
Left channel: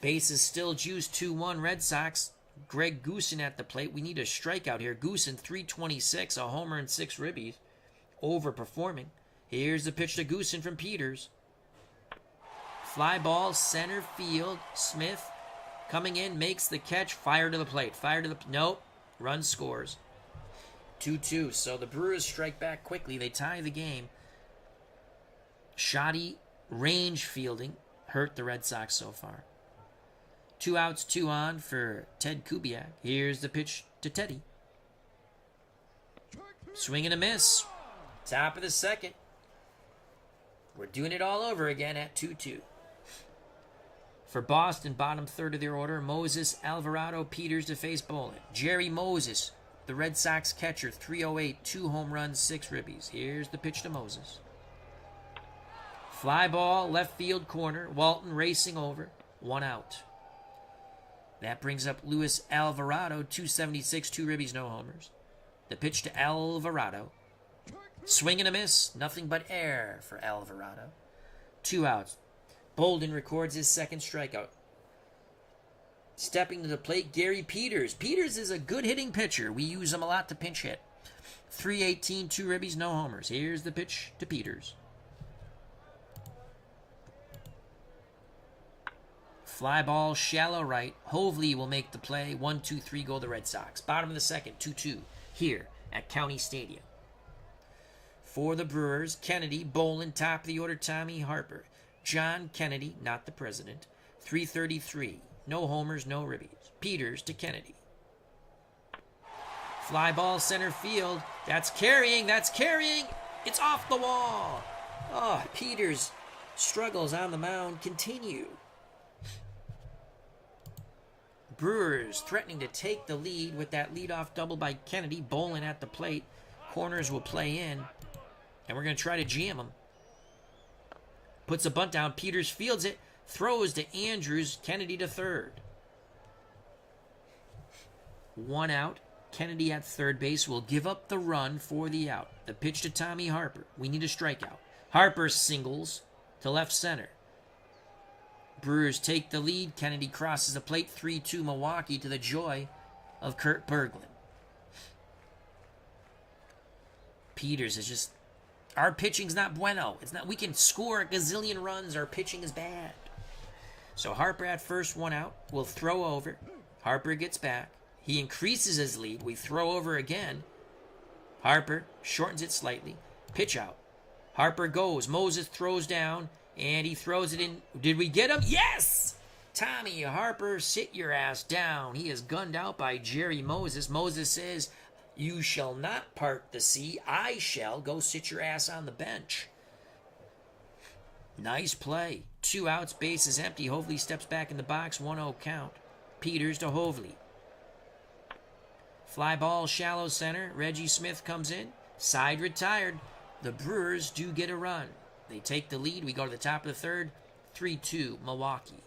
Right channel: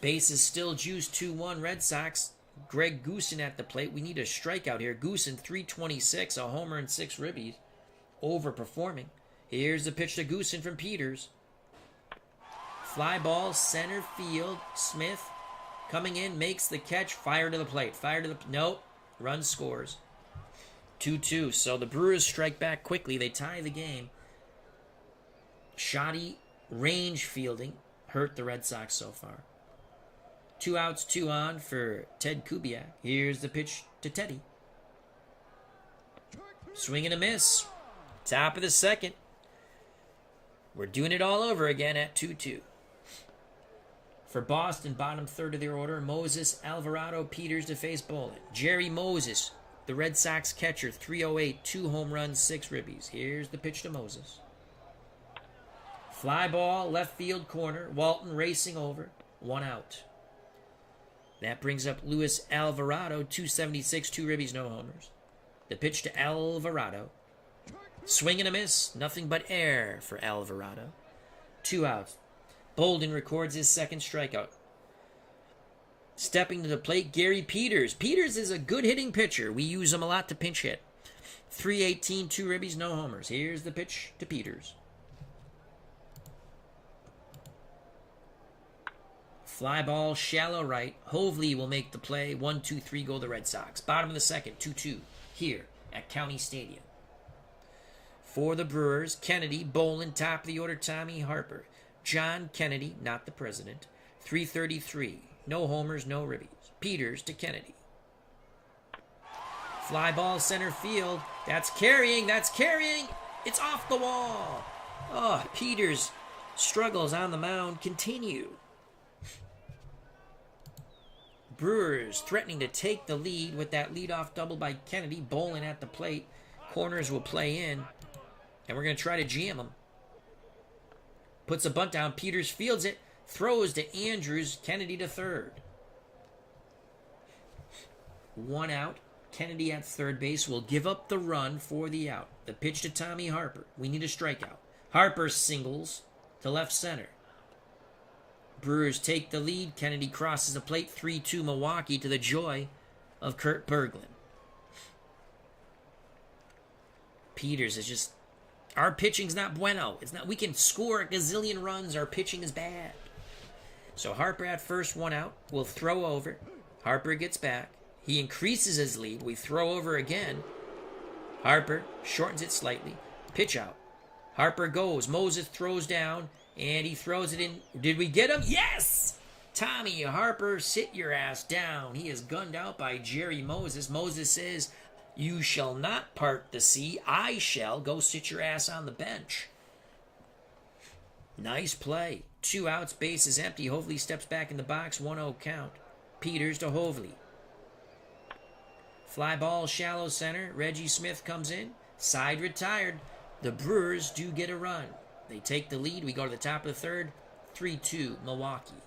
Bases still juiced, 2-1 Red Sox. Greg Goosen at the plate. We need a strikeout here. Goosen, 326, a homer and 6 ribbies. Overperforming. Here's the pitch to Goosen from Peters. Fly ball, center field. Smith coming in, makes the catch. Fire to the plate. Nope. Run scores. 2-2. So the Brewers strike back quickly. They tie the game. Shoddy range fielding hurt the Red Sox so far. 2 outs, 2 on for Ted Kubiak. Here's the pitch to Teddy. Swing and a miss. Top of the second. We're doing it all over again at 2-2. For Boston, bottom third of their order, Moses, Alvarado, Peters to face Bolin. Jerry Moses, the Red Sox catcher, 308, 2 home runs, 6 ribbies. Here's the pitch to Moses. Fly ball, left field corner. Walton racing over. 1 out. That brings up Luis Alvarado, 276, 2 ribbies, no homers. The pitch to Alvarado. Swing and a miss. Nothing but air for Alvarado. 2 outs. Bolin records his second strikeout. Stepping to the plate, Gary Peters. Peters is a good hitting pitcher. We use him a lot to pinch hit. 318, 2 ribbies, no homers. Here's the pitch to Peters. Fly ball, shallow right. Hovley will make the play. 1-2-3 go the Red Sox. Bottom of the second, 2-2 here at County Stadium. For the Brewers, Kennedy, Bolin, top of the order, Tommy Harper. John Kennedy, not the president, 333. No homers, no ribbies. Peters to Kennedy. Fly ball, center field. That's carrying. It's off the wall. Peters' struggles on the mound continue. Brewers threatening to take the lead with that leadoff double by Kennedy. Bolin at the plate. Corners will play in. And we're going to try to jam them. Puts a bunt down. Peters fields it. Throws to Andrews. Kennedy to third. 1 out. Kennedy at third base will give up the run for the out. The pitch to Tommy Harper. We need a strikeout. Harper singles to left center. Brewers take the lead. Kennedy crosses the plate. 3-2 Milwaukee to the joy of Kurt Berglund. Peters is just... Our pitching's not bueno. It's not. We can score a gazillion runs. Our pitching is bad. So Harper at first, 1 out. We'll throw over. Harper gets back. He increases his lead. We throw over again. Harper shortens it slightly. Pitch out. Harper goes. Moses throws down. And he throws it in. Did we get him? Yes! Tommy Harper, sit your ass down. He is gunned out by Jerry Moses. Moses says, "You shall not part the sea. I shall. Go sit your ass on the bench." Nice play. 2 outs, base is empty. Hovley steps back in the box. 1-0 count. Peters to Hovley. Fly ball, shallow center. Reggie Smith comes in. Side retired. The Brewers do get a run. They take the lead. We go to the top of the third. 3-2, Milwaukee.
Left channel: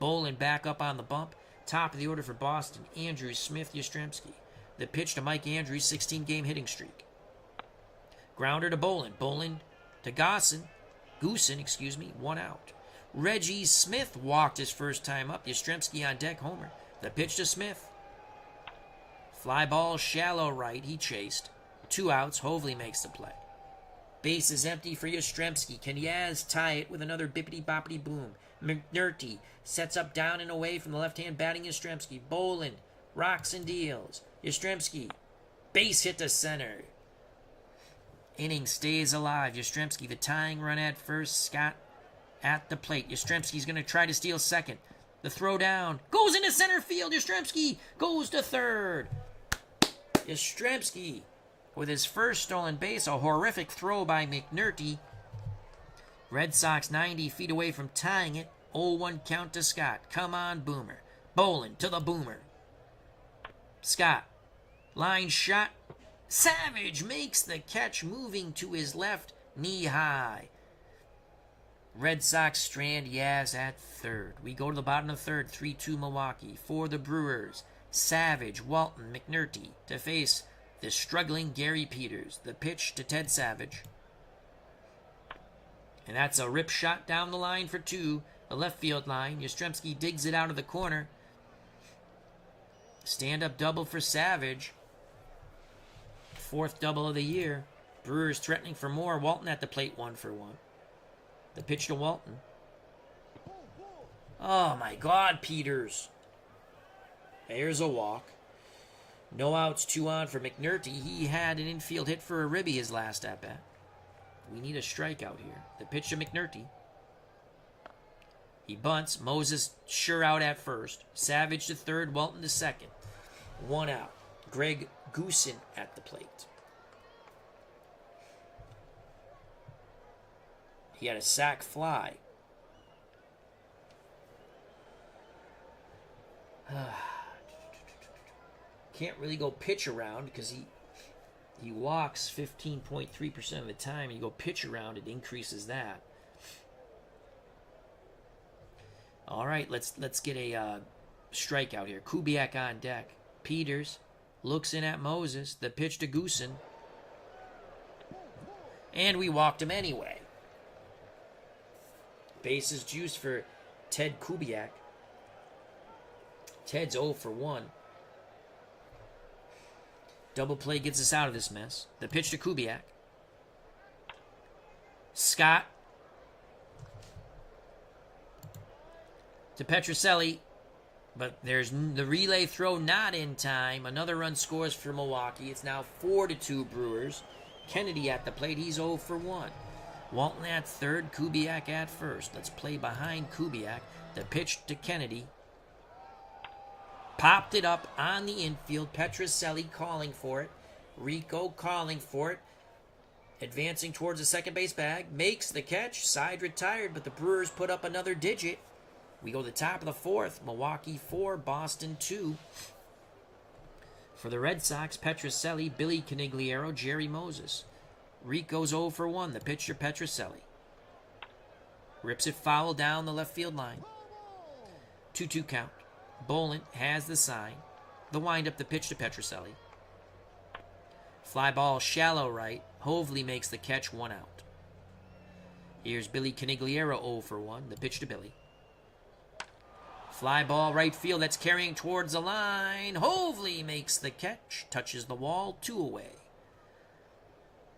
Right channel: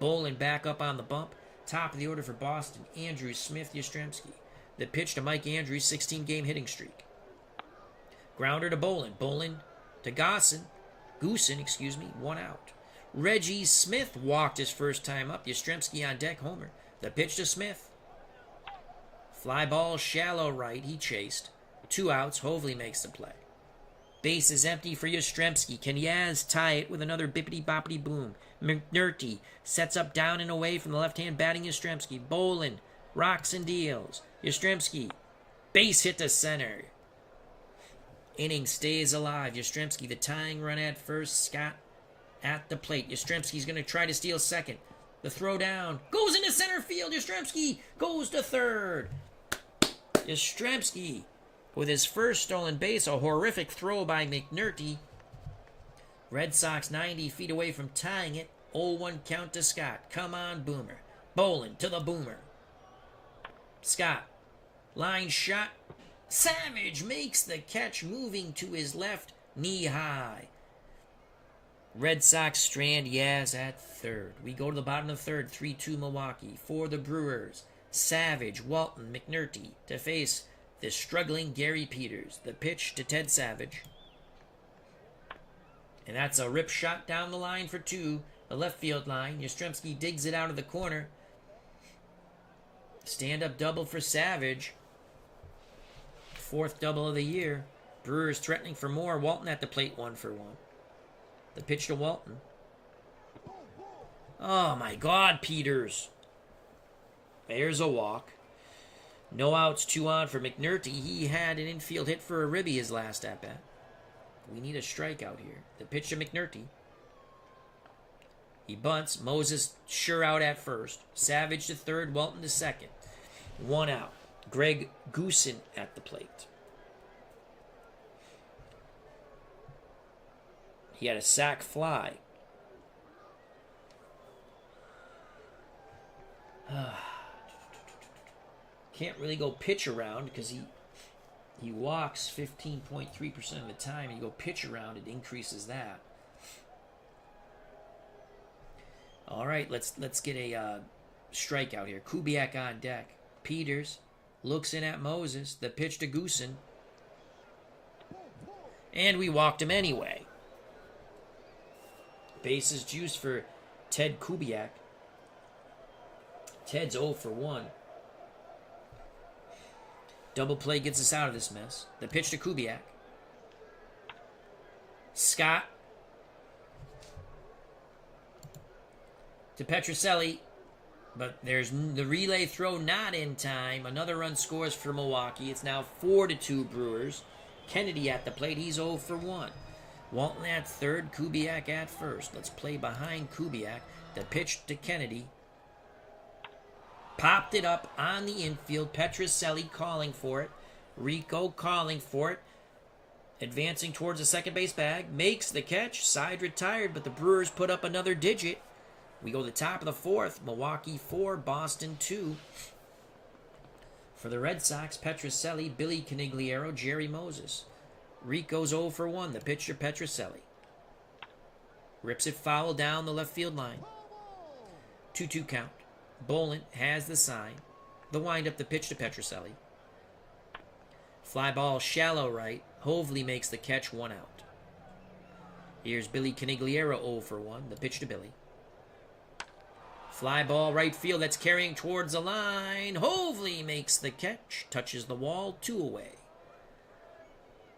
Bolin back up on the bump. Top of the order for Boston. Andrews, Smith, Yastrzemski. The pitch to Mike Andrews, 16-game hitting streak. Grounder to Bolin. Bolin to Goosen, 1 out. Reggie Smith walked his first time up. Yastrzemski on deck, homer. The pitch to Smith. Fly ball, shallow right. He chased. 2 outs. Hovley makes the play. Base is empty for Yastrzemski. Can Yaz tie it with another bippity-boppity boom? McNulty sets up down and away from the left-hand batting Yastrzemski. Bolin rocks and deals. Yastrzemski, base hit to center. Inning stays alive. Yastrzemski, the tying run at first. Scott at the plate. Yastrzemski's going to try to steal second. The throw down goes into center field. Yastrzemski goes to third. Yastrzemski with his first stolen base. A horrific throw by McNulty. Red Sox 90 feet away from tying it. 0-1 count to Scott. Come on, Boomer. Bolin to the Boomer. Scott. Line shot. Savage makes the catch, moving to his left, knee high. Red Sox strand Yaz at third. We go to the bottom of the third. 3-2 Milwaukee. For the Brewers, Savage, Walton, McNulty to face the struggling Gary Peters. The pitch to Ted Savage. And that's a rip shot down the line for 2. The left field line. Yastrzemski digs it out of the corner. Stand-up double for Savage. 4th double of the year. Brewers threatening for more. Walton at the plate, 1 for 1. The pitch to Walton. Oh my God, Peters. There's a walk. No outs, 2 on for McNulty. He had an infield hit for a ribby his last at-bat. We need a strikeout here. The pitch to McNulty. He bunts. Moses sure out at first. Savage to third. Walton to second. 1 out. Greg Goosen at the plate. He had a sac fly. Can't really go pitch around because he walks 15.3% of the time. You go pitch around, it increases that. All right, let's get a strikeout here. Kubiak on deck. Peters looks in at Moses. The pitch to Goosen. And we walked him anyway. Bases juice for Ted Kubiak. Ted's 0 for 1. Double play gets us out of this mess. The pitch to Kubiak. Scott. To Petrocelli. But there's the relay throw not in time. Another run scores for Milwaukee. It's now 4-2 Brewers. Kennedy at the plate. He's 0 for 1. Walton at third. Kubiak at first. Let's play behind Kubiak. The pitch to Kennedy. Popped it up on the infield. Petrocelli calling for it. Rico calling for it. Advancing towards the second base bag. Makes the catch. Side retired, but the Brewers put up another digit. We go to the top of the fourth. Milwaukee 4, Boston 2. For the Red Sox, Petrocelli, Billy Canigliaro, Jerry Moses. Rico's 0 for 1. The pitcher, Petrocelli. Rips it foul down the left field line. 2-2 count. Bolin has the sign. The windup, the pitch to Petrocelli. Fly ball, shallow right. Hovley makes the catch, 1 out. Here's Billy Canigliaro, 0 for 1. The pitch to Billy. Fly ball, right field. That's carrying towards the line. Hovley makes the catch. Touches the wall. 2 away.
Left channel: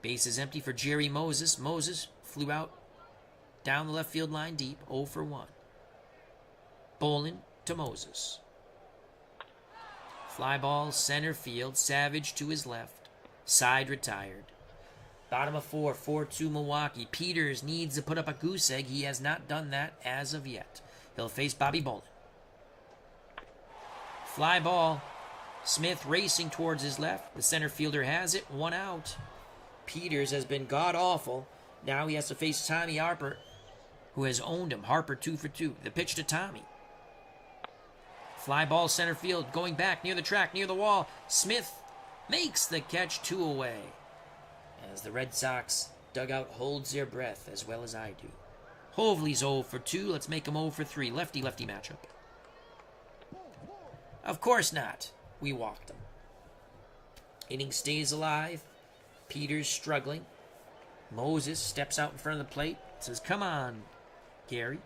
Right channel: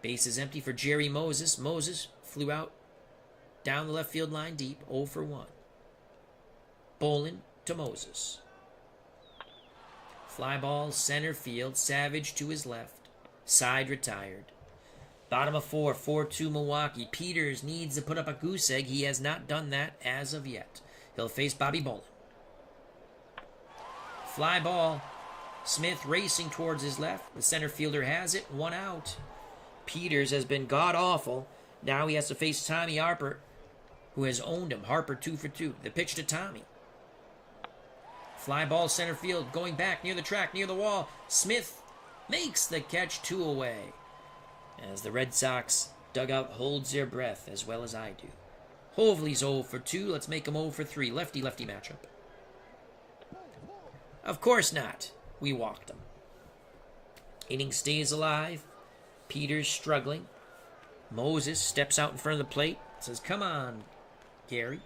Base is empty for Jerry Moses. Moses flew out down the left field line deep. 0 for 1. Bolin to Moses. Fly ball, center field. Savage to his left. Side retired. Bottom of 4, 4-2 Milwaukee. Peters needs to put up a goose egg. He has not done that as of yet. He'll face Bobby Bolin. Fly ball. Smith racing towards his left. The center fielder has it. 1 out. Peters has been god-awful. Now he has to face Tommy Harper. who has owned him. Harper 2 for 2. The pitch to Tommy. Fly ball center field, going back near the track, near the wall. Smith makes the catch, 2 away. As the Red Sox dugout holds their breath, as well as I do. Hovley's 0 for 2. Let's make him 0 for 3. Lefty-lefty matchup. Of course not. We walked him. Inning stays alive. Peters struggling. Moses steps out in front of the plate. Says, come on, Gary.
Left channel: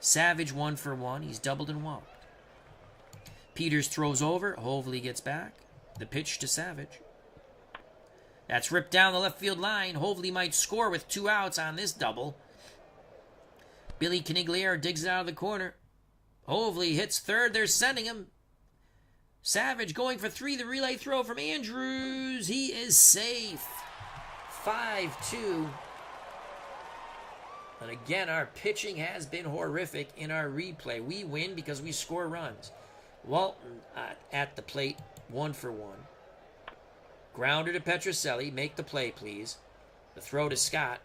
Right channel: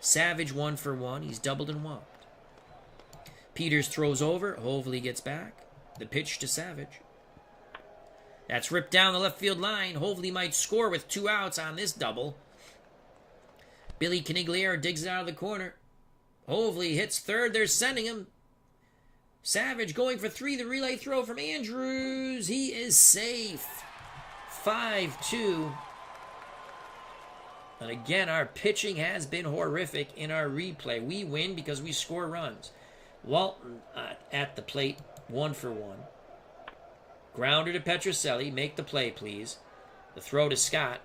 Savage 1 for 1. He's doubled and walked. Peters throws over. Hovley gets back. The pitch to Savage. That's ripped down the left field line. Hovley might score with 2 outs on this double. Billy Canigliere digs it out of the corner. Hovley hits third. They're sending him. Savage going for 3. The relay throw from Andrews. He is safe. 5-2. And again, our pitching has been horrific in our replay. We win because we score runs. Walton at the plate, 1 for 1. Grounder to Petrocelli. Make the play, please. The throw to Scott.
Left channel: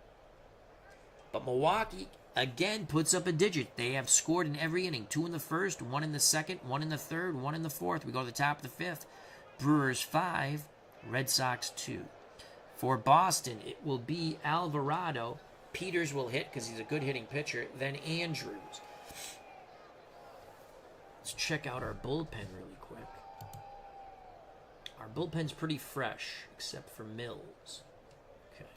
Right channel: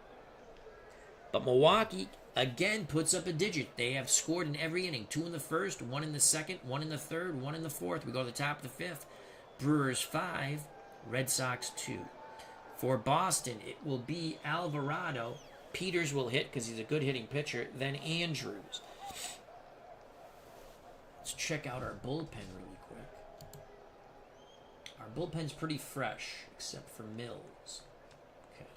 But Milwaukee again puts up a digit. They have scored in every inning. 2 in the first, 1 in the second, 1 in the third, 1 in the fourth. We go to the top of the 5th. Brewers 5, Red Sox 2. For Boston, it will be Alvarado. Peters will hit because he's a good hitting pitcher. Then Andrews. Let's check out our bullpen really quick. Our bullpen's pretty fresh, except for Mills. Okay.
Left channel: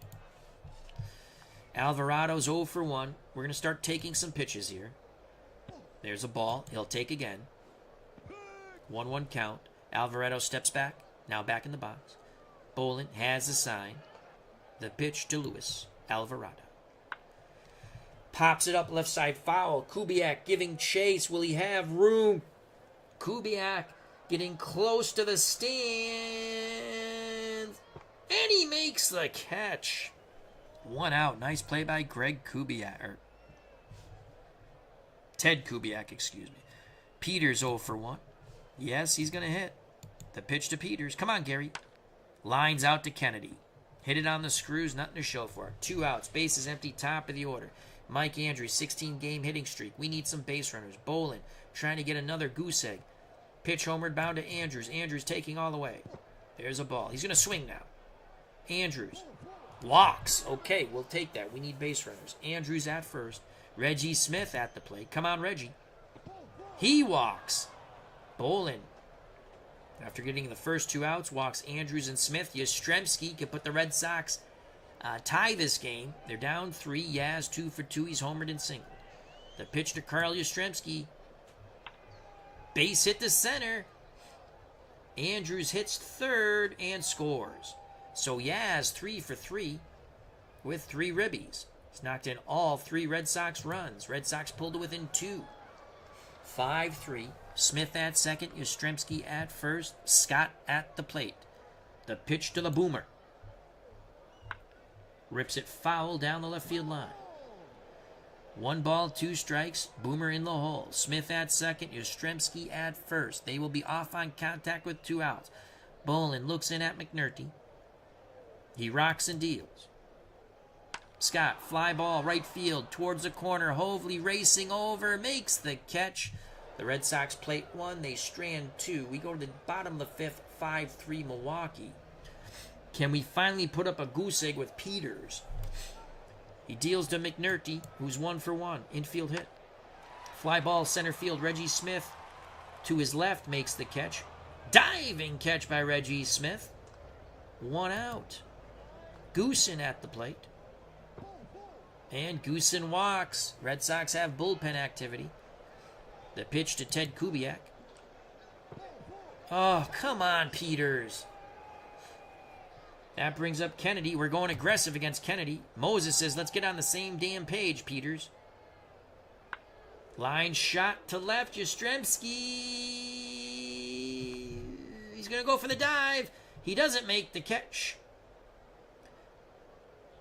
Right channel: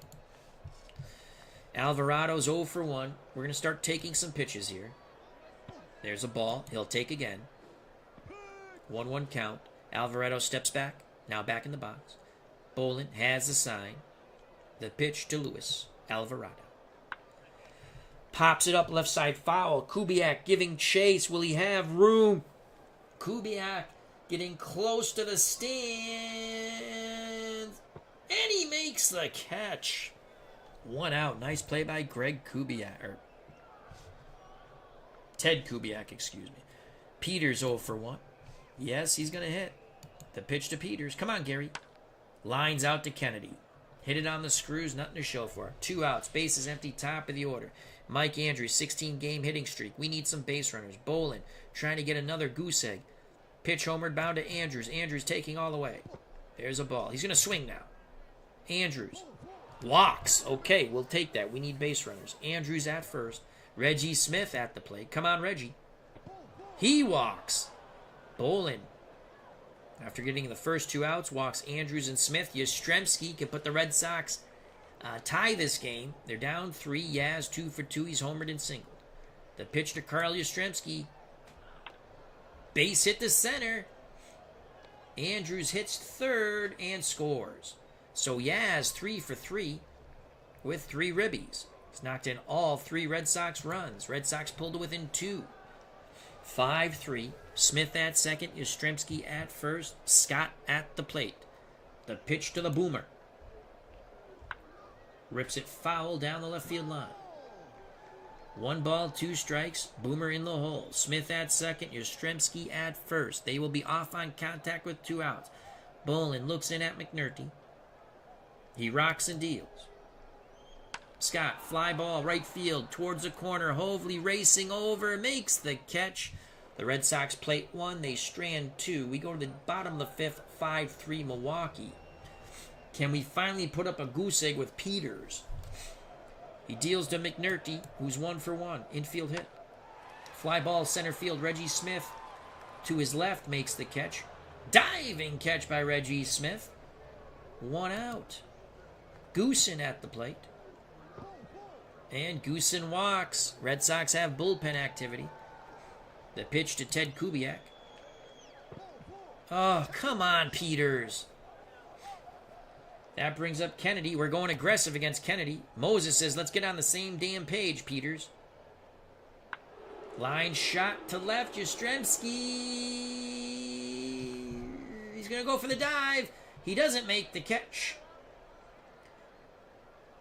Alvarado's 0 for 1. We're going to start taking some pitches here. There's a ball. He'll take again. 1-1 count. Alvarado steps back. Now back in the box. Bolin has the sign. The pitch to Lewis. Alvarado. Pops it up left side foul. Kubiak giving chase. Will he have room? Kubiak getting close to the stand. And he makes the catch. 1 out. Nice play by Greg Kubiak. Or Ted Kubiak, excuse me. Peters 0 for 1. Yes, he's going to hit. The pitch to Peters. Come on, Gary. Lines out to Kennedy. Hit it on the screws. Nothing to show for it. 2 outs. Bases empty. Top of the order. Mike Andrews, 16-game hitting streak. We need some base runners. Bolin trying to get another goose egg. Pitch homered bound to Andrews. Andrews taking all the way. There's a ball. He's going to swing now. Andrews. Walks. Okay, we'll take that. We need base runners. Andrews at first. Reggie Smith at the plate. Come on, Reggie. He walks. Bolin, after getting the first 2 outs, walks Andrews and Smith. Yastrzemski can put the Red Sox tie this game. They're down 3. Yaz 2 for 2. He's homered and singled. The pitch to Carl Yastrzemski. Base hit to center. Andrews hits third and scores. So Yaz 3 for 3 with 3 ribbies. He's knocked in all 3 Red Sox runs. Red Sox pulled to within 2. 5-3. Smith at second. Yastrzemski at first. Scott at the plate. The pitch to the boomer. Rips it foul down the left field line. 1 ball, 2 strikes. Boomer in the hole. Smith at second. Yastrzemski at first. They will be off on contact with 2 outs. Bolin looks in at McNulty. He rocks and deals. Scott, fly ball, right field, towards the corner. Hovley racing over, makes the catch. The Red Sox plate 1. They strand 2. We go to the bottom of the 5th. 5-3 Milwaukee. Can we finally put up a goose egg with Peters? He deals to McNulty, who's 1 for 1. Infield hit. Fly ball, center field. Reggie Smith to his left makes the catch. Diving catch by Reggie Smith. 1 out. Goosen at the plate. And Goosen walks. Red Sox have bullpen activity. The pitch to Ted Kubiak. Oh, come on, Peters. That brings up Kennedy. We're going aggressive against Kennedy. Moses says, let's get on the same damn page, Peters. Line shot to left. Yastrzemski. He's going to go for the dive. He doesn't make the catch.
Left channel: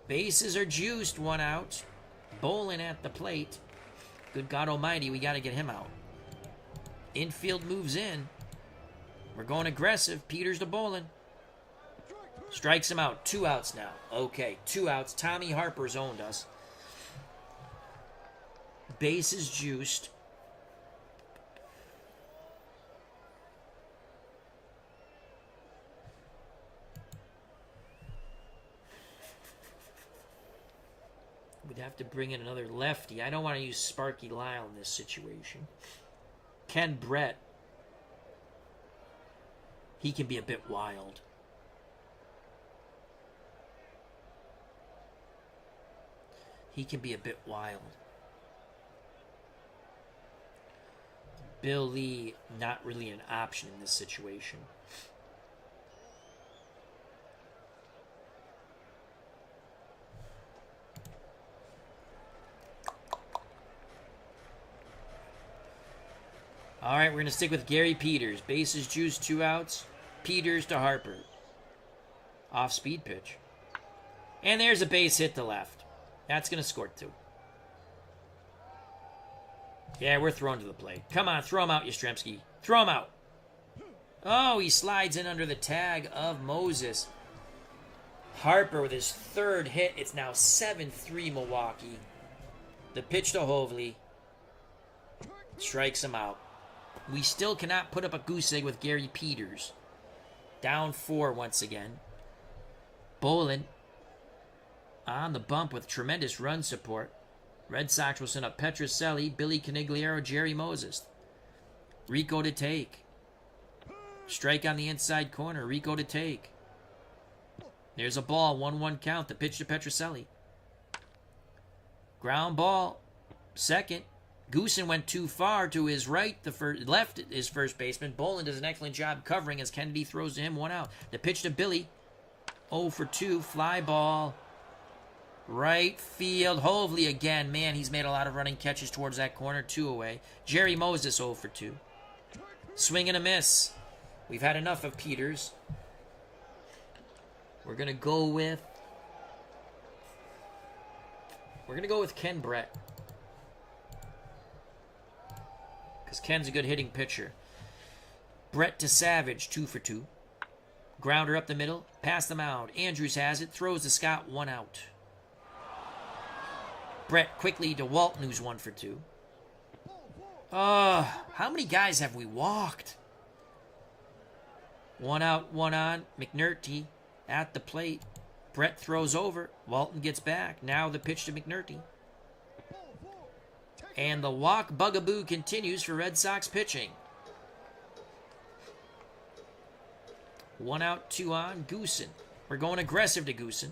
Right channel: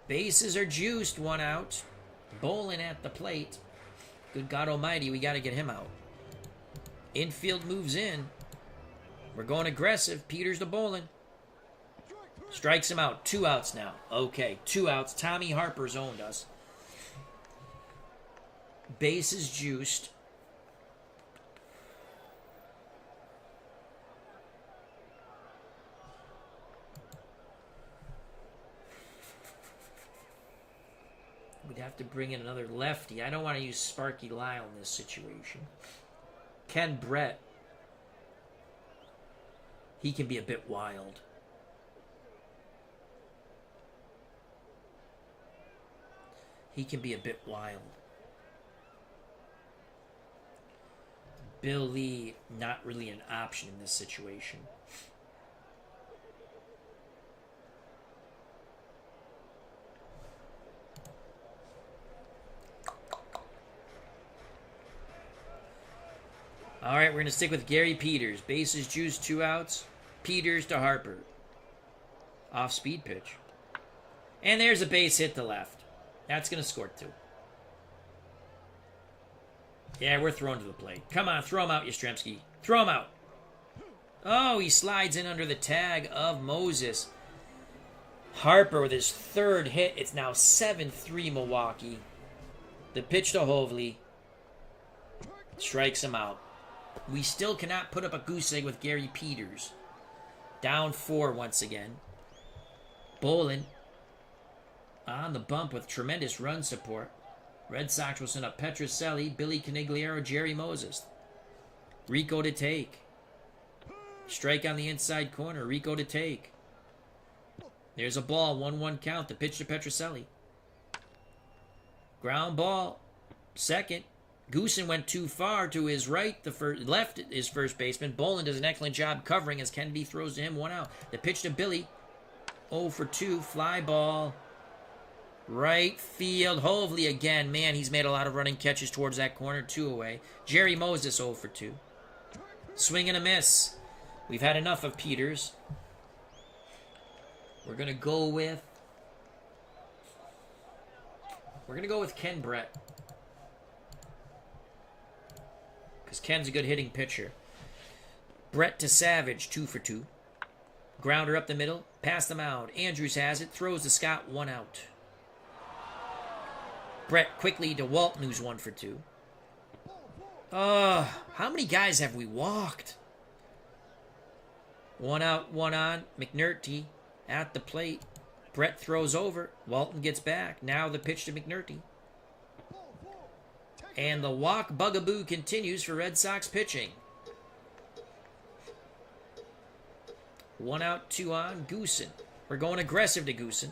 Bases are juiced. 1 out. Bolin at the plate. Good God almighty, we got to get him out. Infield moves in. We're going aggressive. Peters to Bolin. Strikes him out. 2 outs now. Okay, 2 outs. Tommy Harper's owned us. bases juiced. We'd have to bring in another lefty. I don't want to use Sparky Lyle in this situation. Ken Brett. He can be a bit wild. He can be a bit wild. Bill Lee, not really an option in this situation. All right, we're going to stick with Gary Peters. Bases juiced, 2 outs. Peters to Harper. Off-speed pitch. And there's a base hit to left. That's going to score 2. Yeah, we're thrown to the plate. Come on, throw him out, Yastrzemski. Throw him out. Oh, he slides in under the tag of Moses. Harper with his 3rd hit. It's now 7-3 Milwaukee. The pitch to Hovley. Strikes him out. We still cannot put up a goose egg with Gary Peters. Down 4 once again. Bolin on the bump with tremendous run support. Red Sox will send up Petrocelli, Billy Canigliaro, Jerry Moses. Rico to take. Strike on the inside corner. Rico to take. There's a ball. 1-1 count. The pitch to Petrocelli. Ground ball. Second. Goosen went too far to his right. Left his first baseman. Bolin does an excellent job covering as Kennedy throws to him. 1 out. The pitch to Billy. 0 for 2. Fly ball. Right field. Hovley again. Man, he's made a lot of running catches towards that corner. 2 away. Jerry Moses 0 for 2. Swing and a miss. We've had enough of Peters. We're going to go with Ken Brett. Because Ken's a good hitting pitcher. Brett to Savage, 2 for 2. Grounder up the middle. Past the mound. Andrews has it. Throws to Scott. 1 out. Brett quickly to Walton, who's 1 for 2. Oh, how many guys have we walked? 1 out, 1 on. McNulty at the plate. Brett throws over. Walton gets back. Now the pitch to McNulty. And the walk bugaboo continues for Red Sox pitching. 1 out, 2 on. Goosen. We're going aggressive to Goosen.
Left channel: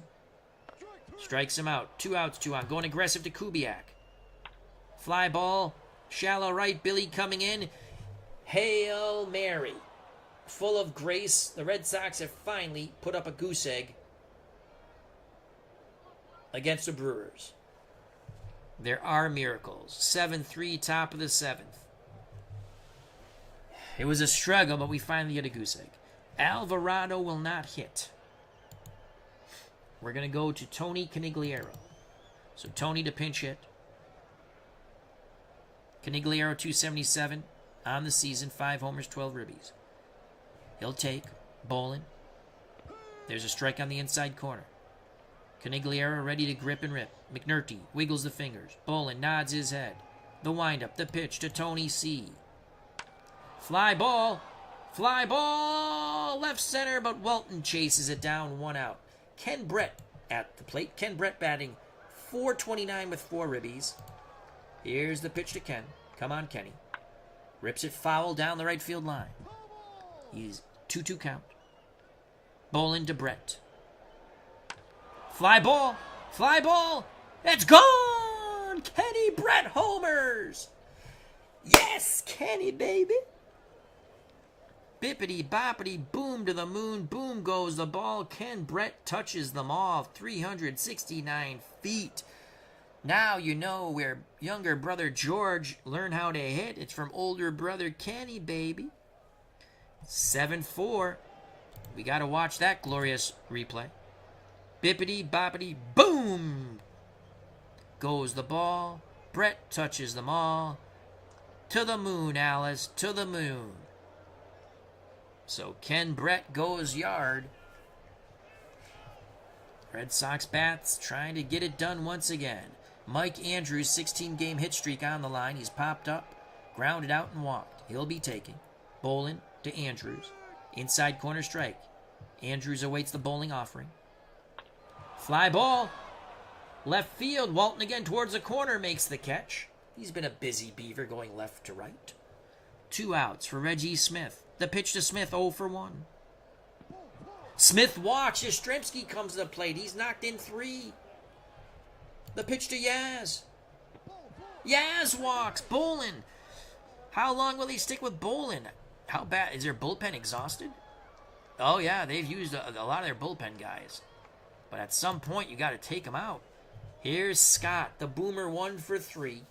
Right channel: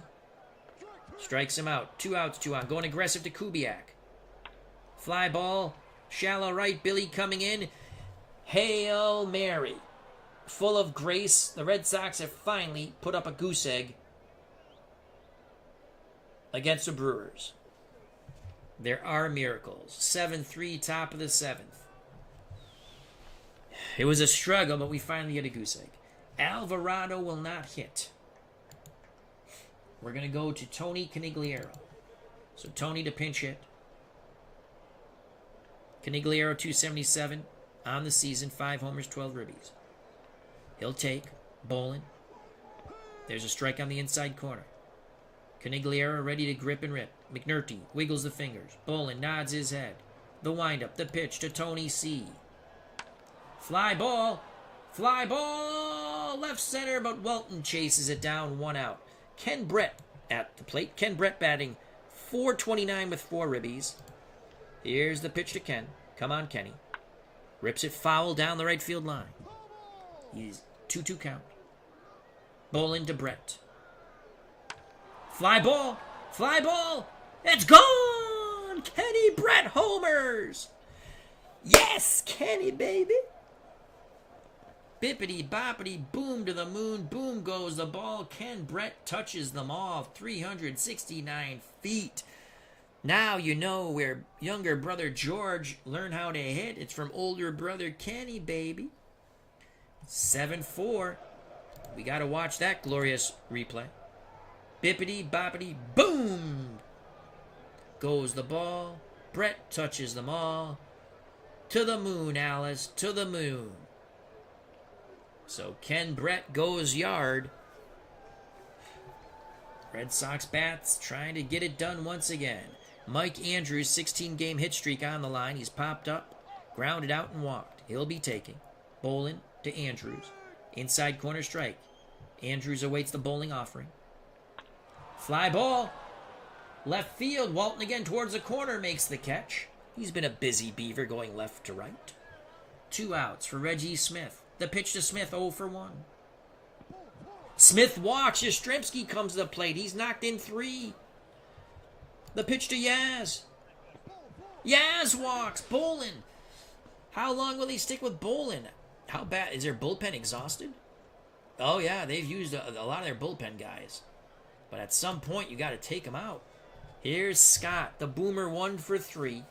Strikes him out. 2 outs, 2 on. Going aggressive to Kubiak. Fly ball. Shallow right. Billy coming in. Hail Mary. Full of grace. The Red Sox have finally put up a goose egg against the Brewers. There are miracles. 7-3, top of the 7th. It was a struggle, but we finally get a goose egg. Alvarado will not hit. We're going to go to Tony Canigliaro. So Tony to pinch hit. Canigliaro 277 on the season. 5 homers, 12 ribbies. He'll take. Bolin. There's a strike on the inside corner. Canigliaro ready to grip and rip. McNulty wiggles the fingers. Bolin nods his head. The windup, the pitch to Tony C. Fly ball. Fly ball. Left center, but Walton chases it down. 1 out. Ken Brett at the plate. Ken Brett batting .429 with 4 ribbies. Here's the pitch to Ken. Come on, Kenny. Rips it foul down the right field line. He's 2-2 count. Bolin to Brett. Fly ball. Fly ball. It's gone. Kenny Brett homers. Yes, Kenny, baby. Bippity boppity boom to the moon. Boom goes the ball. Ken Brett touches them all. 369 feet. Now you know where younger brother George learned how to hit. It's from older brother Kenny, baby. 7-4. We got to watch that glorious replay. Bippity boppity boom goes the ball. Brett touches them all. To the moon, Alice, to the moon. So Ken Brett goes yard. Red Sox bats trying to get it done once again. Mike Andrews, 16-game hit streak on the line. He's popped up, grounded out, and walked. He'll be taking. Bolin to Andrews. Inside corner strike. Andrews awaits the bowling offering. Fly ball. Left field. Walton again towards the corner makes the catch. He's been a busy Beaver going left to right. 2 outs for Reggie Smith. The pitch to Smith, 0 for 1. Smith walks. Yastrzemski comes to the plate. He's knocked in 3. The pitch to Yaz. Yaz walks. Bolin. How long will he stick with Bolin? How bad? Is their bullpen exhausted? Oh, yeah. They've used a lot of their bullpen guys. But at some point, you got to take them out. Here's Scott. The Boomer 1 for 3.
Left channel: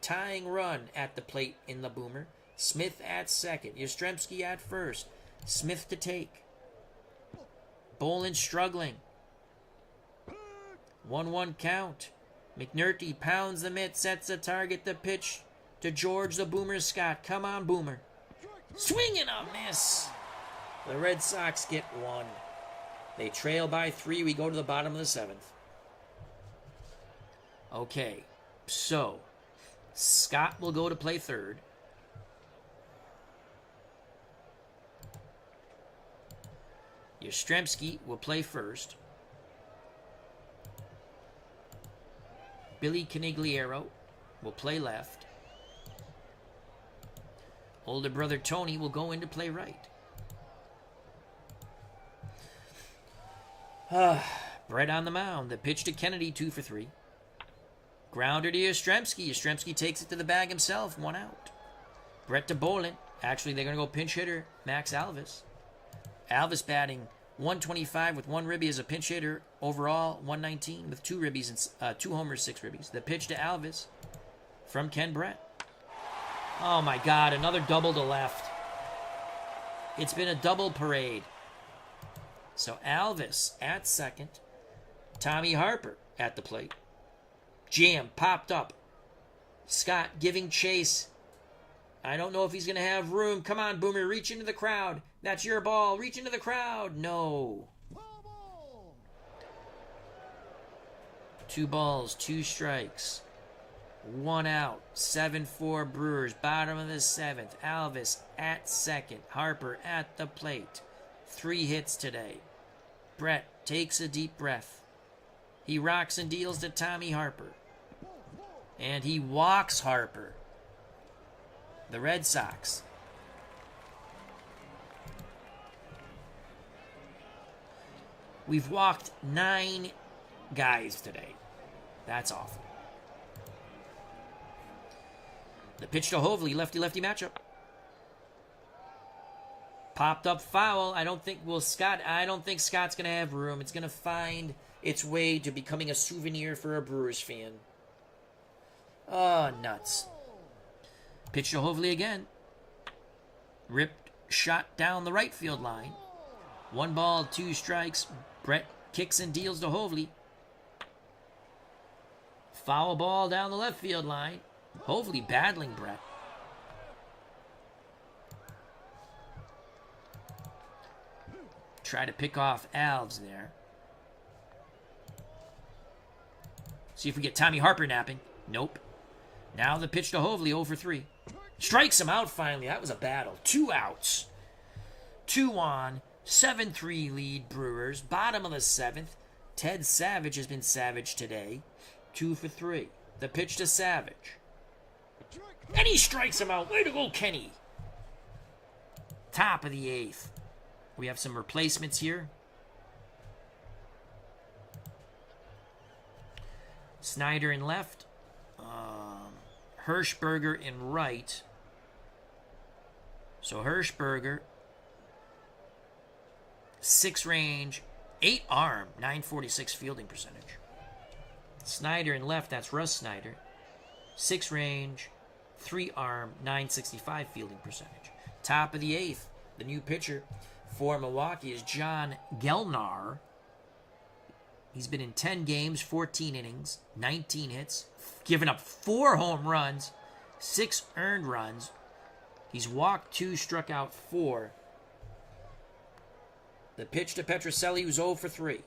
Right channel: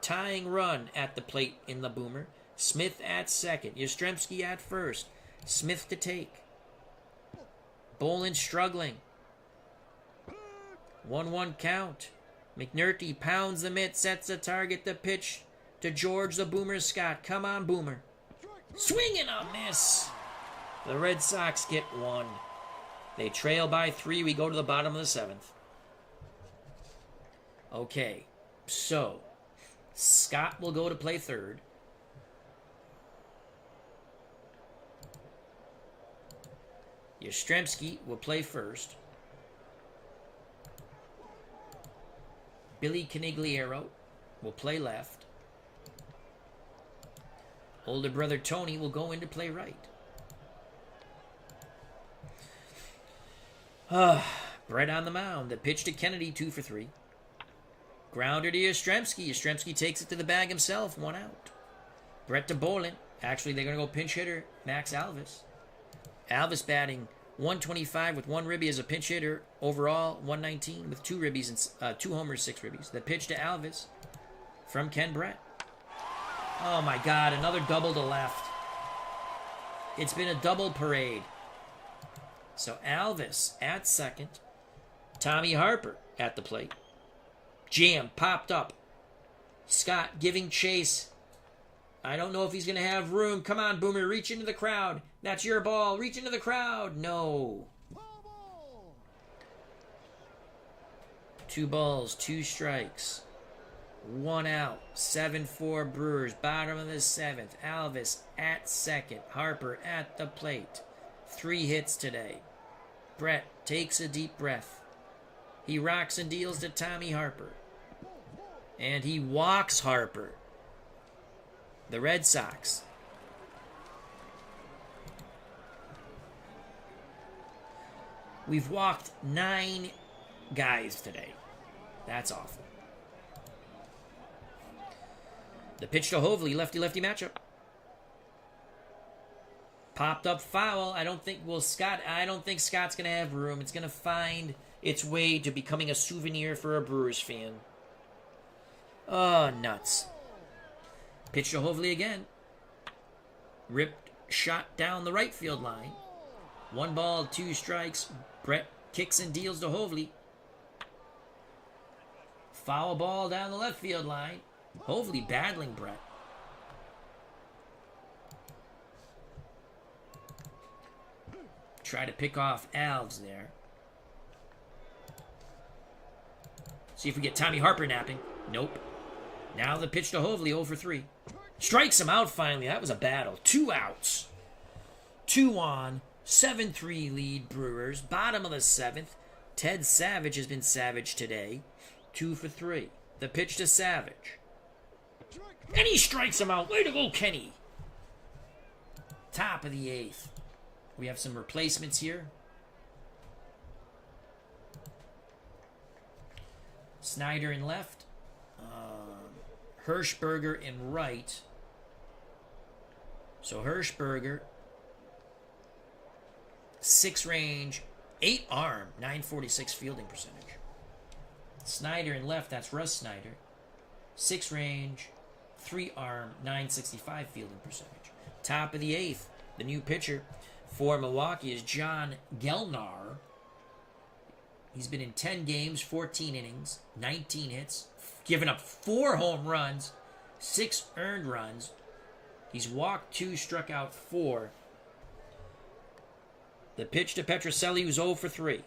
Tying run at the plate in the Boomer. Smith at second. Yastrzemski at first. Smith to take. Bolin struggling. 1-1 count. McNulty pounds the mitt, sets the target, the pitch to George the Boomer Scott. Come on, Boomer. Swing and a miss. The Red Sox get 1. They trail by 3. We go to the bottom of the 7th. Okay, so Scott will go to play third. Yastrzemski will play first. Billy Canigliaro will play left. Older brother Tony will go in to play right. Brett on the mound. The pitch to Kennedy, 2 for 3. Grounder to Yastrzemski. Yastrzemski takes it to the bag himself, 1 out. Brett to Bolin. Actually, they're going to go pinch hitter, Max Alvis. Alvis batting 125 with 1 ribby as a pinch hitter. Overall, 119 with 2 ribbies and 2 homers, 6 ribbies. The pitch to Alvis from Ken Brett. Oh my God, another double to left. It's been a double parade. So Alvis at second. Tommy Harper at the plate. Jam popped up. Scott giving chase. I don't know if he's going to have room. Come on, Boomer, reach into the crowd. That's your ball. Reach into the crowd. No. 2 balls, 2 strikes. 1 out. 7-4 Brewers. Bottom of the 7th. Alvis at second. Harper at the plate. 3 hits today. Brett takes a deep breath. He rocks and deals to Tommy Harper. And he walks Harper. The Red Sox. We've walked 9 guys today. That's awful. The pitch to Hovley, lefty-lefty matchup. Popped up foul. I don't think Scott's going to have room. It's going to find its way to becoming a souvenir for a Brewers fan. Oh, nuts. Pitch to Hovley again. Ripped shot down the right field line. 1 ball, 2 strikes. Brett kicks and deals to Hovley. Foul ball down the left field line. Hovley battling Brett. Try to pick off Alves there. See if we get Tommy Harper napping. Nope. Now the pitch to Hovley, 0 for 3. Strikes him out finally. That was a battle. 2 outs. 2 on. 7-3 lead Brewers. Bottom of the 7th. Ted Savage has been savage today. 2 for 3. The pitch to Savage. And he strikes him out. Way to go, Kenny. Top of the 8th. We have some replacements here. Snyder in left. Hirschberger in right. So Hirschberger, 6 range, 8 arm, 946 fielding percentage. Snyder in left, that's Russ Snyder. 6 range, 3 arm, 965 fielding percentage. Top of the 8th, the new pitcher for Milwaukee is John Gelnar. He's been in 10 games, 14 innings, 19 hits, given up 4 home runs, 6 earned runs. He's walked 2, struck out 4. The pitch to Petrocelli, who's 0 for 3.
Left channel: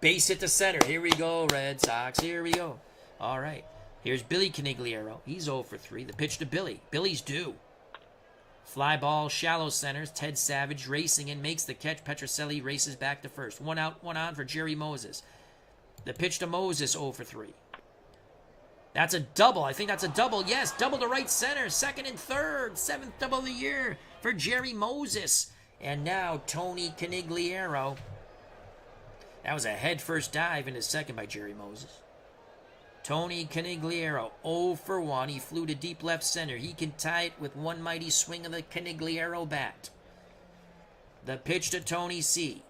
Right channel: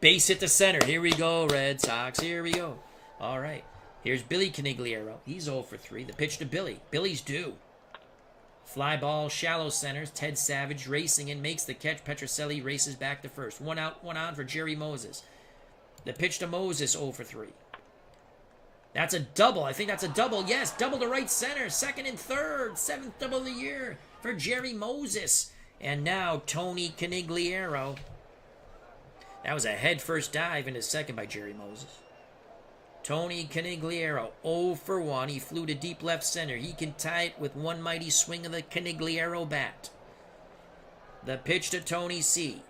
Base hit to center. Here we go, Red Sox. Here we go. All right. Here's Billy Canigliaro. He's 0 for 3. The pitch to Billy. Billy's due. Fly ball, shallow centers. Ted Savage racing in, makes the catch. Petrocelli races back to first. 1 out, 1 on for Jerry Moses. The pitch to Moses, 0 for 3. That's a double. I think that's a double. Yes, double to right center. Second and third. 7th double of the year for Jerry Moses. And now Tony Canigliaro. That was a head-first dive into second by Jerry Moses. Tony Canigliaro, 0 for 1. He flew to deep left center. He can tie it with one mighty swing of the Canigliaro bat. The pitch to Tony C.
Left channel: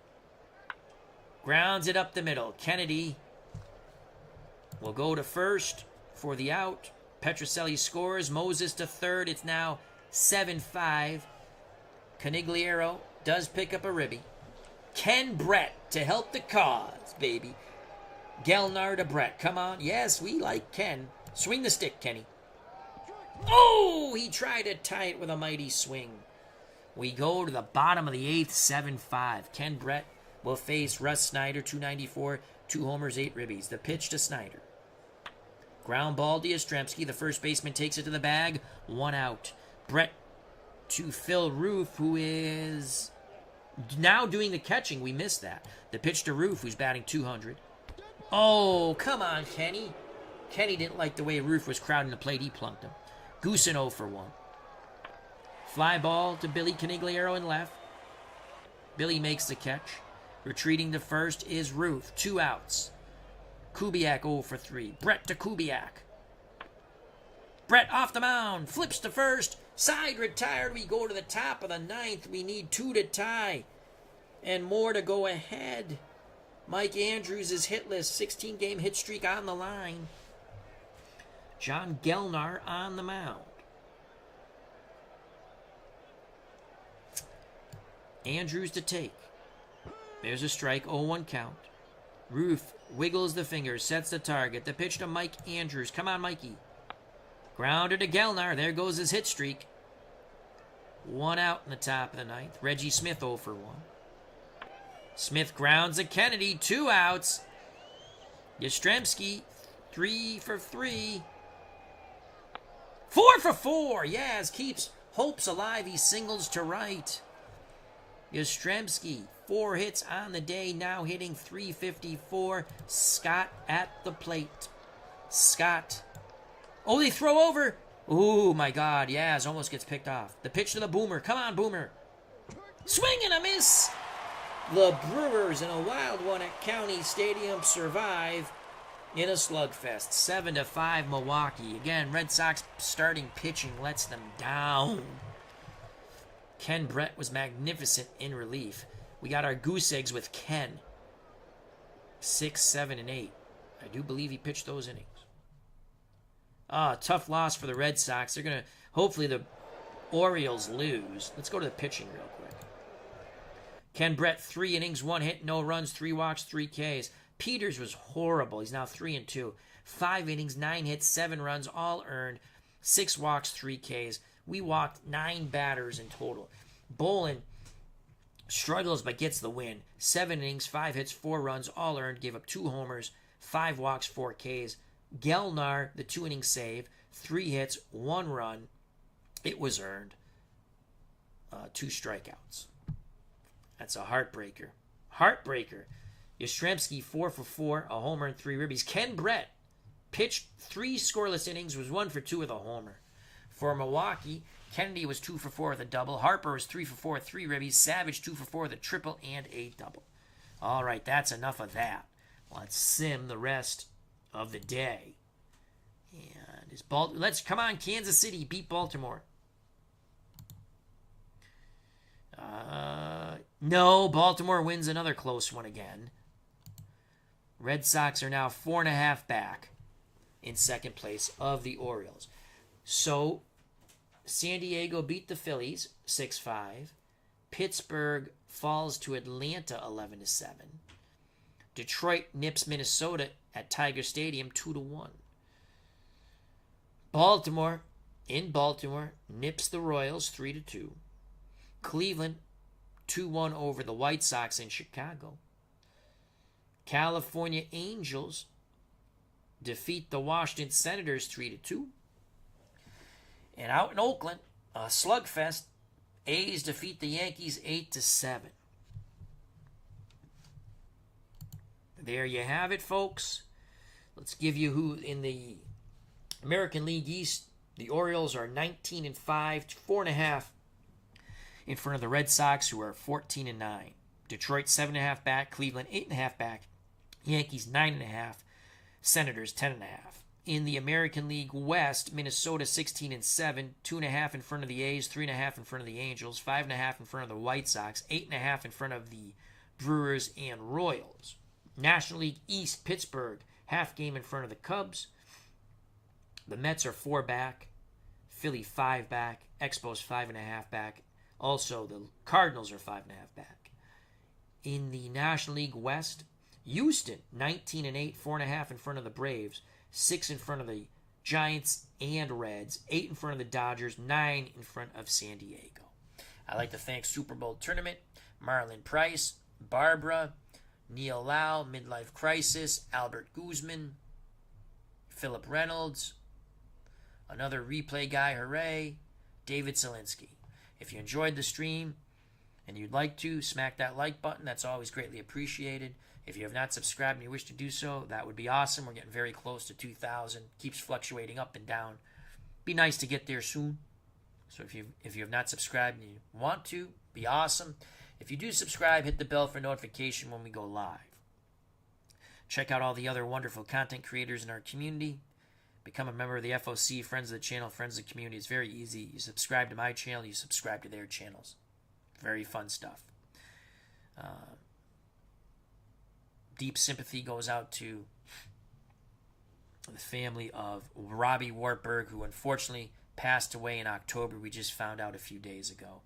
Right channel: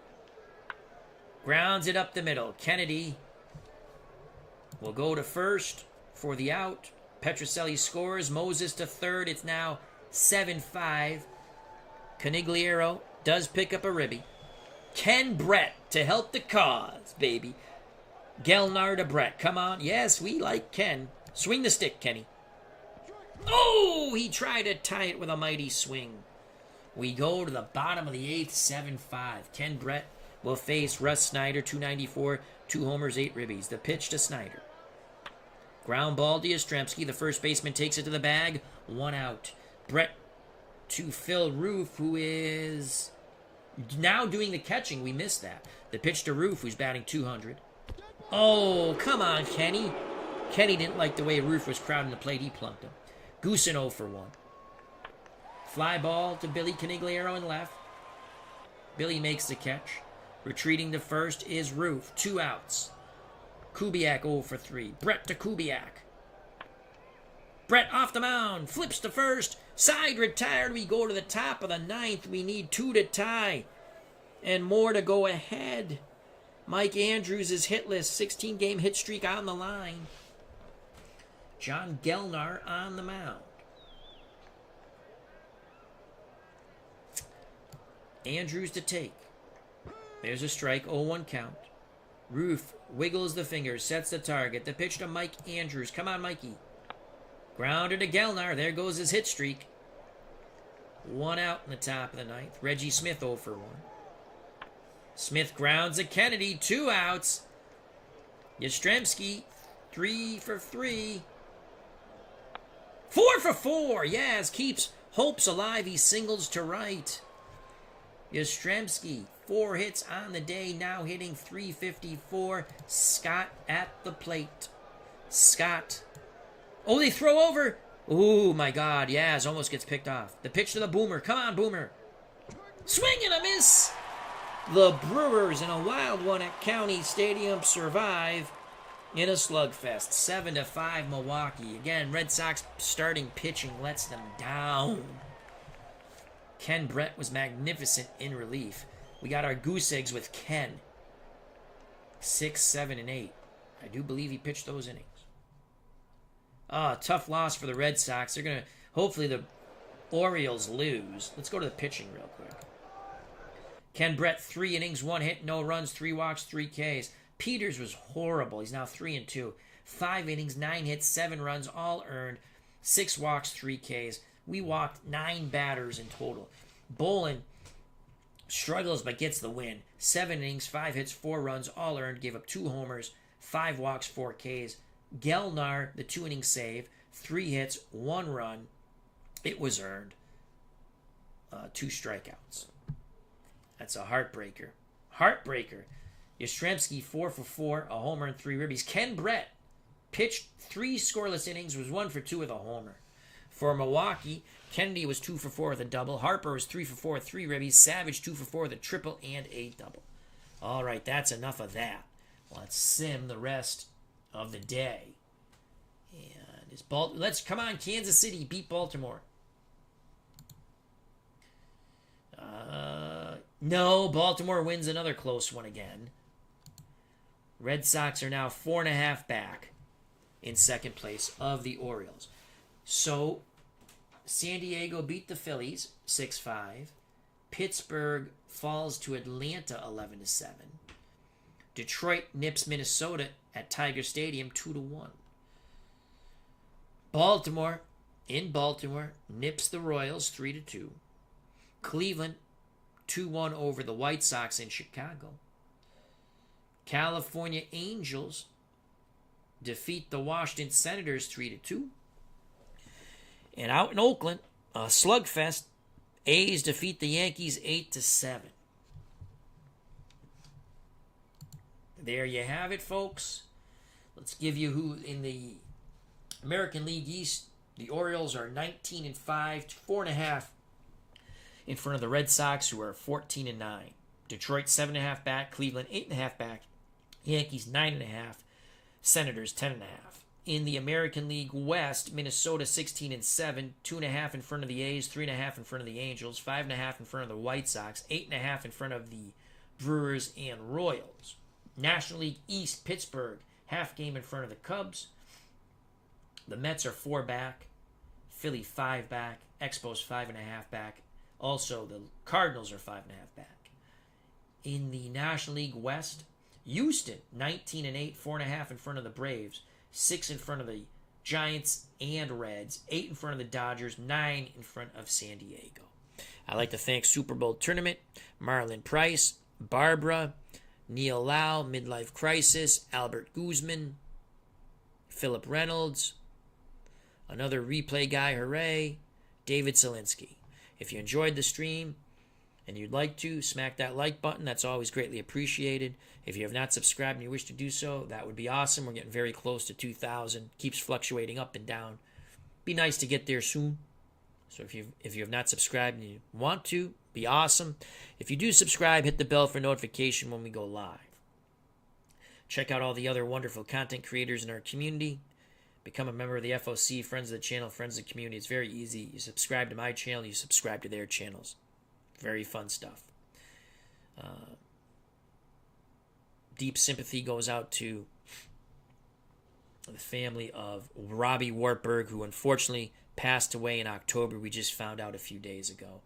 Grounds it up the middle. Kennedy will go to first for the out. Petrocelli scores. Moses to third. It's now 7-5. Canigliaro does pick up a ribby. Ken Brett to help the cause, baby. Gelnar to Brett. Come on. Yes, we like Ken. Swing the stick, Kenny. Oh, he tried to tie it with a mighty swing. We go to the bottom of the 8th, 7-5. Ken Brett will face Russ Snyder, 294, 2 homers, 8 ribbies. The pitch to Snyder. Ground ball to Yastrzemski. The first baseman takes it to the bag. 1 out. Brett to Phil Roof, who is now doing the catching. We missed that. The pitch to Roof, who's batting 200. Oh, come on, Kenny. Kenny didn't like the way Roof was crowding the plate. He plunked him. Goosen 0 for 1. Fly ball to Billy Canigliaro in left. Billy makes the catch. Retreating to first is Roof. 2 outs. Kubiak 0 for 3. Brett to Kubiak. Brett off the mound. Flips to first. Side retired. We go to the top of the 9th. We need 2 to tie. And more to go ahead. Mike Andrews is hitless. 16-game hit streak on the line. John Gelnar on the mound. Andrews to take. There's a strike. 0-1 count. Roof wiggles the fingers. Sets the target. The pitch to Mike Andrews. Come on, Mikey. Grounder to Gelnar. There goes his hit streak. 1 out in the top of the 9th. Reggie Smith 0 for 1. Smith grounds a Kennedy. 2 outs. Yastrzemski 3 for 3. 4 for 4. Yes, keeps hopes alive. He singles to right. Yastrzemski, 4 hits on the day, now hitting .354. Scott at the plate. Scott. Oh, they throw over. Oh, my God. Yaz almost gets picked off. The pitch to the Boomer. Come on, Boomer. Swing and a miss. The Brewers, in a wild one at County Stadium, survive in a slugfest. 7-5 Milwaukee. Again, Red Sox starting pitching lets them down. Ken Brett was magnificent in relief. We got our goose eggs with Ken. 6, 7, and 8. I do believe he pitched those innings. Tough loss for the Red Sox. They're going to, hopefully the Orioles lose. Let's go to the pitching real quick. Ken Brett, 3 innings, 1 hit, no runs, 3 walks, 3 Ks. Peters was horrible. He's now 3-2. 5 innings, 9 hits, 7 runs, all earned. 6 walks, 3 Ks. We walked 9 batters in total. Bolin struggles but gets the win. 7 innings, 5 hits, 4 runs, all earned. Gave up 2 homers, 5 walks, 4 Ks. Gelnar, the 2-inning save. 3 hits, 1 run. It was earned. 2 strikeouts. That's a heartbreaker. Heartbreaker. Yastrzemski, 4 for 4, a homer and 3 ribbies. Ken Brett pitched 3 scoreless innings, was 1 for 2 with a homer. For Milwaukee, Kennedy was 2 for 4 with a double. Harper was 3 for 4 with 3 ribbies. Savage 2 for 4 with a triple and a double. All right, that's enough of that. Let's sim the rest of the day. And it's let's come on, Kansas City beat Baltimore. No, Baltimore wins another close one again. Red Sox are now 4.5 back in second place of the Orioles. So, San Diego beat the Phillies 6-5. Pittsburgh falls to Atlanta 11-7. Detroit nips Minnesota at Tiger Stadium 2-1. Baltimore, in Baltimore, nips the Royals 3-2. Cleveland 2-1 over the White Sox in Chicago. California Angels defeat the Washington Senators 3-2. And out in Oakland, a slugfest. A's defeat the Yankees 8-7. There you have it, folks. Let's give you who in the American League East. The Orioles are 19-5, 4.5 in front of the Red Sox, who are 14-9. Detroit 7.5 back, Cleveland 8.5 back, Yankees 9.5, Senators 10.5. In the American League West, Minnesota 16-7, 2.5 in front of the A's, 3.5 in front of the Angels, 5.5 in front of the White Sox, 8.5 in front of the Brewers and Royals. National League East, Pittsburgh, half game in front of the Cubs. The Mets are 4 back, Philly 5 back, Expos 5.5 back. Also, the Cardinals are 5.5 back. In the National League West, Houston 19-8, 4.5 in front of the Braves, 6 in front of the Giants and Reds, 8 in front of the Dodgers, 9 in front of San Diego. I'd like to thank Super Bowl Tournament, Marlon Price, Barbara, Neil Lau, Midlife Crisis, Albert Guzman, Philip Reynolds, another replay guy, hooray, David Zielinski. If you enjoyed the stream and you'd like to, smack that like button. That's always greatly appreciated. If you have not subscribed and you wish to do so, that would be awesome. We're getting very close to 2,000. Keeps fluctuating up and down. Be nice to get there soon. So if you have not subscribed and you want to, be awesome. If you do subscribe, hit the bell for notification when we go live. Check out all the other wonderful content creators in our community. Become a member of the FOC, friends of the channel, friends of the community. It's very easy. You subscribe to my channel, you subscribe to their channels. Very fun stuff. Deep sympathy goes out to the family of Robbie Wartburg, who unfortunately passed away in October. We just found out a few days ago.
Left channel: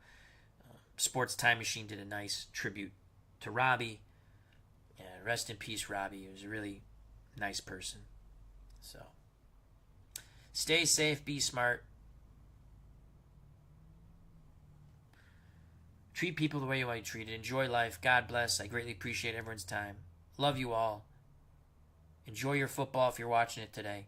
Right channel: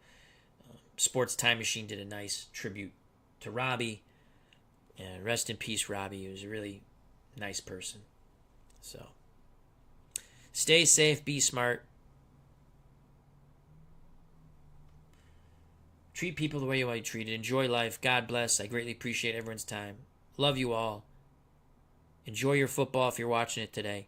Sports Time Machine did a nice tribute to Robbie. And rest in peace, Robbie. He was a really nice person. So, stay safe, be smart. Treat people the way you want to be treated. Enjoy life. God bless. I greatly appreciate everyone's time. Love you all. Enjoy your football if you're watching it today.